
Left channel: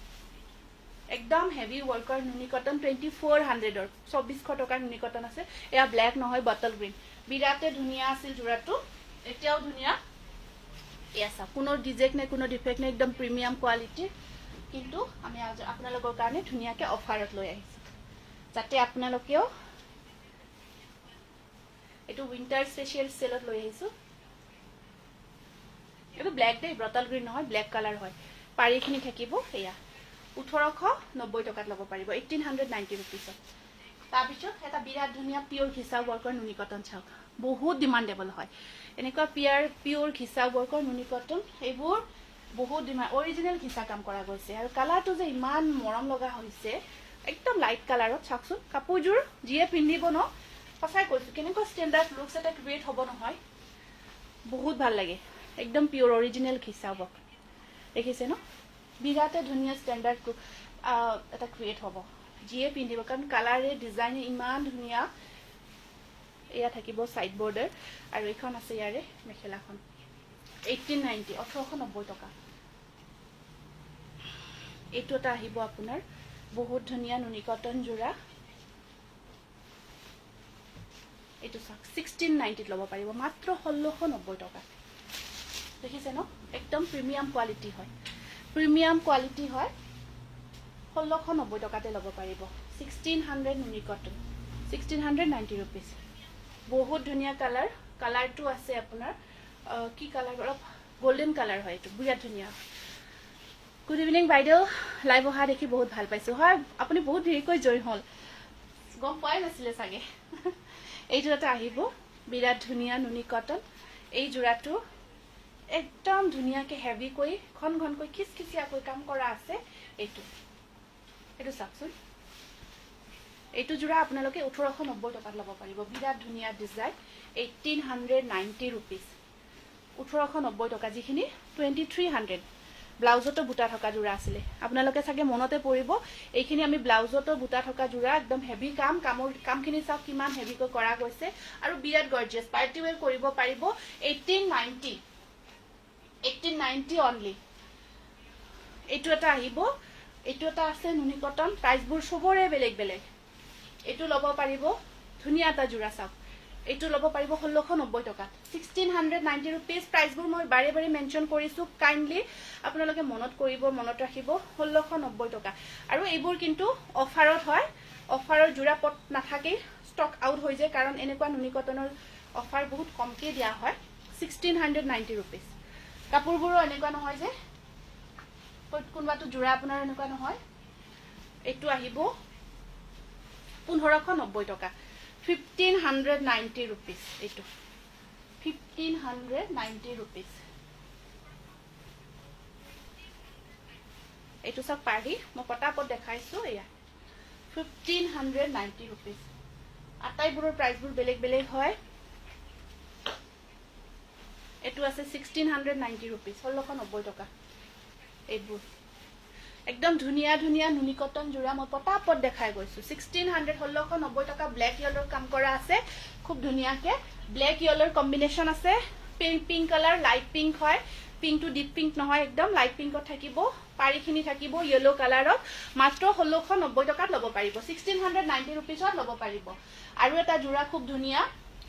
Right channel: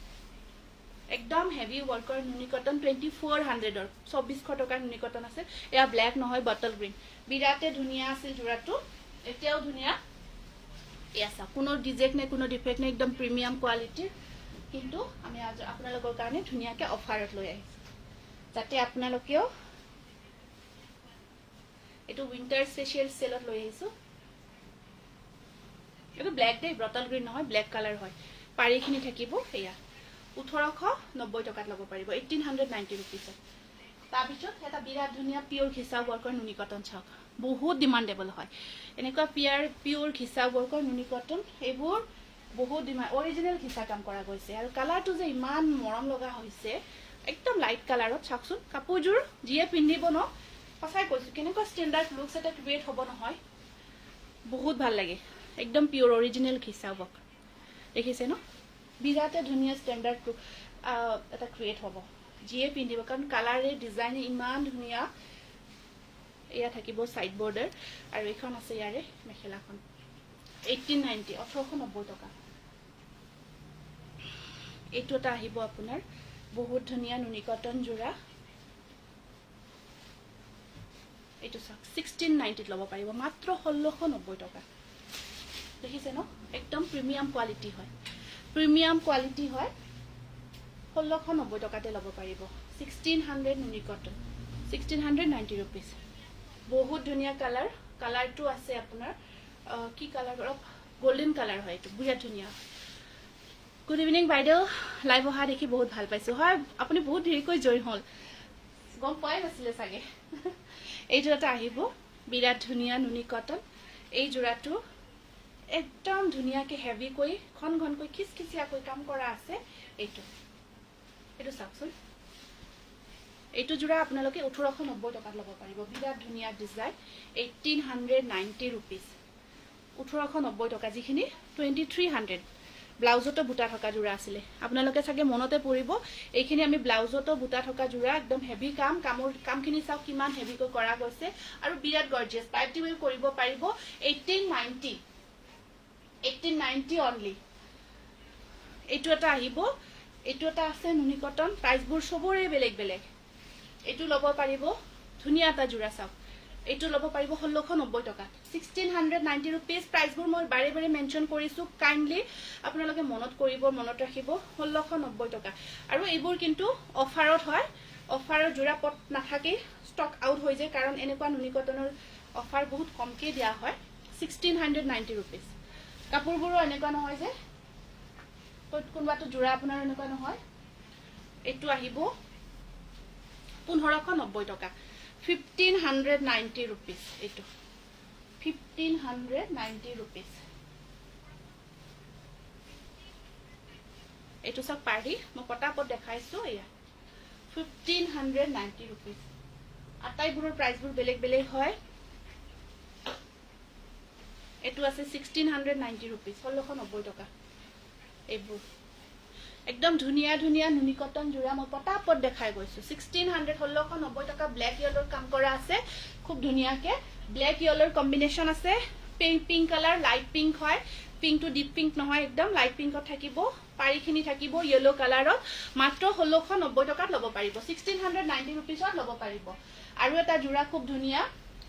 একদম হেভি ৱৰ্কৰ নুনি কটন, 2400ৰ, 2400 টকাৰ নুনি কটন আছে। এয়া ব্লেক নহয়, বটল গ্ৰীণ, বিৰাটে ধুনীয়া আছিল যোৰাটো, এতিয়াও ধুনীয়া। এয়া চাওক, কোনো ডিজেক্ট নাই, কোনো ডিফেক্ট নাই, একদম প্ৰিমিয়াম কোৱালিটিৰ। কিন্তু আমি আপোনালোকৰ কাৰণে ধুনীয়াকৈ অফাৰত লৈ আহিছোঁ, যাতে আপোনালোকেও এইটো উইণ্টাৰ স্পেচিয়েল চেলত লৈ আহিছোঁ। এইটো ব্লেক দেই, বটল গ্ৰীণ নহয়, ব্লেক কালাৰ হয়। পাৰিখিনি থাকিব এয়া 1890 টকাত ল'ব পাৰিব, 1890 ৰুপিছত। তাৰপিছত এটা বিৰাট ধুনীয়া পিয়ৰ ঘিচা ৱৰ্কৰ নুনি কটন চাওক, বহুত ডিমাণ্ডেবল হয়। এনেকুৱা পিয়ৰ ঘিচা ৱৰ্কৰ নুনি কটন, এইবোৰ বহুত ডিমাণ্ড, অৰিজিনেল ঘিচা কাম কৰা গৈছে। আৰু কালাৰটো যে ইমান মৰম লগা হৈছে, একদম লাইট কালাৰত। চাওকচোন, কাপোৰযোৰ যিয়ে পিন্ধিব ন, সঁচাই কৈছোঁ, কেনেকুৱা ষ্টেণ্ডাৰ্ড লুকছ এটা ক্ৰিয়েট হ'ব নহয়, বহুত ভাল লাগে। একদম পিয়ৰ অৰিজিনেল ঘিচা ৱৰ্ক, দেখিছে ন, বিৰাটে ধুনীয়া ষ্টেণ্ডাৰ্ড লুক এটা ক্ৰিয়েট হ'ব যিয়ে পিন্ধিব, কাৰণ কালাৰে ডিজাইন ইমান ধুনীয়া। এয়া থাকিব চাইড বৰ্ডাৰ। আৰু এইখন আছে ইয়াৰে মেখেলাখন, 1890, 1890 টকা। এইটো এটা আহিব আপোনাৰ বহুত ধুনীয়া নুনি কটন যোৰা। এইটো চাওক, 1690ত ল'ব পাৰিব, মাত্ৰ 1690 টকা। দেখিছে ন, একদম প্ৰিমিয়াম কোৱালিটি হয়, প্ৰিমিয়াম কোৱালিটি হয়। 1690 টকাতে ল'ব পাৰিব, 1600 নুনি কটন, 1690 ৰুপিজ। বহুত ধুনীয়া কালাৰ, কালাৰটো আছে আপোনাৰ কি কালাৰ, অলপ গল্ডেন কালাৰ হয়, এইটো বিৰাট ধুনীয়া। গুড ইভিনিং বাইদেউ, লাইভ অহা দেখি বহুত ভাল পাইছোঁ। হয়, আপুনি বহুত দেৰিকৈ জইন হ'ল, গম পোৱাই নাছিলে চাগে। এইটো এটা আহিব বিৰাট ধুনীয়া নুনি কটন। এই যোৰাটো একদম ধুনীয়াকৈ হেভিকৈ, ঘন ঘনকৈ খিচখিচিয়াকৈ কাম কৰা আছে। এইটো চাওকচোন, এইটো যোৰা আপোনালোকে 1890 টকাত ল'ব পাৰিব, বিৰাট ধুনীয়া ডিজাইন, 1890 ৰুপিজ, 1890 টকা, যিখিনি 2300। ব্লাউজতো বুটা থকা যোৰা আছিলে, আপোনালোকে চাগে মনতে পৰিব। এইখিনি আমি ব্লাউজতো বুটা থকা যোৰা, একদম হেভি কামখিনি চাওক কিমান হেভিকৈ কৰা গৈছে। আৰু বিৰাট গৰ্জিয়াছ, পাৰ্টি ৱেৰ কৰিব পাৰিব। 1890 অনলি। এইটো এটা আহিব, এইটো এটা আছে নুনি কটন, প্ৰাইচবোৰ চবৰে বেলেগ বেলেগ। এইটো ল'ব পাৰিব, ধুনীয়া এটা যোৰা চাওক, এইটো ল'ব পাৰিব 1690 টকা, 1690 ৰুপিজ। প্ৰাইচবোৰ মই বাৰে বাৰে মেনশ্যন কৰিছোঁ, কাইণ্ডলি আপোনালোকে মনত কৰিব, মনত ৰাখিব, 1690 টকা। আৰু এইবোৰ কিন্তু অফাৰত হয়, অফাৰৰ যোৰা পট নাথাকেই, ষ্টক আউট হৈ যায়, কাৰণ এনেকুৱা নুনি কটনৰ অফাৰ বহুত কমকৈ দিয়া হয়। 1690 ৰুপিজ। কাপোৰবোৰো এনেকুৱা নহয় যে কোনোবাটো যোৰা আপোনাৰ এনেকুৱা নহয়। এইটো আহিব 1590 টকা, 1590 ৰুপিজ। এইটো 1590 ৰুপিজ। এইটো চাওক পাৰি মই পটাপট দেখাইছো এয়া 1590 rupees আটাইবোৰৰ প্ৰাইচবোৰ বেলেগ বেলেগ হয় এইটো আছে 1690 rupees 1690 টকা এইবোৰ একদম ধুনিয়া ধুনিয়া নুনি কটন জোৰা মই পটাপট দেখাই গৈছো 1600 1690 টকা ব্ল্যাক ইয়েলোৰ কাম কৰা আছে খুব ধুনিয়াকে ব্ল্যাক ইয়েলোৰ কম্বিনেশন আছে পিংক কালাৰ লাইট পিংক হয় পিংক টু ডিপ পিংক নহয় একদম লাইট পিংকত থাকিব পাৰিখিনি থাকিব ইয়েলো কালাৰত মাত্ৰ 1690 টকাত লব পাৰিব 1690 rupeesত লব পাৰিব আৰু এটা জোৰা খুব ধুনিয়া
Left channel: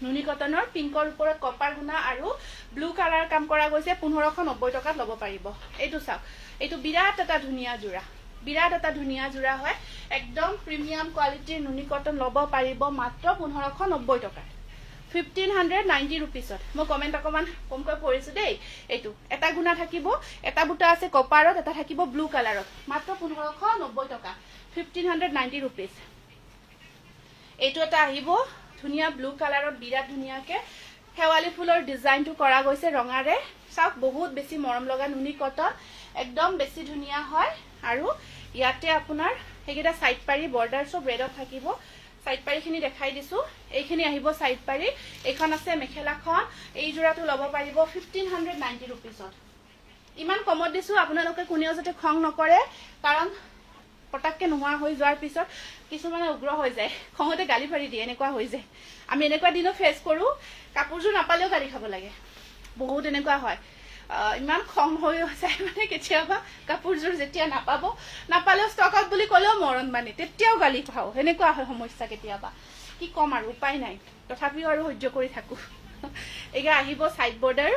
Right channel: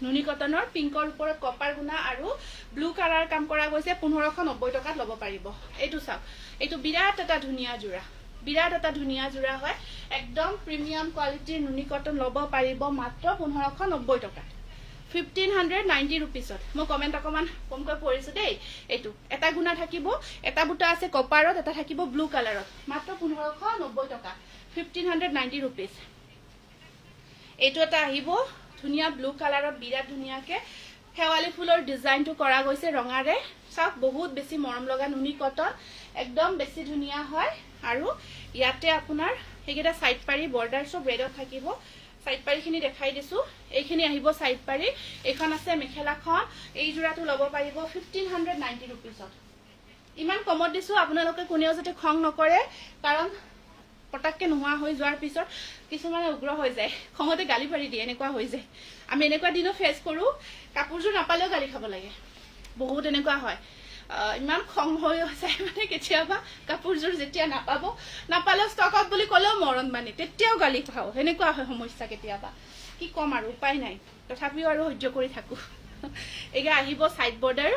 নুনি কটনৰ পিংকৰ ওপৰত কপাৰ গুণা আৰু ব্লু কালাৰ কাম কৰা গৈছে 1590 টকাত লব পাৰিব এইটো চাওক এইটো বিৰাট এটা ধুনিয়া জোৰা হয় একদম প্ৰিমিয়াম কোৱালিটিৰ নুনি কটন লব পাৰিব মাত্ৰ 1590 টকাত 1590 rupeesত মই কমেন্ট অকমান কমকৈ পঢ়িছো দেই এইটো এটা গুণা থাকিব এটা বুটা আছে কপাৰত এটা থাকিব ব্লু কালাৰত মাত্ৰ 1590 টকা 1590 rupees এইটো এটা আহিব ধুনিয়া ব্লু কালাৰত বিৰাট ধুনিয়াকে হেৱালি ফুলৰ ডিজাইনটো কৰা গৈছে ৰঙাৰে চাওক বহুত বেছি মৰম লগা নুনি কটন একদম বেছি ধুনিয়া হয় আৰু ইয়াতে আপোনাৰ হেগেটা সাইড পাৰি বৰ্ডাৰ সব ৰেডত থাকিব সাইড পাৰিখিনি দেখাই দিছো এইখিনি আহিব সাইড পাৰি এখন আছে মেখেলাখন এই জোৰাটো লব পাৰিব 1590 rupeesত ইমান কমত দিছো আপোনালোকে কোনেও যাতে খং নকৰে কাৰণ পটাককে নোহোৱা হৈ যোৱাৰ পিছত কিছুমানে উগ্ৰ হৈ যায় খঙতে গালি পাৰি দিয়ে এনেকুৱা হৈ যায় আমি এনেকুৱা দিনো ফেস কৰো কাপোৰজোৰ নাপালেও গালি খাব লাগে বহুত এনেকুৱা হয় ইমান খং হৈ যায় মানে কেতিয়াবা কাপোৰজোৰ যেতিয়া নাপালেও ষ্টক আউট বুলি কলেও মৰণ মানে তেতিয়াও গালি খাও এনেকুৱা হয় সমস্যা কেতিয়াবা কি কম আৰু উপায় নাই তথাপিও আৰু সহ্য কৰি থাকো এগা আহিব সাইড বৰ্ডাৰ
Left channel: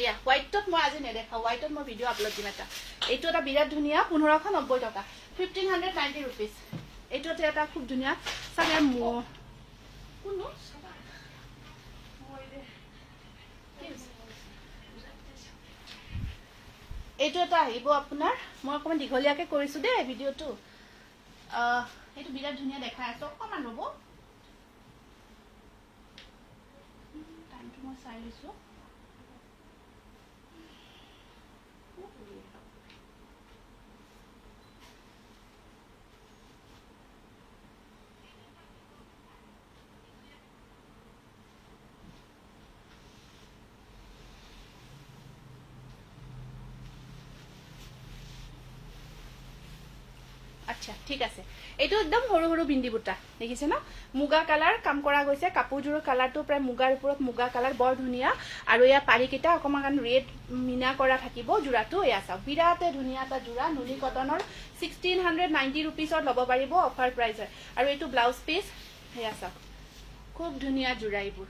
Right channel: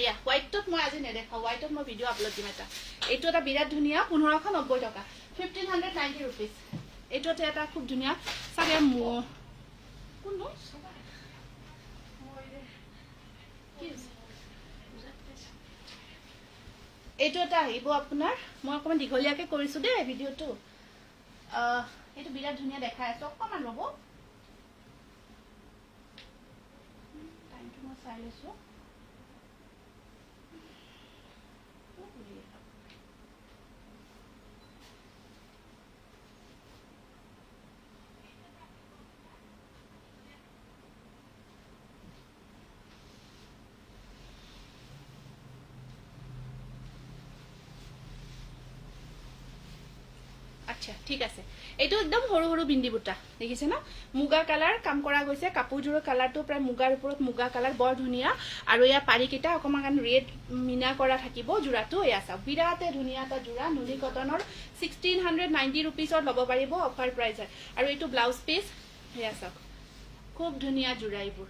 এয়া হোৱাইটত মই আজি নেদেখা হোৱাইটত মই ভিডিও আপলোড দিম এটা এইটো এটা বিৰাট ধুনিয়া 1590 টকা 1590 rupees এইটোতে এটা খুব ধুনিয়া সাবে কোনটো এইটো এটা আহিব আপোনাৰ মই অকমান দীঘলীয়াকে কৰিছো দেই ভিডিওটো এইটো বিৰাট ধুনিয়া দেখাই আছে অকমান ৰব টাইমটো মই চাই লৈছো আচ্ছা ঠিক আছে এইটো একদম সৰু সৰু বিন্দি বুটা দেখিছে না মুগা কালাৰ কাম কৰা গৈছে কাপোৰজোৰৰ কালাৰটো প্ৰায় মুগাৰ ওপৰত মুগা কালাৰ বৰ ধুনিয়া আৰু ইয়া পাৰিকিটা অকমান ৰেড মিনা কৰা থাকিব জোৰাটো এয়া চাওক বিৰাটে ধুনিয়া এটা জোৰা নুনি কটনৰ 1690 rupeesত লব পাৰিব অফাৰ প্ৰাইজত আৰু এইটো ব্লাউজ পিস এয়া চাওক খুব ধুনিয়া জোৰা এইবোৰ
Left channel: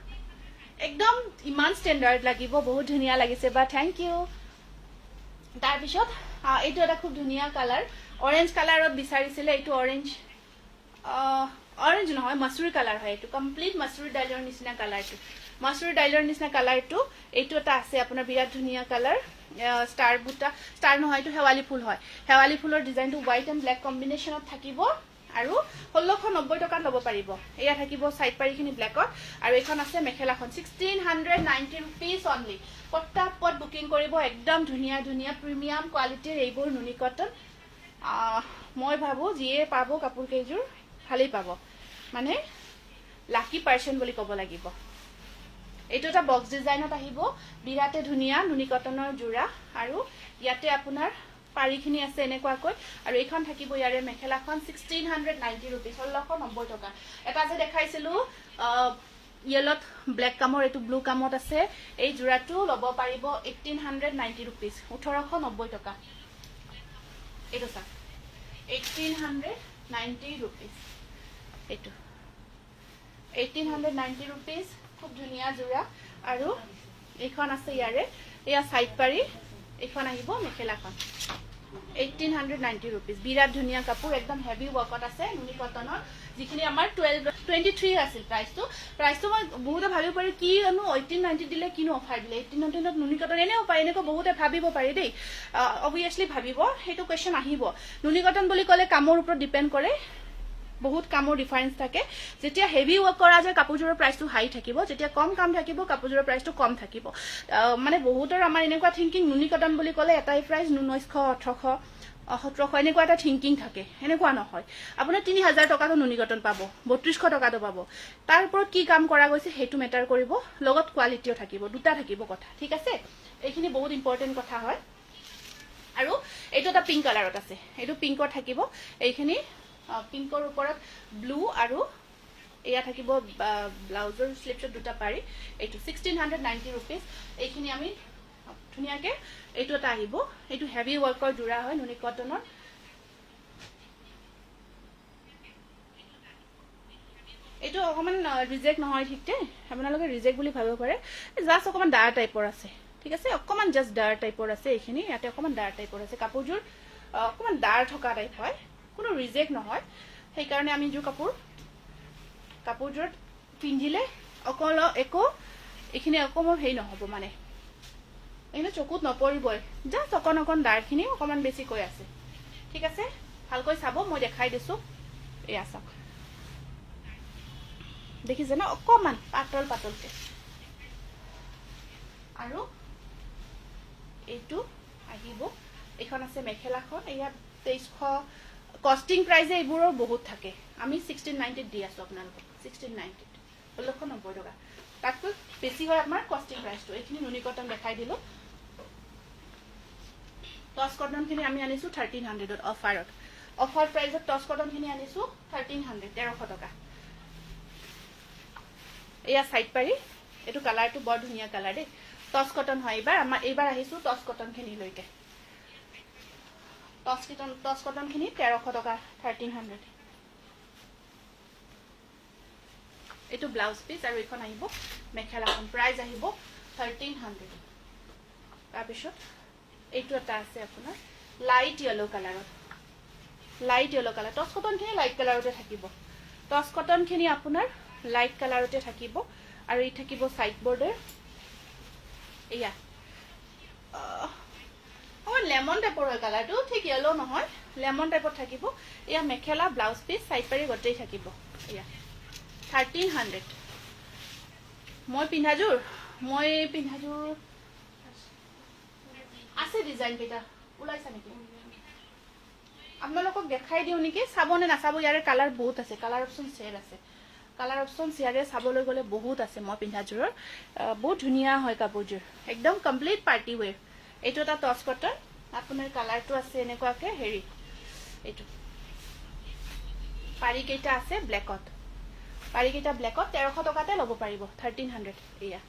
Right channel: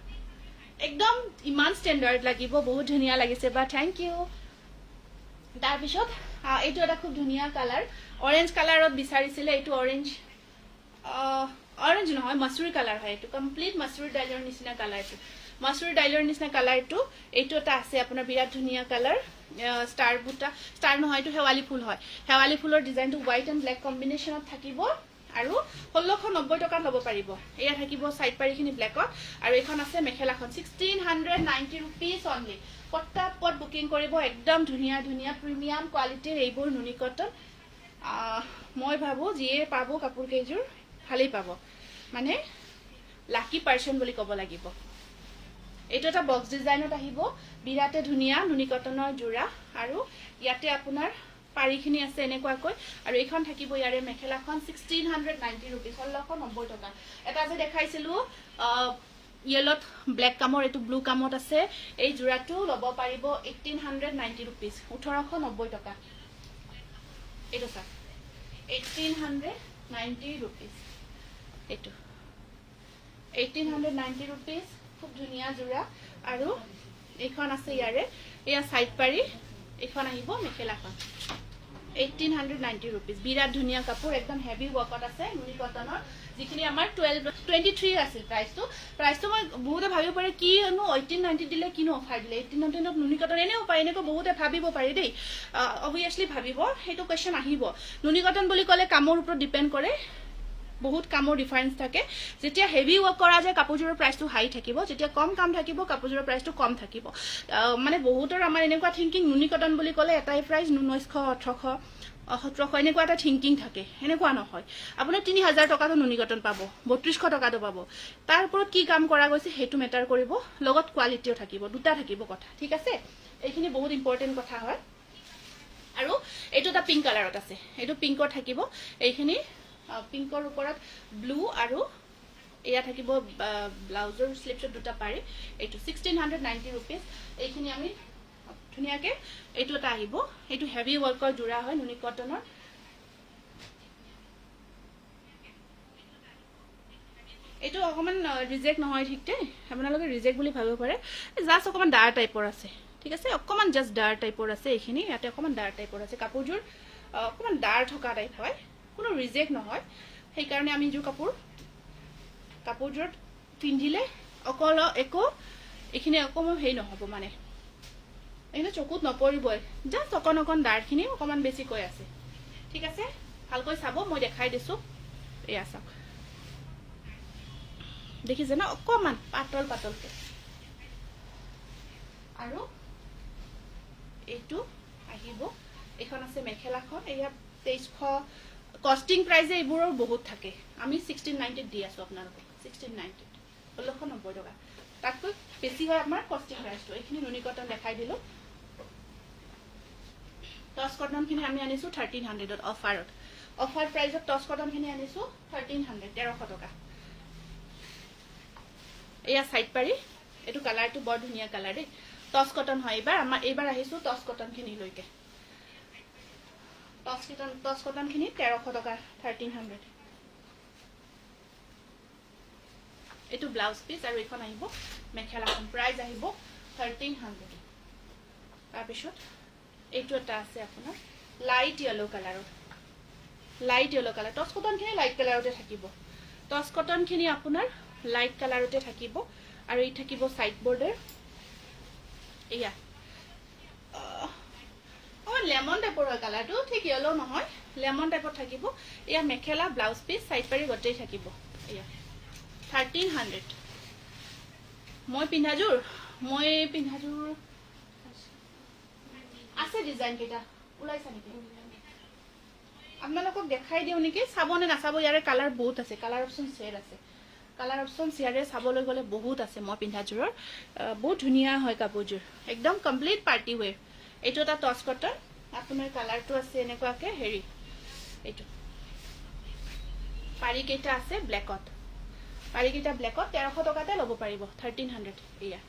একদম ইমান ষ্টেণ্ডাৰ্ড লাগিব বহুত ধুনিয়া লাগিছে বা থ্যাংক ইউ তাৰ পিছত এইটো এটা খুব ধুনিয়া কালাৰ অৰেঞ্জ কালাৰত বিচাৰিছিলে এইটো অৰেঞ্জ নহয় মাছুৰী কালাৰ হয় এইটো কমপ্লিট মাছুৰী ডাইলৰ নিচিনা কালাৰটো মাছুৰী ডাইলৰ নিচিনা কালাৰটো এইটো এটা আছে আপোনাৰ বিৰাট ধুনিয়া কালাৰ ষ্টাৰ বুটা ষ্টাৰ নহয় এইটো হেৱালি ফুল হয় হেৱালি ফুলৰ ডিজাইনটো হোৱাইট এণ্ড ব্লেক কম্বিনেশ্যনত থাকিব আৰু 1690 টকাত লব পাৰিব এয়া থাকিব সাইড পাৰিখিনি ব্লেকত আৰু এখন আছে মেখেলাখন 1690 rupees only পটাপট বুকিং কৰিব একদম ধুনিয়া ধুনিয়া প্ৰিমিয়াম কোৱালিটিৰ এইবোৰ নুনি কটন মই ভাবো যিয়ে পাবো কাপোৰ কেইজোৰ ভালেই পাব মানে লাকি পাৰ্সন বুলি ক'ব লাগিব এইটো এটা বক্স ডিজাইনত আহিব বিৰাটে ধুনিয়া নুনি কটনৰ জোৰা আৰু ইয়াতে আপোনাৰ পাৰিখিনি আছে এনেকুৱাকৈ আৰু এইখন থাকিব ইয়াৰে মেখেলাখন 1690 rupees 1690 টকা এটা যে দেখাইছিলো ইয়েলত ব্লেক কামৰ এইটো ব্লু কামত আছে এই জোৰাটো লব পাৰিব 1890 rupees 1890 টকা এইটো চাওক 1890 rupees এইটো 1890 rupees খুব ধুনিয়া জোৰা আৰু এইখন আছে ইয়াৰে এয়া সাইড পাৰি এইখন আহিব মেখেলাখন 1890 rupees বিৰাট ধুনিয়া কাপোৰ একদম হেভি ওয়াৰ্কত আছে নুনি কটনৰ যিখিনি আমাৰ 23 আছিল প্ৰাইসটো মই বহুতে ভাবিব পাৰি কি আনো 1890 দিলে কিনো অফাৰ দিলে 1890 নত নুনি কটন এনেও পায় এনেকৈ বহুতে ভাবিব পাৰি দেই অবভিয়াসলি ভাবিব হেতু কোৱেশ্চন আহিব নুনি কটন বুলি ক'লে কামৰ ওপৰত ডিপেন্ড কৰে বহুত কামৰ ডিফাৰেন্স থাকে যেতিয়া হেভি ওয়াৰ্ক কৰা যায় কাপোৰজোৰৰ প্ৰাইসটো হাই থাকিব যেতিয়া কম কাম থাকিব কাপোৰজোৰৰ প্ৰাইসটো কম থাকিব মানে বহুতৰ আমাৰ এনেকুৱা থিংকিং নুনি কটন বুলি ক'লে এটাই প্ৰাইস 1900 1800 1700 এনেকুৱা এটা থিংকিং থাকে এনেকুৱা নহয় আপোনাৰ 3000 টকাটো নুনি কটন পাব 3200 টকাটো পাব তাৰ ওপৰত কি কাম কৰা গৈছে হেতু মেটাৰ কৰিব লগত কোৱালিটিও থাকিব দুটা থাকিব কথা ঠিক আছে এইখিনি বহুত ইম্পৰ্টেন্ট কথা হয় আৰু এইটো এটা পিংক কালাৰত আছে এইটো পিংকত থাকিব এইখিনি পিংকৰ ওপৰত ব্লু আৰু এয়া থাকিব ব্লাউজৰ স্লিপছত দুটা পাৰি এইটো 1690 रुपीस এইখিনি আমি ধুনিয়াকে এইটো এটা আহিব এইটো হেভি ওয়াৰ্কৰ জোৰা হয় নুনি কটনৰ এইটো অকমান ৰিজেক্ট নহয় ঠিকতে আপোনালোকে ৰিজেক্ট বুলি ভাবিব পাৰে জাস্ট অকমান ডাৰ টাইপৰ আছে ঠিক আছে অকমান জাস্ট ডাৰ টাইপৰ আছে এইখিনি ইয়াতে অকমান ডাৰ টাইপৰ আছে কাপোৰজোৰ অকমান ডাৰ থকা টাইপ হয় কোনো ৰিজেক্ট নহয় সেই কাৰণে আমি জোৰ কাপোৰজোৰত পিন্ধিলে অকল একো এইখিনি অকমান হেই নহব মানে এনে চকুত নপৰিবই জাস্ট অকন ডাৰখিনি অকমান বেছি কৈ আছে ঠিক আছে ভালকৈ চাব মই দেখাই দিছো এয়া চাওক দেখিছে না অকমান পাতলকে আৰু এইটো আহিব এখন আছে মেখেলাখন এয়া 2300 কস্টিং প্ৰাইজে এইবোৰৰ বহুত থাকে আমি 1690 দি আছো আপোনালোকক 1690 1690 টকা তাতকৈ বেছি হয় আমাৰ কস্টিং প্ৰাইজটো এইখিনি নুনি কটন দেখাই দিলো টস কটন খিনি আমি আনিছো 1300 ত অফাৰ প্ৰাইজত টস কটন খিনি আনিছো 1300 1300 টকা এয়া সাইড পাৰি এটো কালাৰটো বৰ ধুনিয়া কালাৰ দে টস কটন হয় এইবাৰ আহিছো টস কটন খিনি লৈকে টস কটন খিনি 1300 টকা 1300 এটো ব্লাউজ পিস আৰু এখন আহিব মেখেলাখন প্ৰাইস আহিব 1300 তাৰ পিছত এইটো এটা আছে আপোনাৰ light yellow colour toss cotton খিনি লাইট কালাৰতে থাকিব টস কটন খিনি আপোনাৰ লাইট কালাৰতে থাকিব আৰু এই থাকিব সাইড বৰ্ডাৰ এয়া লেমন টাইপৰ কালাৰটো ঠিক ইয়েলো নহয় লেমন টাইপৰ থাকিব এয়া মেখেলা ব্লাউজ পিস সাইড পাৰি গটেই থাকিব এয়া 1300 মই পিন্ধাজুৰ আছে ডিজাইন কেটা উলাইছা নেকি আপোনালোকক দেখাই দিও নেকি চাবনে নাচাব ইয়াৰে কালাৰ বহুত আছে কালাৰ অপচন শেয়াৰ আছে কালাৰ অপচন শেয়াৰে চাবলৈ গলে বহুত আছে মই পিন্ধাজুৰৰ বহুত ধুনিয়া হয় কাপোৰজুৰ একদম কমপ্লিট পাৰ্টি ওয়্যাৰ এইটো এটা টস কটন আপোনাৰ কালাৰটো আছে এনেকুৱাকে হেৰি এইটো পাৰি কেইটা আছে ব্ল্যাকত 1300 টকাতে লব পাৰিব 1300 এয়া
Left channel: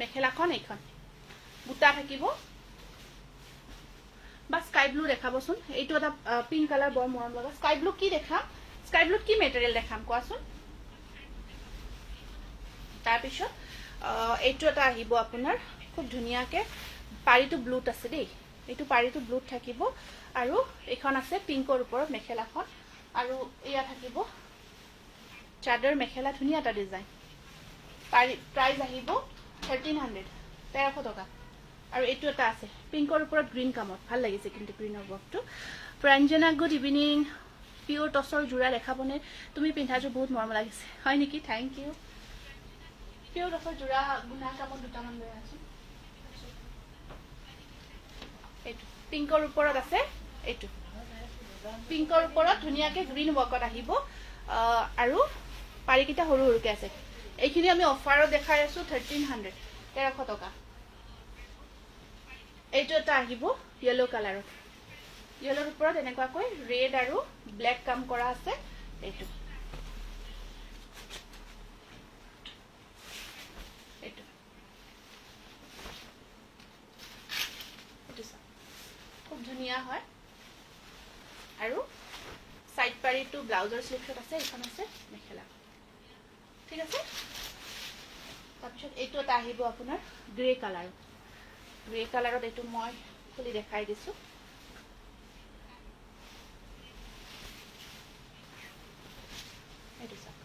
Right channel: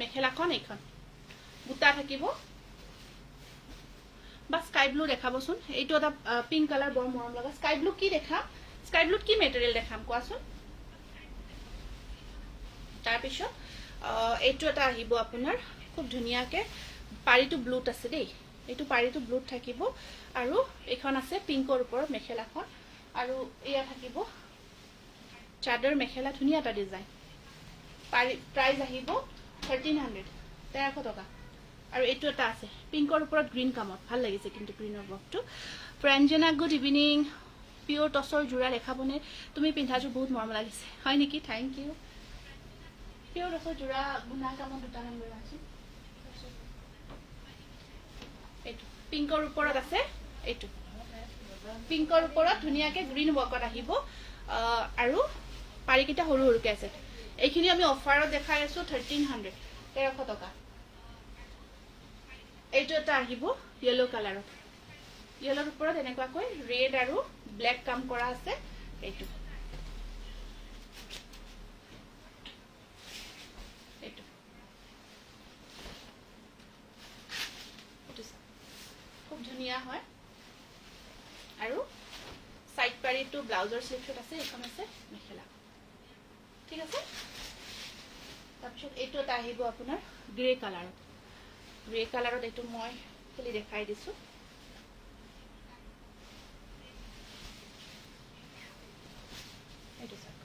মেখেলাখন এইখন বুটা থাকিব বা স্কাই ব্লু দেখাবচোন এইটো এটা পিংক কালাৰ বৰ মৰম লগা স্কাই ব্লু কি দেখাম স্কাই ব্লুত কি মেটেৰিয়েল দেখাম কোৱাচোন তাৰ পিছত এইটো এটা আহিব আপোনাৰ খুব ধুনিয়াকে পাৰিটো ব্লুত আছে দেই এইটো পাৰিটো ব্লুত থাকিব আৰু এখন আছে পিংকৰ ওপৰত মেখেলাখন আৰু এয়া থাকিব চাদৰ মেখেলা ধুনিয়া এটা ডিজাইন প্ৰাইস আহিব 1300 টকা আৰু এইটো এটা আছে পিংকৰ ওপৰত গ্ৰীন কামত ভাল লাগিছে কিন্তু গ্ৰীনৰ বক্সটো প্ৰাঞ্জনা গুড ইভিনিং পিওৰ টসৰ জোৰা দেখাবনে তুমি পিন্ধাজু বহুত মৰম লাগিছে হয় নেকি থ্যাংক ইউ পিওৰ টসৰ জোৰা গুনা কামত দুটামান লৈ আছো এইটো পিংকৰ ওপৰত আছে এইটো পিংকৰ ওপৰত ধুনিয়াকে গ্ৰীন বকত আহিব আৰু পাৰিকিটা সৰু সৰুকে আছে এইখিনি আমি অফাৰত দেখাই আছো 1300 টকা এইটো এটা আহিব ইয়েলো কালাৰত ইয়েলোৰ ওপৰত এনেকুৱাকৈ ৰেড আৰু ব্ল্যাক কাম কৰা আছে এইটো খুব ধুনিয়া হয় আৰু সাইড পাৰিটো ব্লাউজৰ স্লিপছত আছে এখন আছে মেখেলা ঠিক আছে তাৰপিছত এইটো এটা আহিব আপোনাৰ গ্ৰে কালাৰত এইটো মই খুলি দেখাই দিছো এইটো চাওক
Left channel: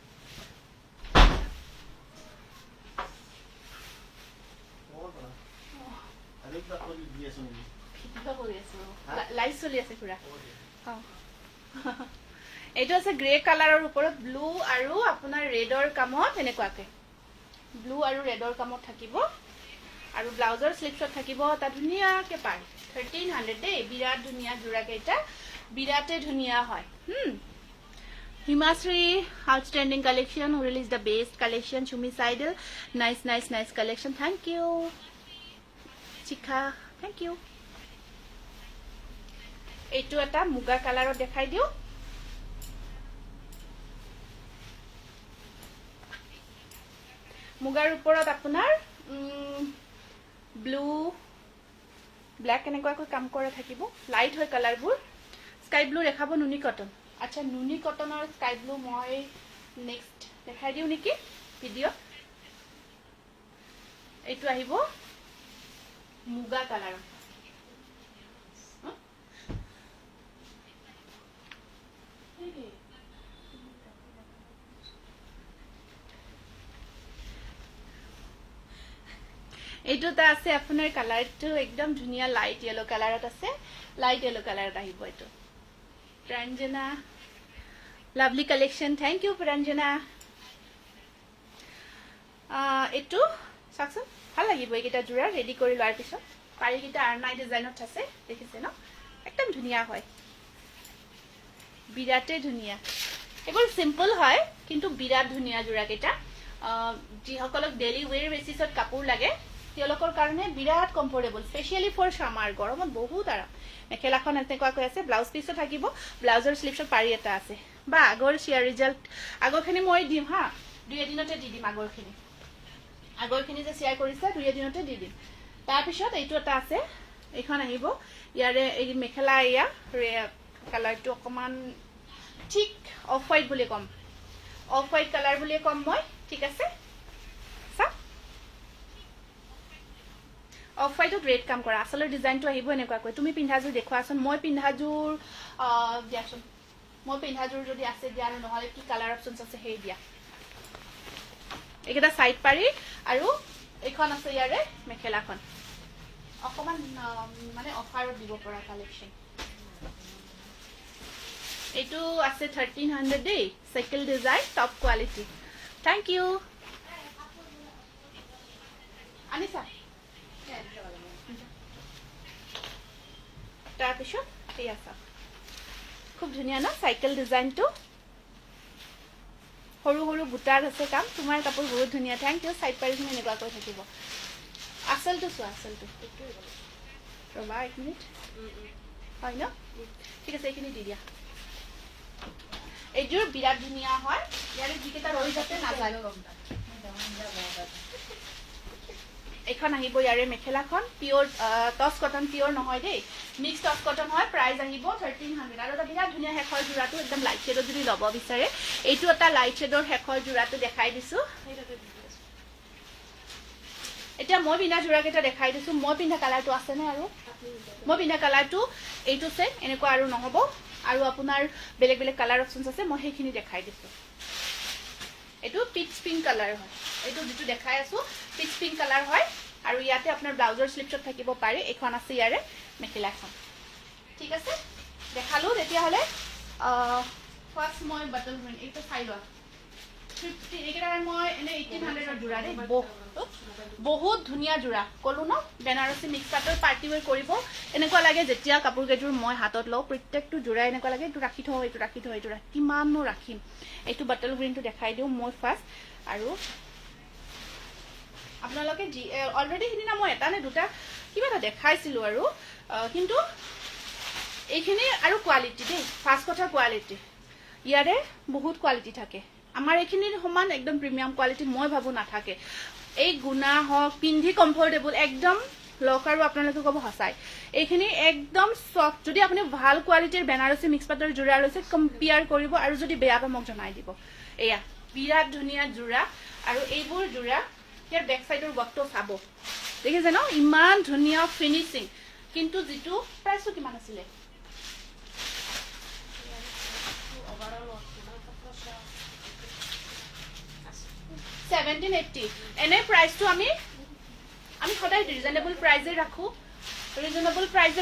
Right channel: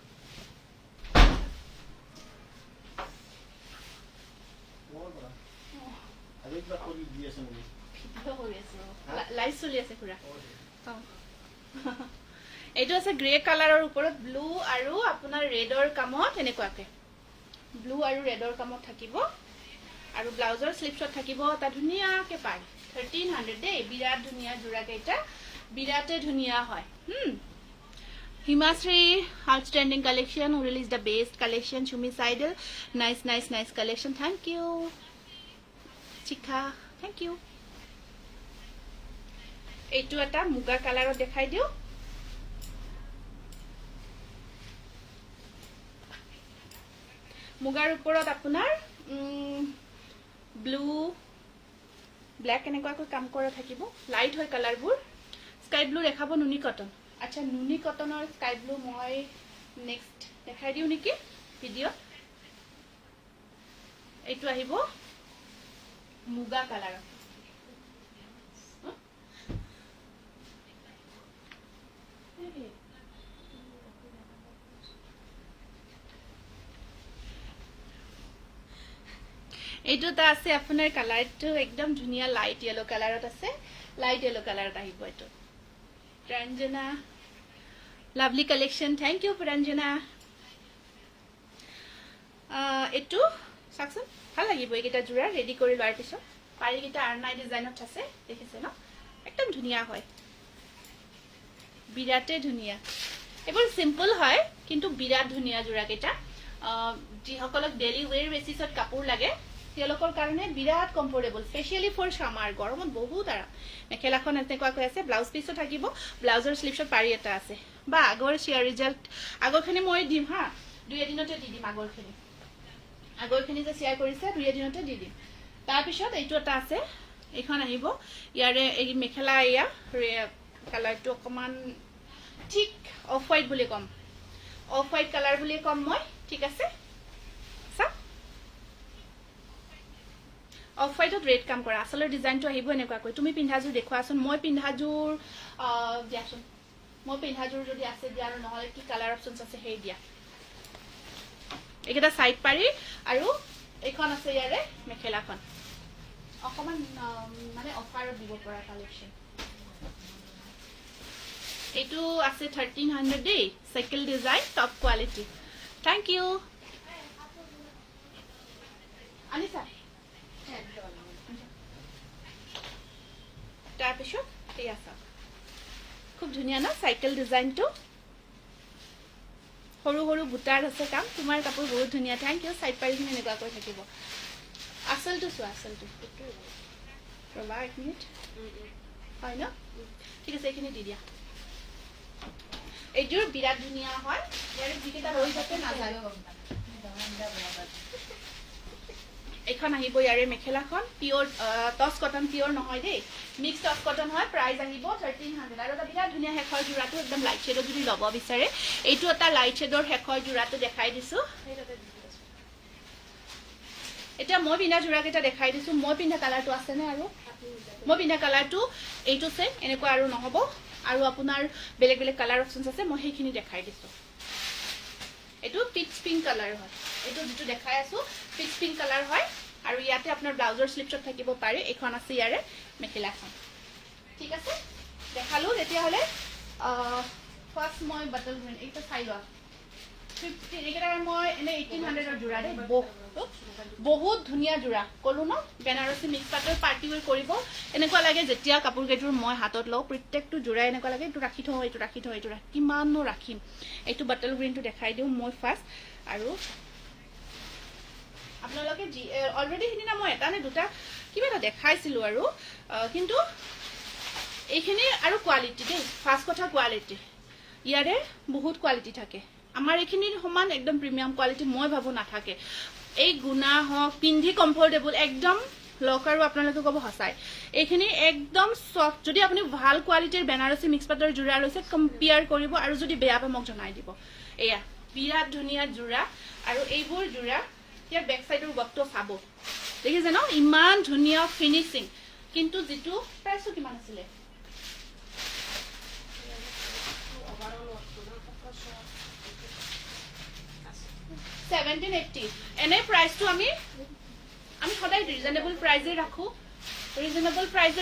লাইট চলি আছে পুৰা এইটো আছে গ্ৰে কালাৰৰ ওপৰত ব্লু আৰু আপোনাৰ ৰেডৰ কামত এনেকুৱাকে ব্লু আৰু ৰেডৰ কামত থাকিব আৰু ব্লাউজৰ স্লিপছত থাকিব এটা ধুনীয়াকৈ পাৰি 1300 দেই বিৰাট ধুনীয়া যোৰা কেইটা বিৰাটে ধুনীয়া হয় Himasri outstanding collection who released the best collection Shumi Saidal nice collection thank you Chika thank you এইটো এটা মুগা কালাৰত দেখাই দিও মুগাৰ ওপৰত আপোনাৰ ব্লু ব্ল্যাক এনেকুৱাকৈ কাম কৰা থাকিব লাইট হয় কালাৰবোৰ স্কাই ব্লু দেখাব নুনি কটন আচ্ছা নুনি কটনৰ স্কাই ব্লু মই নেক্সট দেখাই দিও নেকি ভিডিও এইটো আহিব মুগা কালাৰ এইটো তা আছে আপোনাৰ কালাৰটো একদম ধুনিয়া লাইট ইয়েলো কালাৰত আছে লাইট ইয়েলো কালাৰত আহিব এইটো Pranjana lovely collection thank you Pranjana এটো সাকসন ভাল লাগিব এইটা জোৰা ৰেডি কৰি লোৱাৰ পিছত পাৰি কিটা আৰনাই ডিজাইনত আছে দেখিছে ন একদম ধুনিয়া হয় বিৰাটে ধুনিয়া এবোৰ সিম্পল হয় কিন্তু বিৰাট ধুনিয়া জোৰা কেটা যি সকলক ডেইলি ওয়্যাৰ বেসিছত কাপোৰ লাগে তেওঁলোকৰ কাৰণে বিৰাট কমফৰ্টেবল স্পেশালি ফৰ সামাৰ গৰমত বহুত আৰাম মেখেলাখন এনেকুৱাকৈ আছে ব্লাউজ পিসও থাকিব ব্লাউজৰ স্লিপছত পাৰি এটা আছে বা আগৰ শেয়াৰ ৰিজাল্ট আগৰখিনি মই দিম হা দুই এদিনতে দি দিম আগৰখিনি যে শেয়াৰ কৰিছে দুই এদিনতে দি দিম তাৰ পিছত এইটো এটা আছে এখন আহিব ইয়াৰে এই মেখেলা ইয়া কালাৰটো অকমান ঠিক অফ হোৱাইট বুলি কম অফ হোৱাইট কালাৰ বুলি কম মই ঠিক আছে অফ হোৱাইটত ৰেড কাম কৰা আসলৰ ডিজাইনটো আহিব এনেকুৱাকৈ তুমি পিন্ধাজুৰ দেখুৱাচোন মই পিন্ধাজুৰ দিয়াচোন মই পিন্ধাজুৰ যদি আছে দিয়া আৰু নহলে কি কালাৰ অপচনছ আছে সেই দিয়া এইটা সাইড পাৰি আৰু এখন আছে ইয়াৰে মেখেলাখন অকমান মানে অফাৰত দিব পৰা কালেকশন এইটো আছে 1300 দেই cycle design top quality thank you Anisha তাৰপিছত এই আছে খুব ধুনিয়া না সাইকেল ডিজাইনটো সৰু সৰু বুটাৰ আছে কাম তোমাৰ কাপোৰ বহুত ধুনিয়া থ্যাংক ইউ সাইড পাৰিখিনি এনেকুৱাকৈ থাকিব আসলটো চোৱা আসলটো ৰবা এক মিনিট হয় ন ঠিক আছে এইখিনি দি দিয়া এইযোৰ বিৰাট ধুনিয়া হয় ইয়াৰে যিকেইটা ৰৈ যাতে নাযায় এখন আহিব ইয়াৰে মেখেলাখন পিওৰ টস কটন পিওৰ নহয় দেই মিক্স টস কটন হয় প্ৰাইস আহিব 1300 আৰু এটা বিৰাট ধুনিয়া হেখৰ জোৰাটো একদম লাইট শেডৰ যদি লব বিচাৰে এইটো এটা লাইট শেডৰ হেখৰ জোৰাটো দেখাই দিছো এটা মই বিনা জোৰা কেটা দেখাই দিছো মই পিন্ধা কালাৰটো আছে নে আৰু মই পিন্ধা কালাৰটো এইটো সেম এনেকুৱা আৰু নহব আৰু আপোনাৰ বেলেগ বেলেগ কালাৰ অপচনছ আছে মই সেইখিনি দেখাই দিছো এটো টিপস পিঙ্ক কালাৰ হয় এটো যেটো দেখাই আছো টিপস পিঙ্ক কালাৰ হয় আৰু ইয়াতে আপোনাৰ ব্লাউজৰ স্লিপছত থাকিব পাৰি এখন আছে ইয়াৰে মেখেলাখন ঠিক আছে দেখালো তেতিয়া হলে ফাৰ্স্ট মই বটল গ্ৰীন এইটো চাই লোৱা 50 একেটাৰ মই এনে 1800 ৰ জোৰা দে বহুত ধুনিয়া জোৰা কলো ন বেনাৰসী মিক্স পাটৰ পাৰ্টি ওয়্যাৰ কৰিব এনেকুৱা লাগে যেতিয়া কাপোৰ কেইযোৰ মই হাতত লও প্ৰত্যেকটো জোৰা এনেকুৱা লাগে এইটো ৰাখি থওঁ এইটো কিমাননো ৰাখিম এইটো বটল গ্ৰীনটো দেখাই দিও মই ফাৰ্স্ট আৰু আপোনালোকে অলৰেডি হিদিনা মই এটা নে দুটা কিবা এটা দেখাইছিলো আৰু কিন্তু এইখিনি আৰু কোৱালিটি দেই ফাৰ্স্ট কথা কোৱালিটি ইয়াৰে বহুত কোৱালিটি থাকে আমাৰ এইখিনিৰ সমান একদম প্ৰিমিয়াম কোৱালিটি মই ভাবো নাথাকে এই গুণা হক পিন্ধি কমফৰ্টেবল একদম লক আৰু আপোনালোকে কব হাসাই এইখিনি একদম সফট যদি আপুনি ভাল কোৱালিটিৰ বেনাৰসী মিক্স পাটৰ জোৰা লৈছে কম্পেয়াৰ কৰিব আৰু যদি বেয়া পায় মোক জনাই দিব এয়া বিৰাট ধুনিয়া জোৰা আৰু এইবোৰ জোৰা ইয়াৰ বেক সাইডৰ বক্টো চাব দেখিছে ন ইমান ধুনিয়া ফিনিশিং কিন্তু যেটো প্ৰাইসটো কিমান আছিল 1780 এনে প্ৰাইসটো আমি সদায় ৰিজনেবল প্ৰাইসে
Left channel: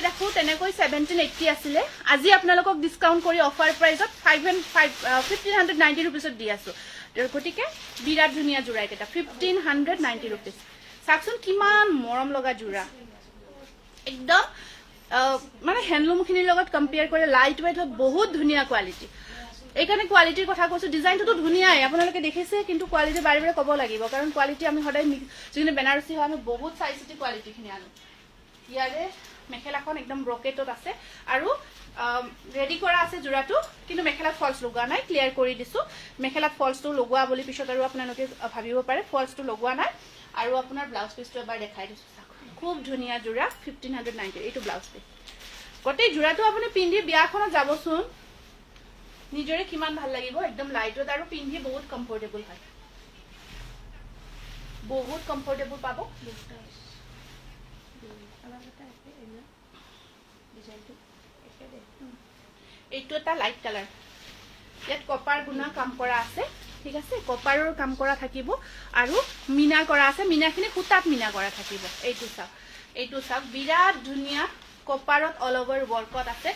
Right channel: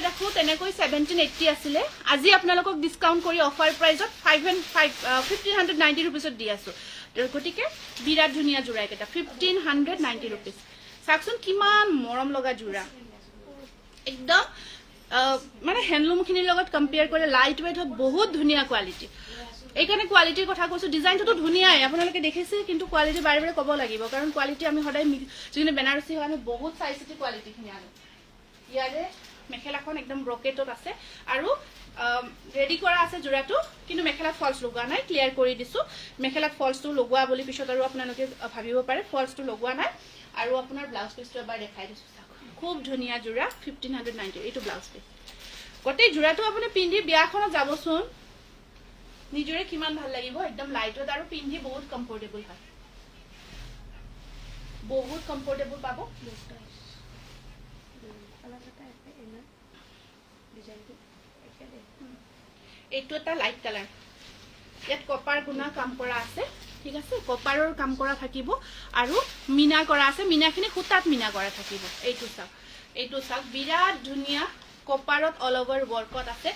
ৰাখো তেনেকৈ 1780 আছিল আজি আপোনালোকক ডিসকাউন্ট কৰি অফাৰ প্ৰাইসত 1590 रुपीसত দি আছো গটিকে বিৰাট ধুনিয়া জোৰা এটা 1590 रुपीस চাওকচোন কিমান মৰম লগা যোৰা একদম মানে হ্যান্ডলুমখিনিৰ লগত কম্পেয়াৰ কৰিলে লাইট ৱেইট হয় বহুত ধুনীয়া কোৱালিটি এইকাৰণে কোৱালিটিৰ কথা কৈছো ডিজাইনটো ধুনীয়াই আপোনালোকে দেখিছে কিন্তু কোৱালিটি বাৰে বাৰে ক'ব লাগিব কাৰণ কোৱালিটি আমি সদায় যিখিনি বেনাৰসী হয় আমি বহুত চাই চিতি কোৱালিটিখিনি আনো ইয়াৰে মেখেলাখন একদম ব্ৰকেটত আছে আৰু ৰেডি কৰা আছে যোৰাটো কিন্তু মেখেলাত ফলছ লগোৱা নাই ক্লিয়াৰ কৰি দিছো মেখেলাত ফলছটো লগোৱা বুলি পিছত আৰু আপোনালোকে ভাবিব পাৰে ফলছটো লগোৱা নাই আৰু আপোনাৰ ব্লাউজ পিছটো এবাৰ দেখাই দিছো খুব ধুনীয়া যোৰা 1590 এইটো ব্লাউজ পিছ গোটেই যোৰাটো আপুনি পিন্ধি বিয়াখনত যাবচোন নিজৰে কিমান ভাল লাগিব একদম লাইটত আৰু পিন্ধি বহুত কমফৰ্টেবল হয় বহুত কমফৰ্টেবল পাব এইটো এটা লাইট কালাৰ ইয়াত কপাৰ গুণা কাম কৰা আছে ঠিক আছে কপাৰৰ কাম কৰা থাকিব আৰু মিনা কৰা আছে মিনাখিনি সুতাত মিনা কৰা থাকিব এইটো চাওক বিৰাট ধুনীয়া কপাৰত অল ওভাৰ ওয়াৰ্কত আছে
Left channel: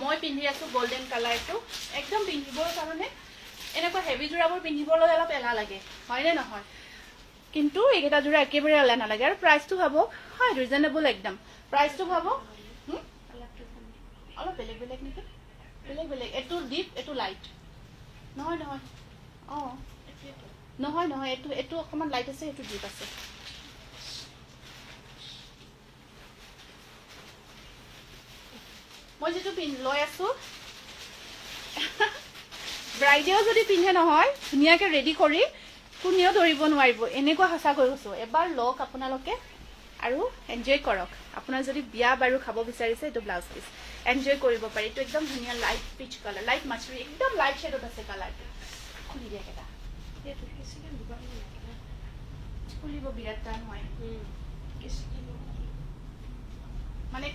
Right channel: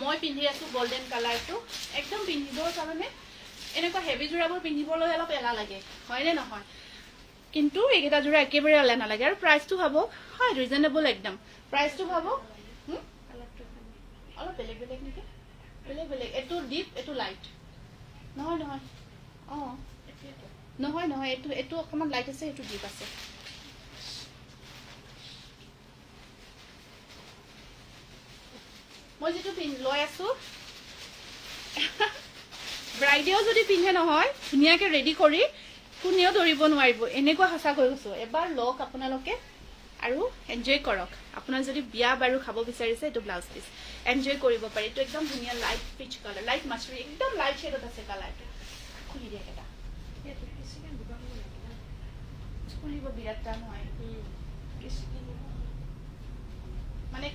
মই পিন্ধি আছো গোল্ডেন কালাৰটো একদম পিন্ধিবৰ কাৰণে এনেকুৱা হেভি যোৰাবোৰ পিন্ধিবলৈ অলপ এলা লাগে হয়নে নহয় কিন্তু এইটা যোৰা একেবাৰে এলা নালাগে আৰু প্ৰাইচটো ভাবো হয় ৰিজনেবল একদম প্ৰাইচটো ভাবো অলপ বেলেগ বেলেগ নেকি বেলেগ বেলেগ এটো ডিপ এটো লাইট নহয় নহয় নহয় নহয় এটো অকমান লাইট আছে এটো ডিপ আছে মই যেটো লৈ আছো ব্ৰাইডেও যদি পিন্ধে নহয় ধুনীয়াকে ৰেডি কৰি কোনেও ধৰিব নোৱাৰিব এনেকুৱা হাসা কৰিছো এবাৰ লক আপোনালোকে আৰু এনজয় কৰক আপোনাৰ যদি বিয়া বাৰু খাব বিচাৰিছে এটো ব্লাউজ পিস এনজয় কৰিব পাৰি এটো একদম ধুনীয়া লাইট পিচ কালাৰ লাইট মাছৰি একদম লাইট শেডত আছে কালাৰটো খুলি দিয়া কেটা এটো কিছিকে দিবা খুলিব বিৰাট টান হয় মানে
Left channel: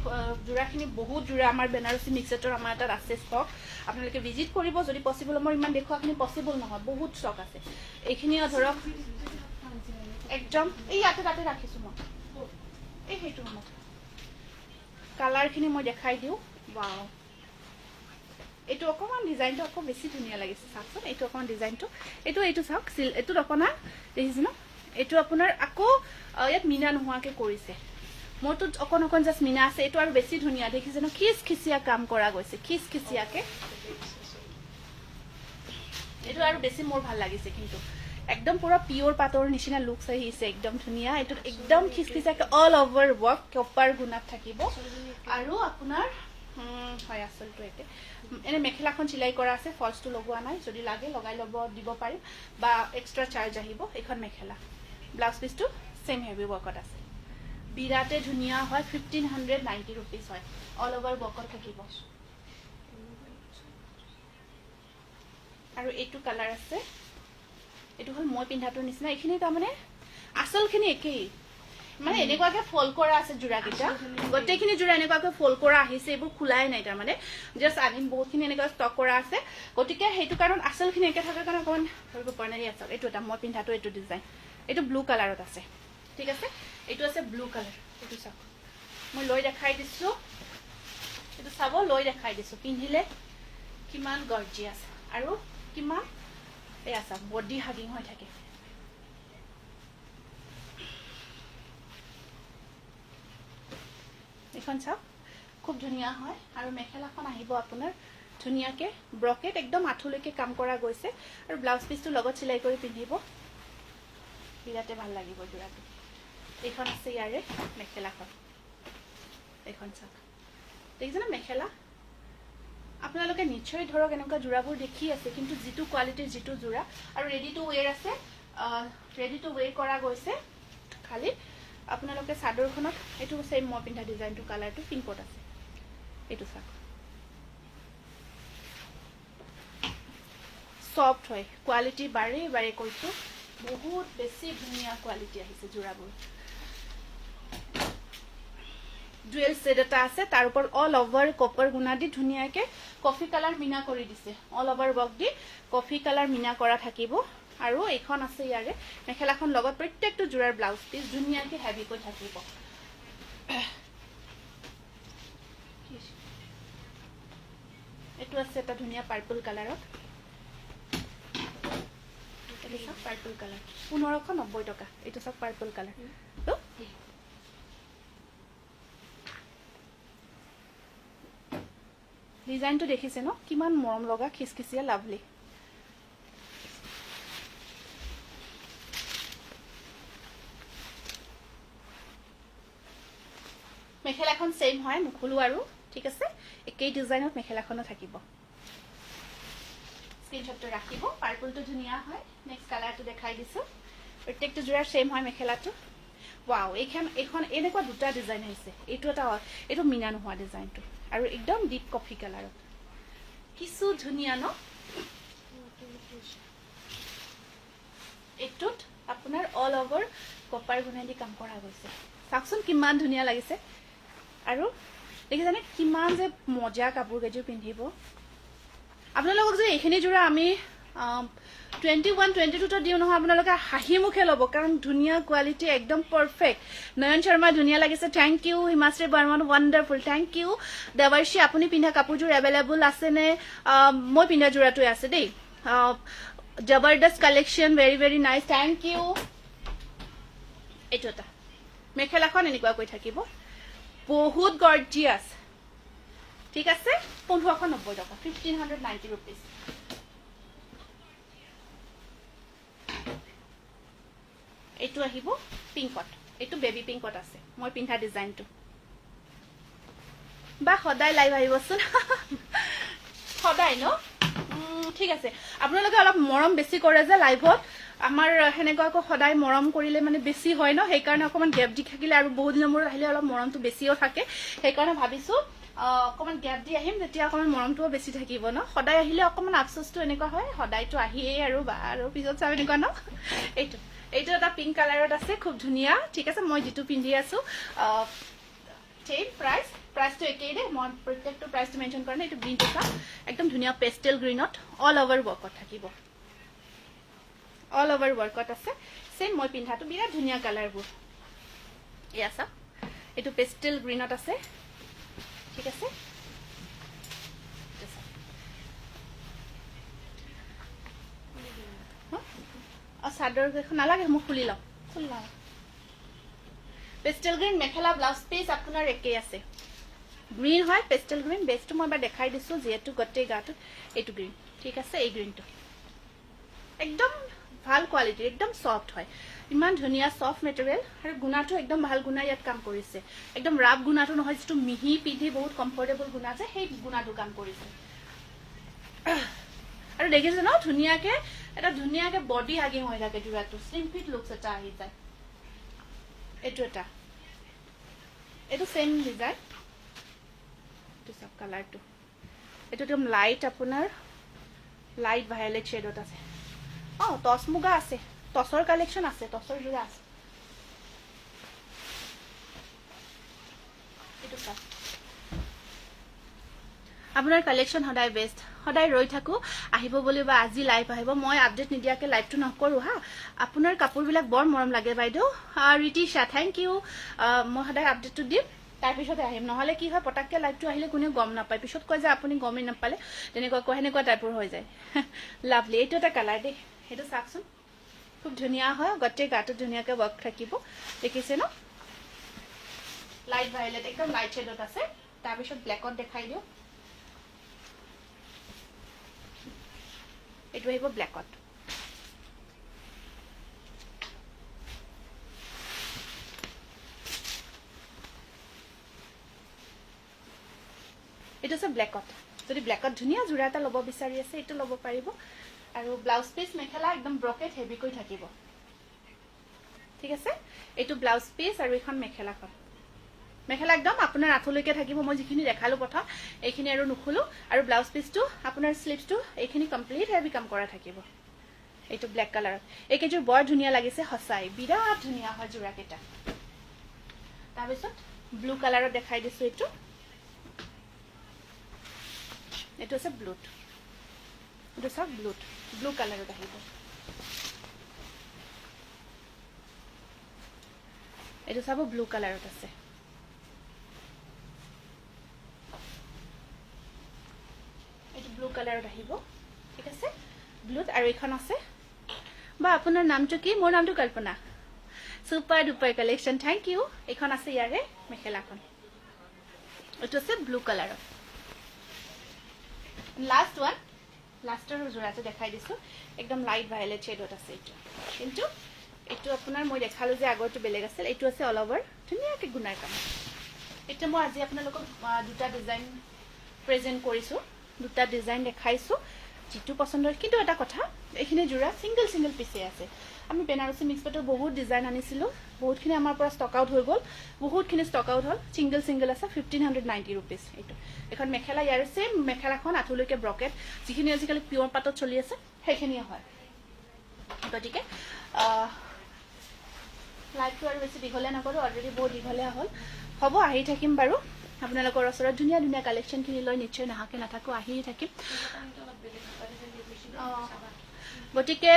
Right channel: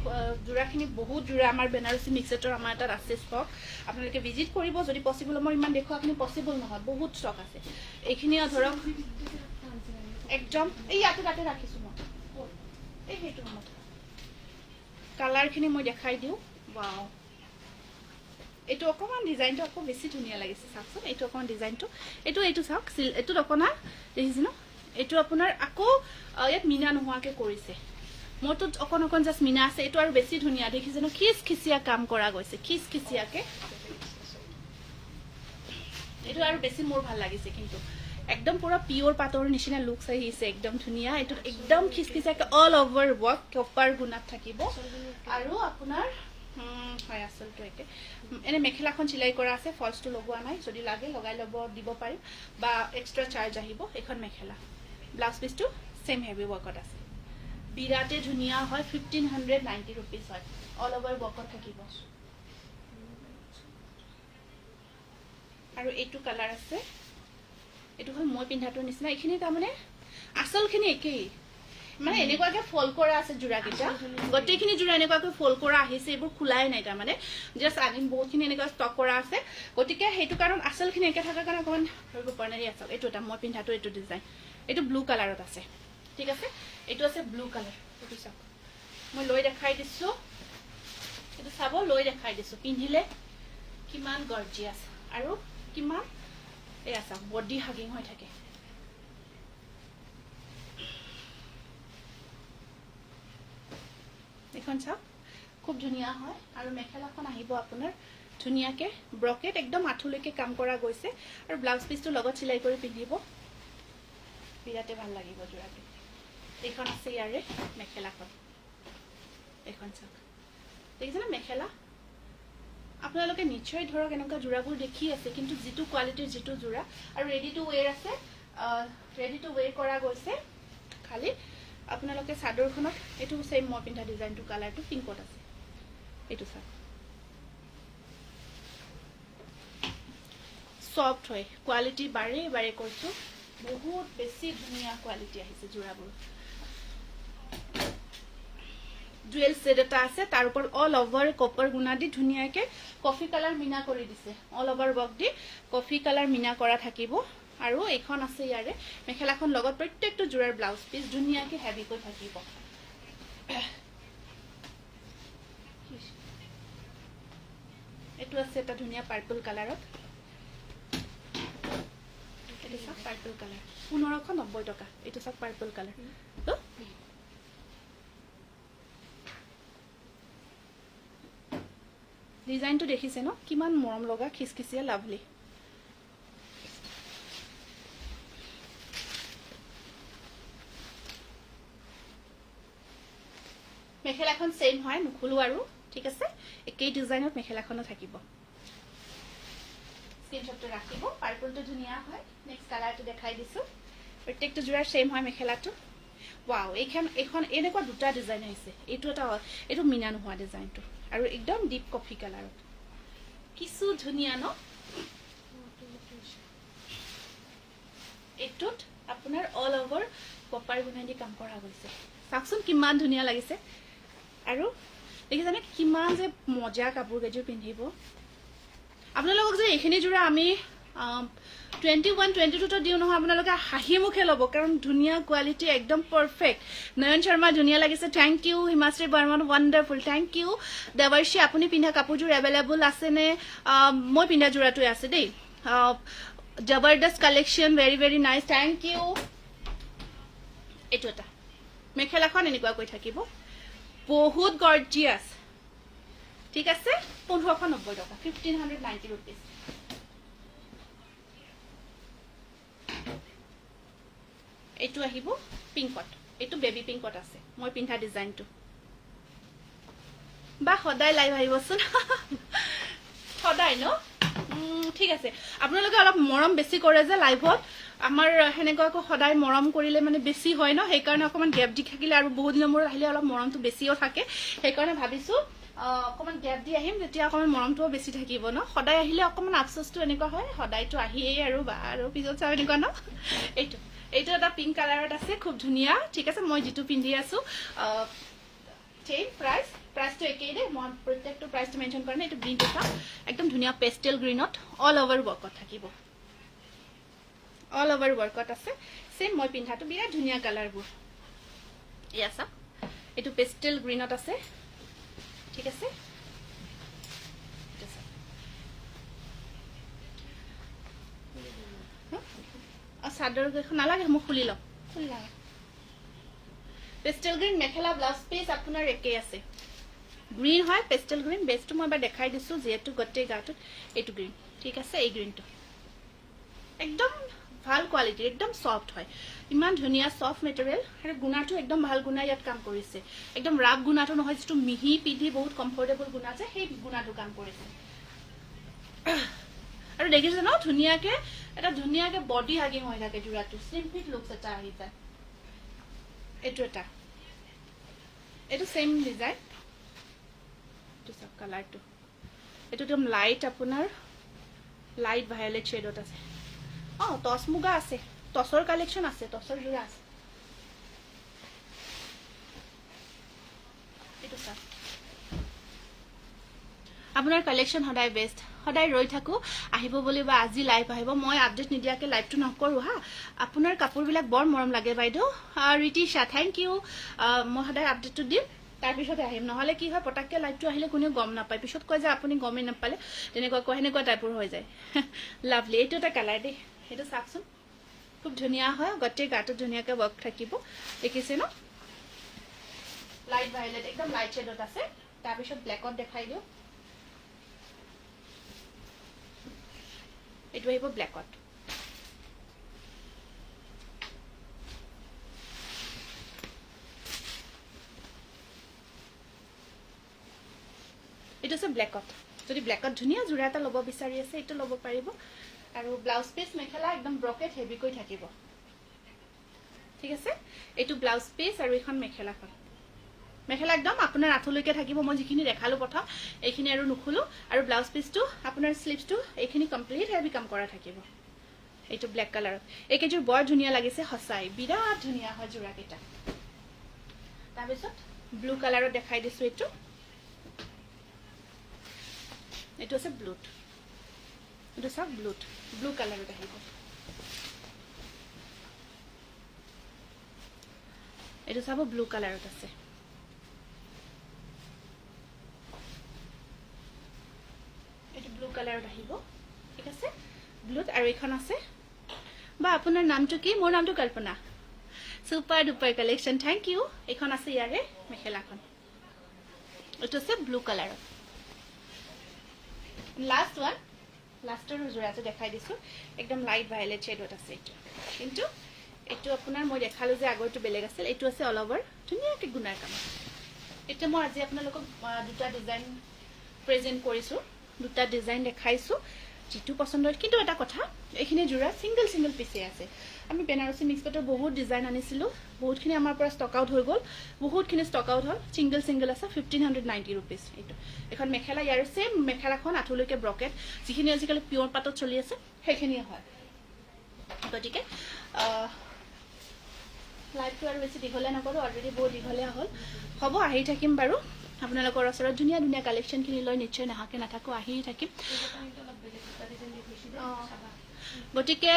যোৰাখিনি বহুত যোৰা আমাৰ বেনাৰসী মিক্সেটৰ আমাৰ এটা আছে ষ্টক আপোনালোকে ভিজিট কৰিব যদি পসিবল মই ইমান দেখুৱাখিনি পসিবল নহয় বহুত ষ্টক আছে এইখিনিও ধৰক একদম এই ইয়াতে তাতে ৰাখিছো মই এই হেইটো মত কালাৰখিনি মই দেখাই দিও ওয়াও এটো অকমান ডিজাইনটো আকৌ বেছি ধুনীয়া লাগিছে চাওকচোন এটো অকমান ডিজাইনটো এটো চাওক এটো অকনা দেখিছে ন এটো আপোনাৰ আকৌ ইয়াত মিনা নোহোৱাকে কৰিছে মইতো অকন জাস্ট মিনা আছে এটো আৰু বেছি ধুনীয়া দেখিছে ন খিচিয়া কাম কৰা গৈছে খিচিয়াকে এটো আৰু বেছি মোৰ ভাল লাগিছে কিন্তু একদম পুৰা পিওৰ পাটৰ নিচিনা লুক আহিছে একদম ধুনীয়া এটো একদম খিচিয়াকে অল ওভাৰ ওয়াৰ্ক কপাৰ গুণাত থাকিব আৰু আপোনাৰ হয় আসলটো একে এনে মেখেলাখন চিলাই কৰা আছে ফলছটো লগোৱা নাই যদি লাগে লগাই লব দিব পাৰি বা এক্সট্ৰা চাৰ্জ আহিব এখন মেখেলা ব্লাউজ পিসটো সেম হেভি ওয়াৰ্কত আছে বিৰাটে ধুনীয়া হয় 1590 रुपीस হয় অল ওভাৰ ওয়াৰ্কত থাকিব আৰু এইটো কালাৰ আছে এটো হল মই পিন্ধাটোৰ নিচিনা এইখিনি তাৰ মানে আসলখিনি একেই মানে এনেকুৱাকে ফল কৰা আছে যোৰা কিটা গটেখিনি যোৰা এনেকুৱাকে ফল কৰা আহিছে এইবোৰ খুলাই নাই তাৰ মানে জাস্ট আনিম বহুতখিনি এনেকুৱা ষ্টক কৰা আছে গটিকে হেতু কাৰণ আসলখিনি একে থাকাৰ কাৰণে অকমান ধৰিব পৰা নাই আছে এইটো এটা মই পিন্ধাটো এইটো ডিজাইন এইটো ব্লু কালাৰত আছে ঠিক আছে এইটো আছে ব্লু কালাৰ এইটো চাওক মই লৈ দেখাই দিছো এইটো চাব লৈ দেখাই দিছো পিন্ধিলে কিমান গৰ্জিয়াস আৰু কিমান এই আছে বডি হাগিং হৈ থাকে এখন চাওক খুব ধুনীয়া হয় আৰু মেখেলাখন আহিব আপোনাৰ ধুনীয়াকে ব্ৰকেট একদম আঠুলৈকে কাম কৰা গৈছে আৰু ব্লাউজ পিসটো লগত চিলাই কৰি পিন্ধিব বিৰাটে ভাল লাগিব যোৰাটো এইখন আছে ইয়াৰে মেখেলাখন এইখন চাওক দেখিছেনে মেখেলা আপোনালোকে নিশ্চয় ধৰক এনেকুৱা যোৰাবোৰ দেখি আছে কিন্তু যেটো কোৱালিটিৰ যেটো যোৰা আৰু ৰেডি টু ওয়্যাৰ আছে ৰেডি টু ওয়্যাৰ কৰা গৈছে খালি আপোনালোকে চাদৰখনত এটো সেম মই পিন্ধা ডিজাইনটো কালাৰটো পিংকত আছে এটো চাওক সফট হয় কোৱালিটি বাৰে বাৰে কৈছো বহুত বেছি ধুনীয়া কোৱালিটি আহিছে যোৰাবোৰ জুয়েল সেট এটা আছে তাৰ ওপৰ অল ওভাৰ কপাৰ গুণা দি ধুনীয়াকে কফি কালাৰ মিনা কৰি দিছে অল ওভাৰ ওয়াৰ্ক দি কফি কালাৰ মিনা কৰা থাকিব আৰু এইখন আছে ইয়াৰে মেখেলাখন লগত প্ৰত্যেকটো যোৰাৰ ব্লাউজ পিস ধুনীয়াকে হেভি কৰি থাকিব এটো আছে এটা ধুনীয়া পাৰ্পল কালাৰত এটা পাৰ্পল কালাৰ 1590 টকা এটো সব পাৰ্পল কালাৰ তো লাভলি ডিজাইনটো দেখিছে ন কিমান মৰম লগা খিচখিচিয়া লাভলি মেখেলাখন সেম হয় নুখুলো আৰু ঠিক আছে একেই ডিজাইনত মেখেলাখনো থাকিব স্ক্ৰিনশটটো ৰাখিব পাৰ্পলটো ধুনিয়া হয় নেক্সট কালাৰটো দেখাই দিছো প্ৰত্যেকটো জোড়াৰ সেম হয় মেখেলাটো ওয়াও এখন এনেকুৱা দুটা ডিজাইন হৈছে এইটো মিনা নোহোৱা ডিজাইনটো আৰু একদম ডিপ কফি কালাৰত কিছু ধুনিয়া ন এইটোত আপোনাৰ অল ওভাৰ কপাৰ গুণা দি কাম কৰা গৈছে চাকচোন কিমান ধুনিয়া লাগিছে আৰু দেখিছানে কিমান যে মজা কাপোৰ কেজোৰ পিন্ধিব আপোনালোকক যে এইখিনি জোৰা আমি 21 22 টা দিও নহয় আপোনালোকে হাঁহি মুখে ল'ব কাৰণ ধুনিয়া কোৱালিটি একদম পাৰফেক্ট নয়ন শৰ্মা ধুনিয়া লাগিছে thank you Himashree Barman wonderful thank you Debarshi আপুনি পিন্ধা কাপোৰজোৰ এভেইলেবল আছে নে মই পিন্ধা জোৰাটো আছে দেই জবৰদস্ত collection very very nice thank you এটোটা মেখেলাখন এনেকুৱা কৈ থাকিব বহুত গৰ্জিয়াস ঠিক আছে 1590 টকা 1590 rupees এটো আহিব পিংকত এটো বেবি পিংকত আছে মই পিন্ধা ডিজাইনটো বা সদায় লাইভ আহিবচোন সদায় ন ঠিক আছে আপোনালোকে অলপ মৰম বেছি কৰে যে লাইভত আমাৰ হেনেকৈ সদায় মৰম কৰিলে মানে বেছি হয় ন সেই কাৰণে অকমান গ্যাপ দি থাকিলে আৰু বহুত দিনৰ মূৰত আহিলে অলপ মৰমটো বেছিও থাকে সেই কাৰণে ভাবিছো অকমান গ্যাপ দি আহিম যেতিয়া অকমান মৰমটো বেছি থাকিব ন সদায় আহিলে অকমান আফসোসটো এনেকুৱা হয় সদায়টো আহিয়ে আৰু পিছত চাও এনেকুৱা ন এইটো এটা পিংক কালাৰত আছে খুব ধুনিয়া ঠিক আছে মই যেটো পিন্ধি আছো চেম প্ৰাইসটো একেই দে মই প্ৰত্যেকটো প্ৰাইসটো মেনশন কৰা নাই এইটো গ্ৰীন এটা একদম ধুনিয়া পেস্টেল গ্ৰীনত অল ওভাৰ ওয়াৰ্কত থাকিব অল ওভাৰ ওয়াৰ্কত আছে সেম মই পিন্ধাটো বিৰাট ধুনিয়া কালাৰবোৰ ইয়াছা এইটো পেস্টেল গ্ৰীনত আছে ঠিক আছে চাদৰ কেখন নালাগে মই খুলি লম পেস্টেল গ্ৰীন মেখেলা ব্লাউজ পিস আপোনাৰ একেই আছে গ্ৰীন হয় পেস্টেল গ্ৰীন বেসটো মই এবাৰ দেখাই দিছো যেটো গটে গাটো এইটো গ্ৰীন ঠিক আছে এই গ্ৰীনটো একদম ভাল কোৱালিটি একদম সফট হয় ইমান ধুনিয়া সফট মেটেৰিয়েল আৰু গুণাটো একদম ভাল গুণা ইয়াত কাম কৰিছে একদম ৰাব গুণাটো নহয় যেটো মিহি পিন্ধি বহুত কমফৰ্টেবল গুণা যে সেই গুণাটো কাম কৰিছে আৰু দেখিছে ন ধুনিয়াকে এটা ধুনিয়াকে বডি হাগিং হৈ থাকে জোৰাটো স্লিম ফিট লুকস এটা আহি যায় এইটো সেম ডিজাইন এইটো সব কালাৰটো এইটো একদম লাইট আপোনাৰ লাইট ভায়োলেট শেডত আছে টস মুগা আছে টসৰ কালেকশন আছে টসৰ জোৰা আছে এইটো সব আপোনাৰ কালেকশন সদায় বেস্ট সদায় ৰৈ থাকো আহিব বুলি বা আজি লাইভ আহিব মই আপডেট নিদিয়াকে লাইভটো নকৰো হা আপোনাৰ কাপোৰবিলাক বৰ মৰম লাগে বাইদেউ ৰিতিশা থ্যাংক ইউ মই সদায় আপডেটটো দিম তাৰ পিছত আহিম নহলে কি হয় পটাককে লাইভটো আহিলে কোনো গম নাপায় পিছত কয় যে আপুনি গমই নাপালে তেনেকুৱা কয় হেনেকুৱা টাইপৰ হৈ যায় লাভলি এইটো এটা কালাৰ দে এইটো চাকচোন খুব ধুনিয়া হয় গটে গাটো ধুনিয়াকে ওয়াৰ্ক থাকিব দেখিছে ন লাইট ভায়োলেট একদম লাইট শেডত আছে তাৰ পিছত ব্ল্যাকত দেখাই দিও এইটো আহিব ব্ল্যাকত এইটো আছে ব্ল্যাকত যদি ব্ল্যাকত ধুনিয়া জোৰা এটা লব বিচাৰি আছে এইটো লব পাৰিব আৰু ব্লাউজ পিস মেখেলা একদম ব্ৰকেট হেভি কৈ থাকিব ঠিক আছে এইটো ব্লাউজ পিস আৰু এখন মেখেলাখন মেখেলা একদম আপোনাৰ আঁঠলৈকে থাকিব মই যিখিনি দেখালো প্ৰথম এইখিনি আৰু নুখুলো আৰু ব্লাউজ পিসটো আপোনাৰ স্লিভসটো এইখিনি কমপ্লিট হেভি কাম কৰা থাকিব এইটো ব্ল্যাক কালাৰত এইকেজোৰ বৰ ধুনিয়া লাগিছে হসাই বিৰাট ধুনিয়া হয় জোৰা কেটা তাৰ পিছত ব্লু কালাৰত দেখাই দিছো এইটো আছে ব্লুট এইটো সব ব্লু কালাৰত আহিব এইটো সব ব্লু কালাৰত আছে এইটো ব্লু কালাৰত আহিব ঠিক আছে ব্লুত আৰু এখন আছে বা আপোনাৰ নামটো কি মোৰ নামটো Kalpana super duper collection, thank you. এইখন আছে ইয়াৰে মেখেলাখন, এইটো আছে ব্লু কালাৰত। লাষ্ট ওৱান, লাষ্টৰ যোৰাটো দেখাই দিছোঁ, একদম লাইট ভায়লেট শ্বেডত আছে এইটো। কিন্তু এইটো আপোনাৰ মই দেখালোঁ যে আগৰটো বেলেগ আছিল, এইটো আছে অল অভাৰ ধুনীয়াকৈ গুণাৰ কাম। এতিয়া মই আজি আপোনালোকক দুটা ডিজাইন প্ৰেজেণ্ট কৰিছোঁ, দুটা ডিজাইন দেখাইছোঁ যিটো পচন্দৰ। কিন্তু এটা কথা, এইখিনি যোৰা ছিংগল ছিংগল পিচে আছে। আমি বেনাৰসী মিক্স পাটৰ বহুত ডিজাইন আনিছিলোঁ, বহুতখিনি আমাৰ পৰা ষ্টক আউট হৈ গ'ল, বহুতখিনি ষ্টক আউট হ'ল। ছিংগল ছিংগল আছে 1590 ৰুপিজ। এইটো এখন মেখেলা, ইয়াৰ ছেম মেখেলাখন আঁঠুলৈকে ব্ৰকেট, যিখিনি আজিকালি পিয়ৰ পাটত চলি আছে সেইখিনিয়ে হয়। গতিকে লাইভটো আৰু বেছি দীঘলীয়া নকৰোঁ, অলৰেডি বহুত দীঘলীয়া হ'ল। হ'ব, আহি থাকিম বাৰু আপোনালোকৰ ওচৰত ধুনীয়া ধুনীয়া কালেকশ্যনখিনি লৈ। নিশ্চয় নাহাকে নাথাকোঁ, আহি থাকিম। গতিকে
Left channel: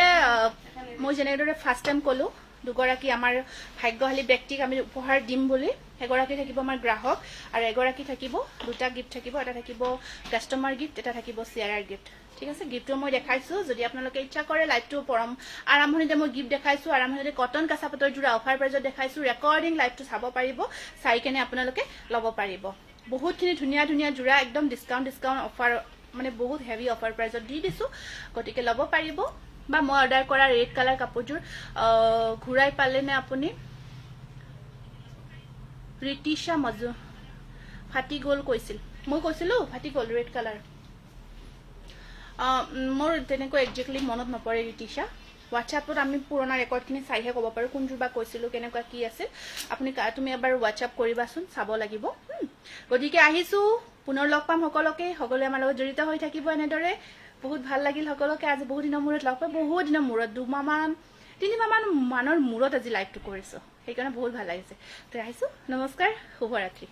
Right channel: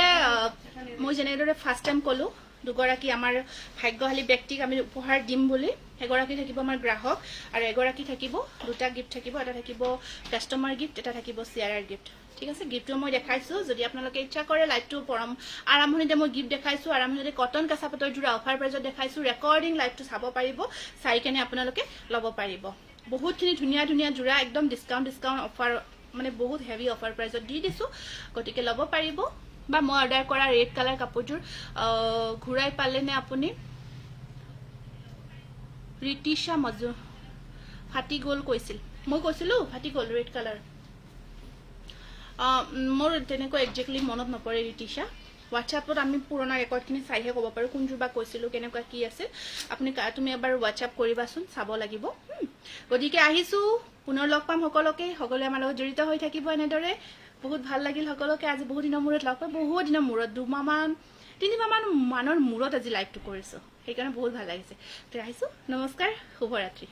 মই যেনেদৰে ফাৰ্ষ্ট টাইম ক'লোঁ, দুগৰাকী আমাৰ ভাগ্যশালী ব্যক্তিক আমি উপহাৰ দিম বুলি। এগৰাকী থাকিব আমাৰ গ্ৰাহক আৰু এগৰাকী থাকিব, দুটা গিফ্ট থাকিব। এটা থাকিব কাষ্টমাৰ গিফ্ট, এটা থাকিব শ্বেয়াৰাৰ গিফ্ট। ঠিক আছে, গিফ্টটো মই দেখাইছোঁ। যদি আপোনালোকে ইচ্ছা কৰে লাইভটো আৰম্ভণিতে মই গিফ্ট দেখাইছোঁ, আৰম্ভণিতে কটন কেঁচা পাটৰ যোৰা অফাৰ প্ৰাইজত দেখাইছোঁ। ৰেকৰ্ডিং লাইভটো চাব পাৰিব, চাই কেনে আপোনালোকে ল'ব পাৰিব। বহুতখিনি ধুনীয়া ধুনীয়া যোৰা, একদম ডিছকাউণ্ট অফাৰ, মানে বহুত হেভি অফাৰ প্ৰাইজত দি দিছোঁ। গতিকে ল'ব পাৰিব। বা মই অৰ্ডাৰ কৰা ৰেড কালাৰ কাপোৰযোৰ ঘূৰাই পালেনে আপুনি? ৰিতিশা মজু ফাটি গ'ল কৈছিল, মই কৈছিলোঁ ফাটি গ'ল ৰেড কালাৰ। মোৰ তেনেকৈ একজেক্টলি মনত নপৰে ৰিতিশা। হোৱাটছএপত আমি পুৰণা ৰেকৰ্ডখিনি চাইহে ক'ব পাৰোঁ কোনযোৰ বা কৈছিলোঁ, কেনেকুৱা কি আছিল। তুমি এবাৰ হোৱাটছএপ কৰিবাচোন, চাব লাগিব। গতিকে আহিছোঁ, পুনৰ লগ পাম সকলোকে। সকলোৱে আমাৰ লগত জড়িত হৈ থাকিব এনেদৰে। বহুত ভাল লাগিল সকলোকে। আজি বহুত দিনৰ মূৰত লগ পাই, বহুত দিনৰ মূৰত, 2-3 মাহৰ মূৰত আজি লাইভটো কৰিছোঁ, সেইকাৰণে বহুত ভাল লাগিছে। তো আহিছোঁ, নমস্কাৰ, শুভৰাত্ৰি।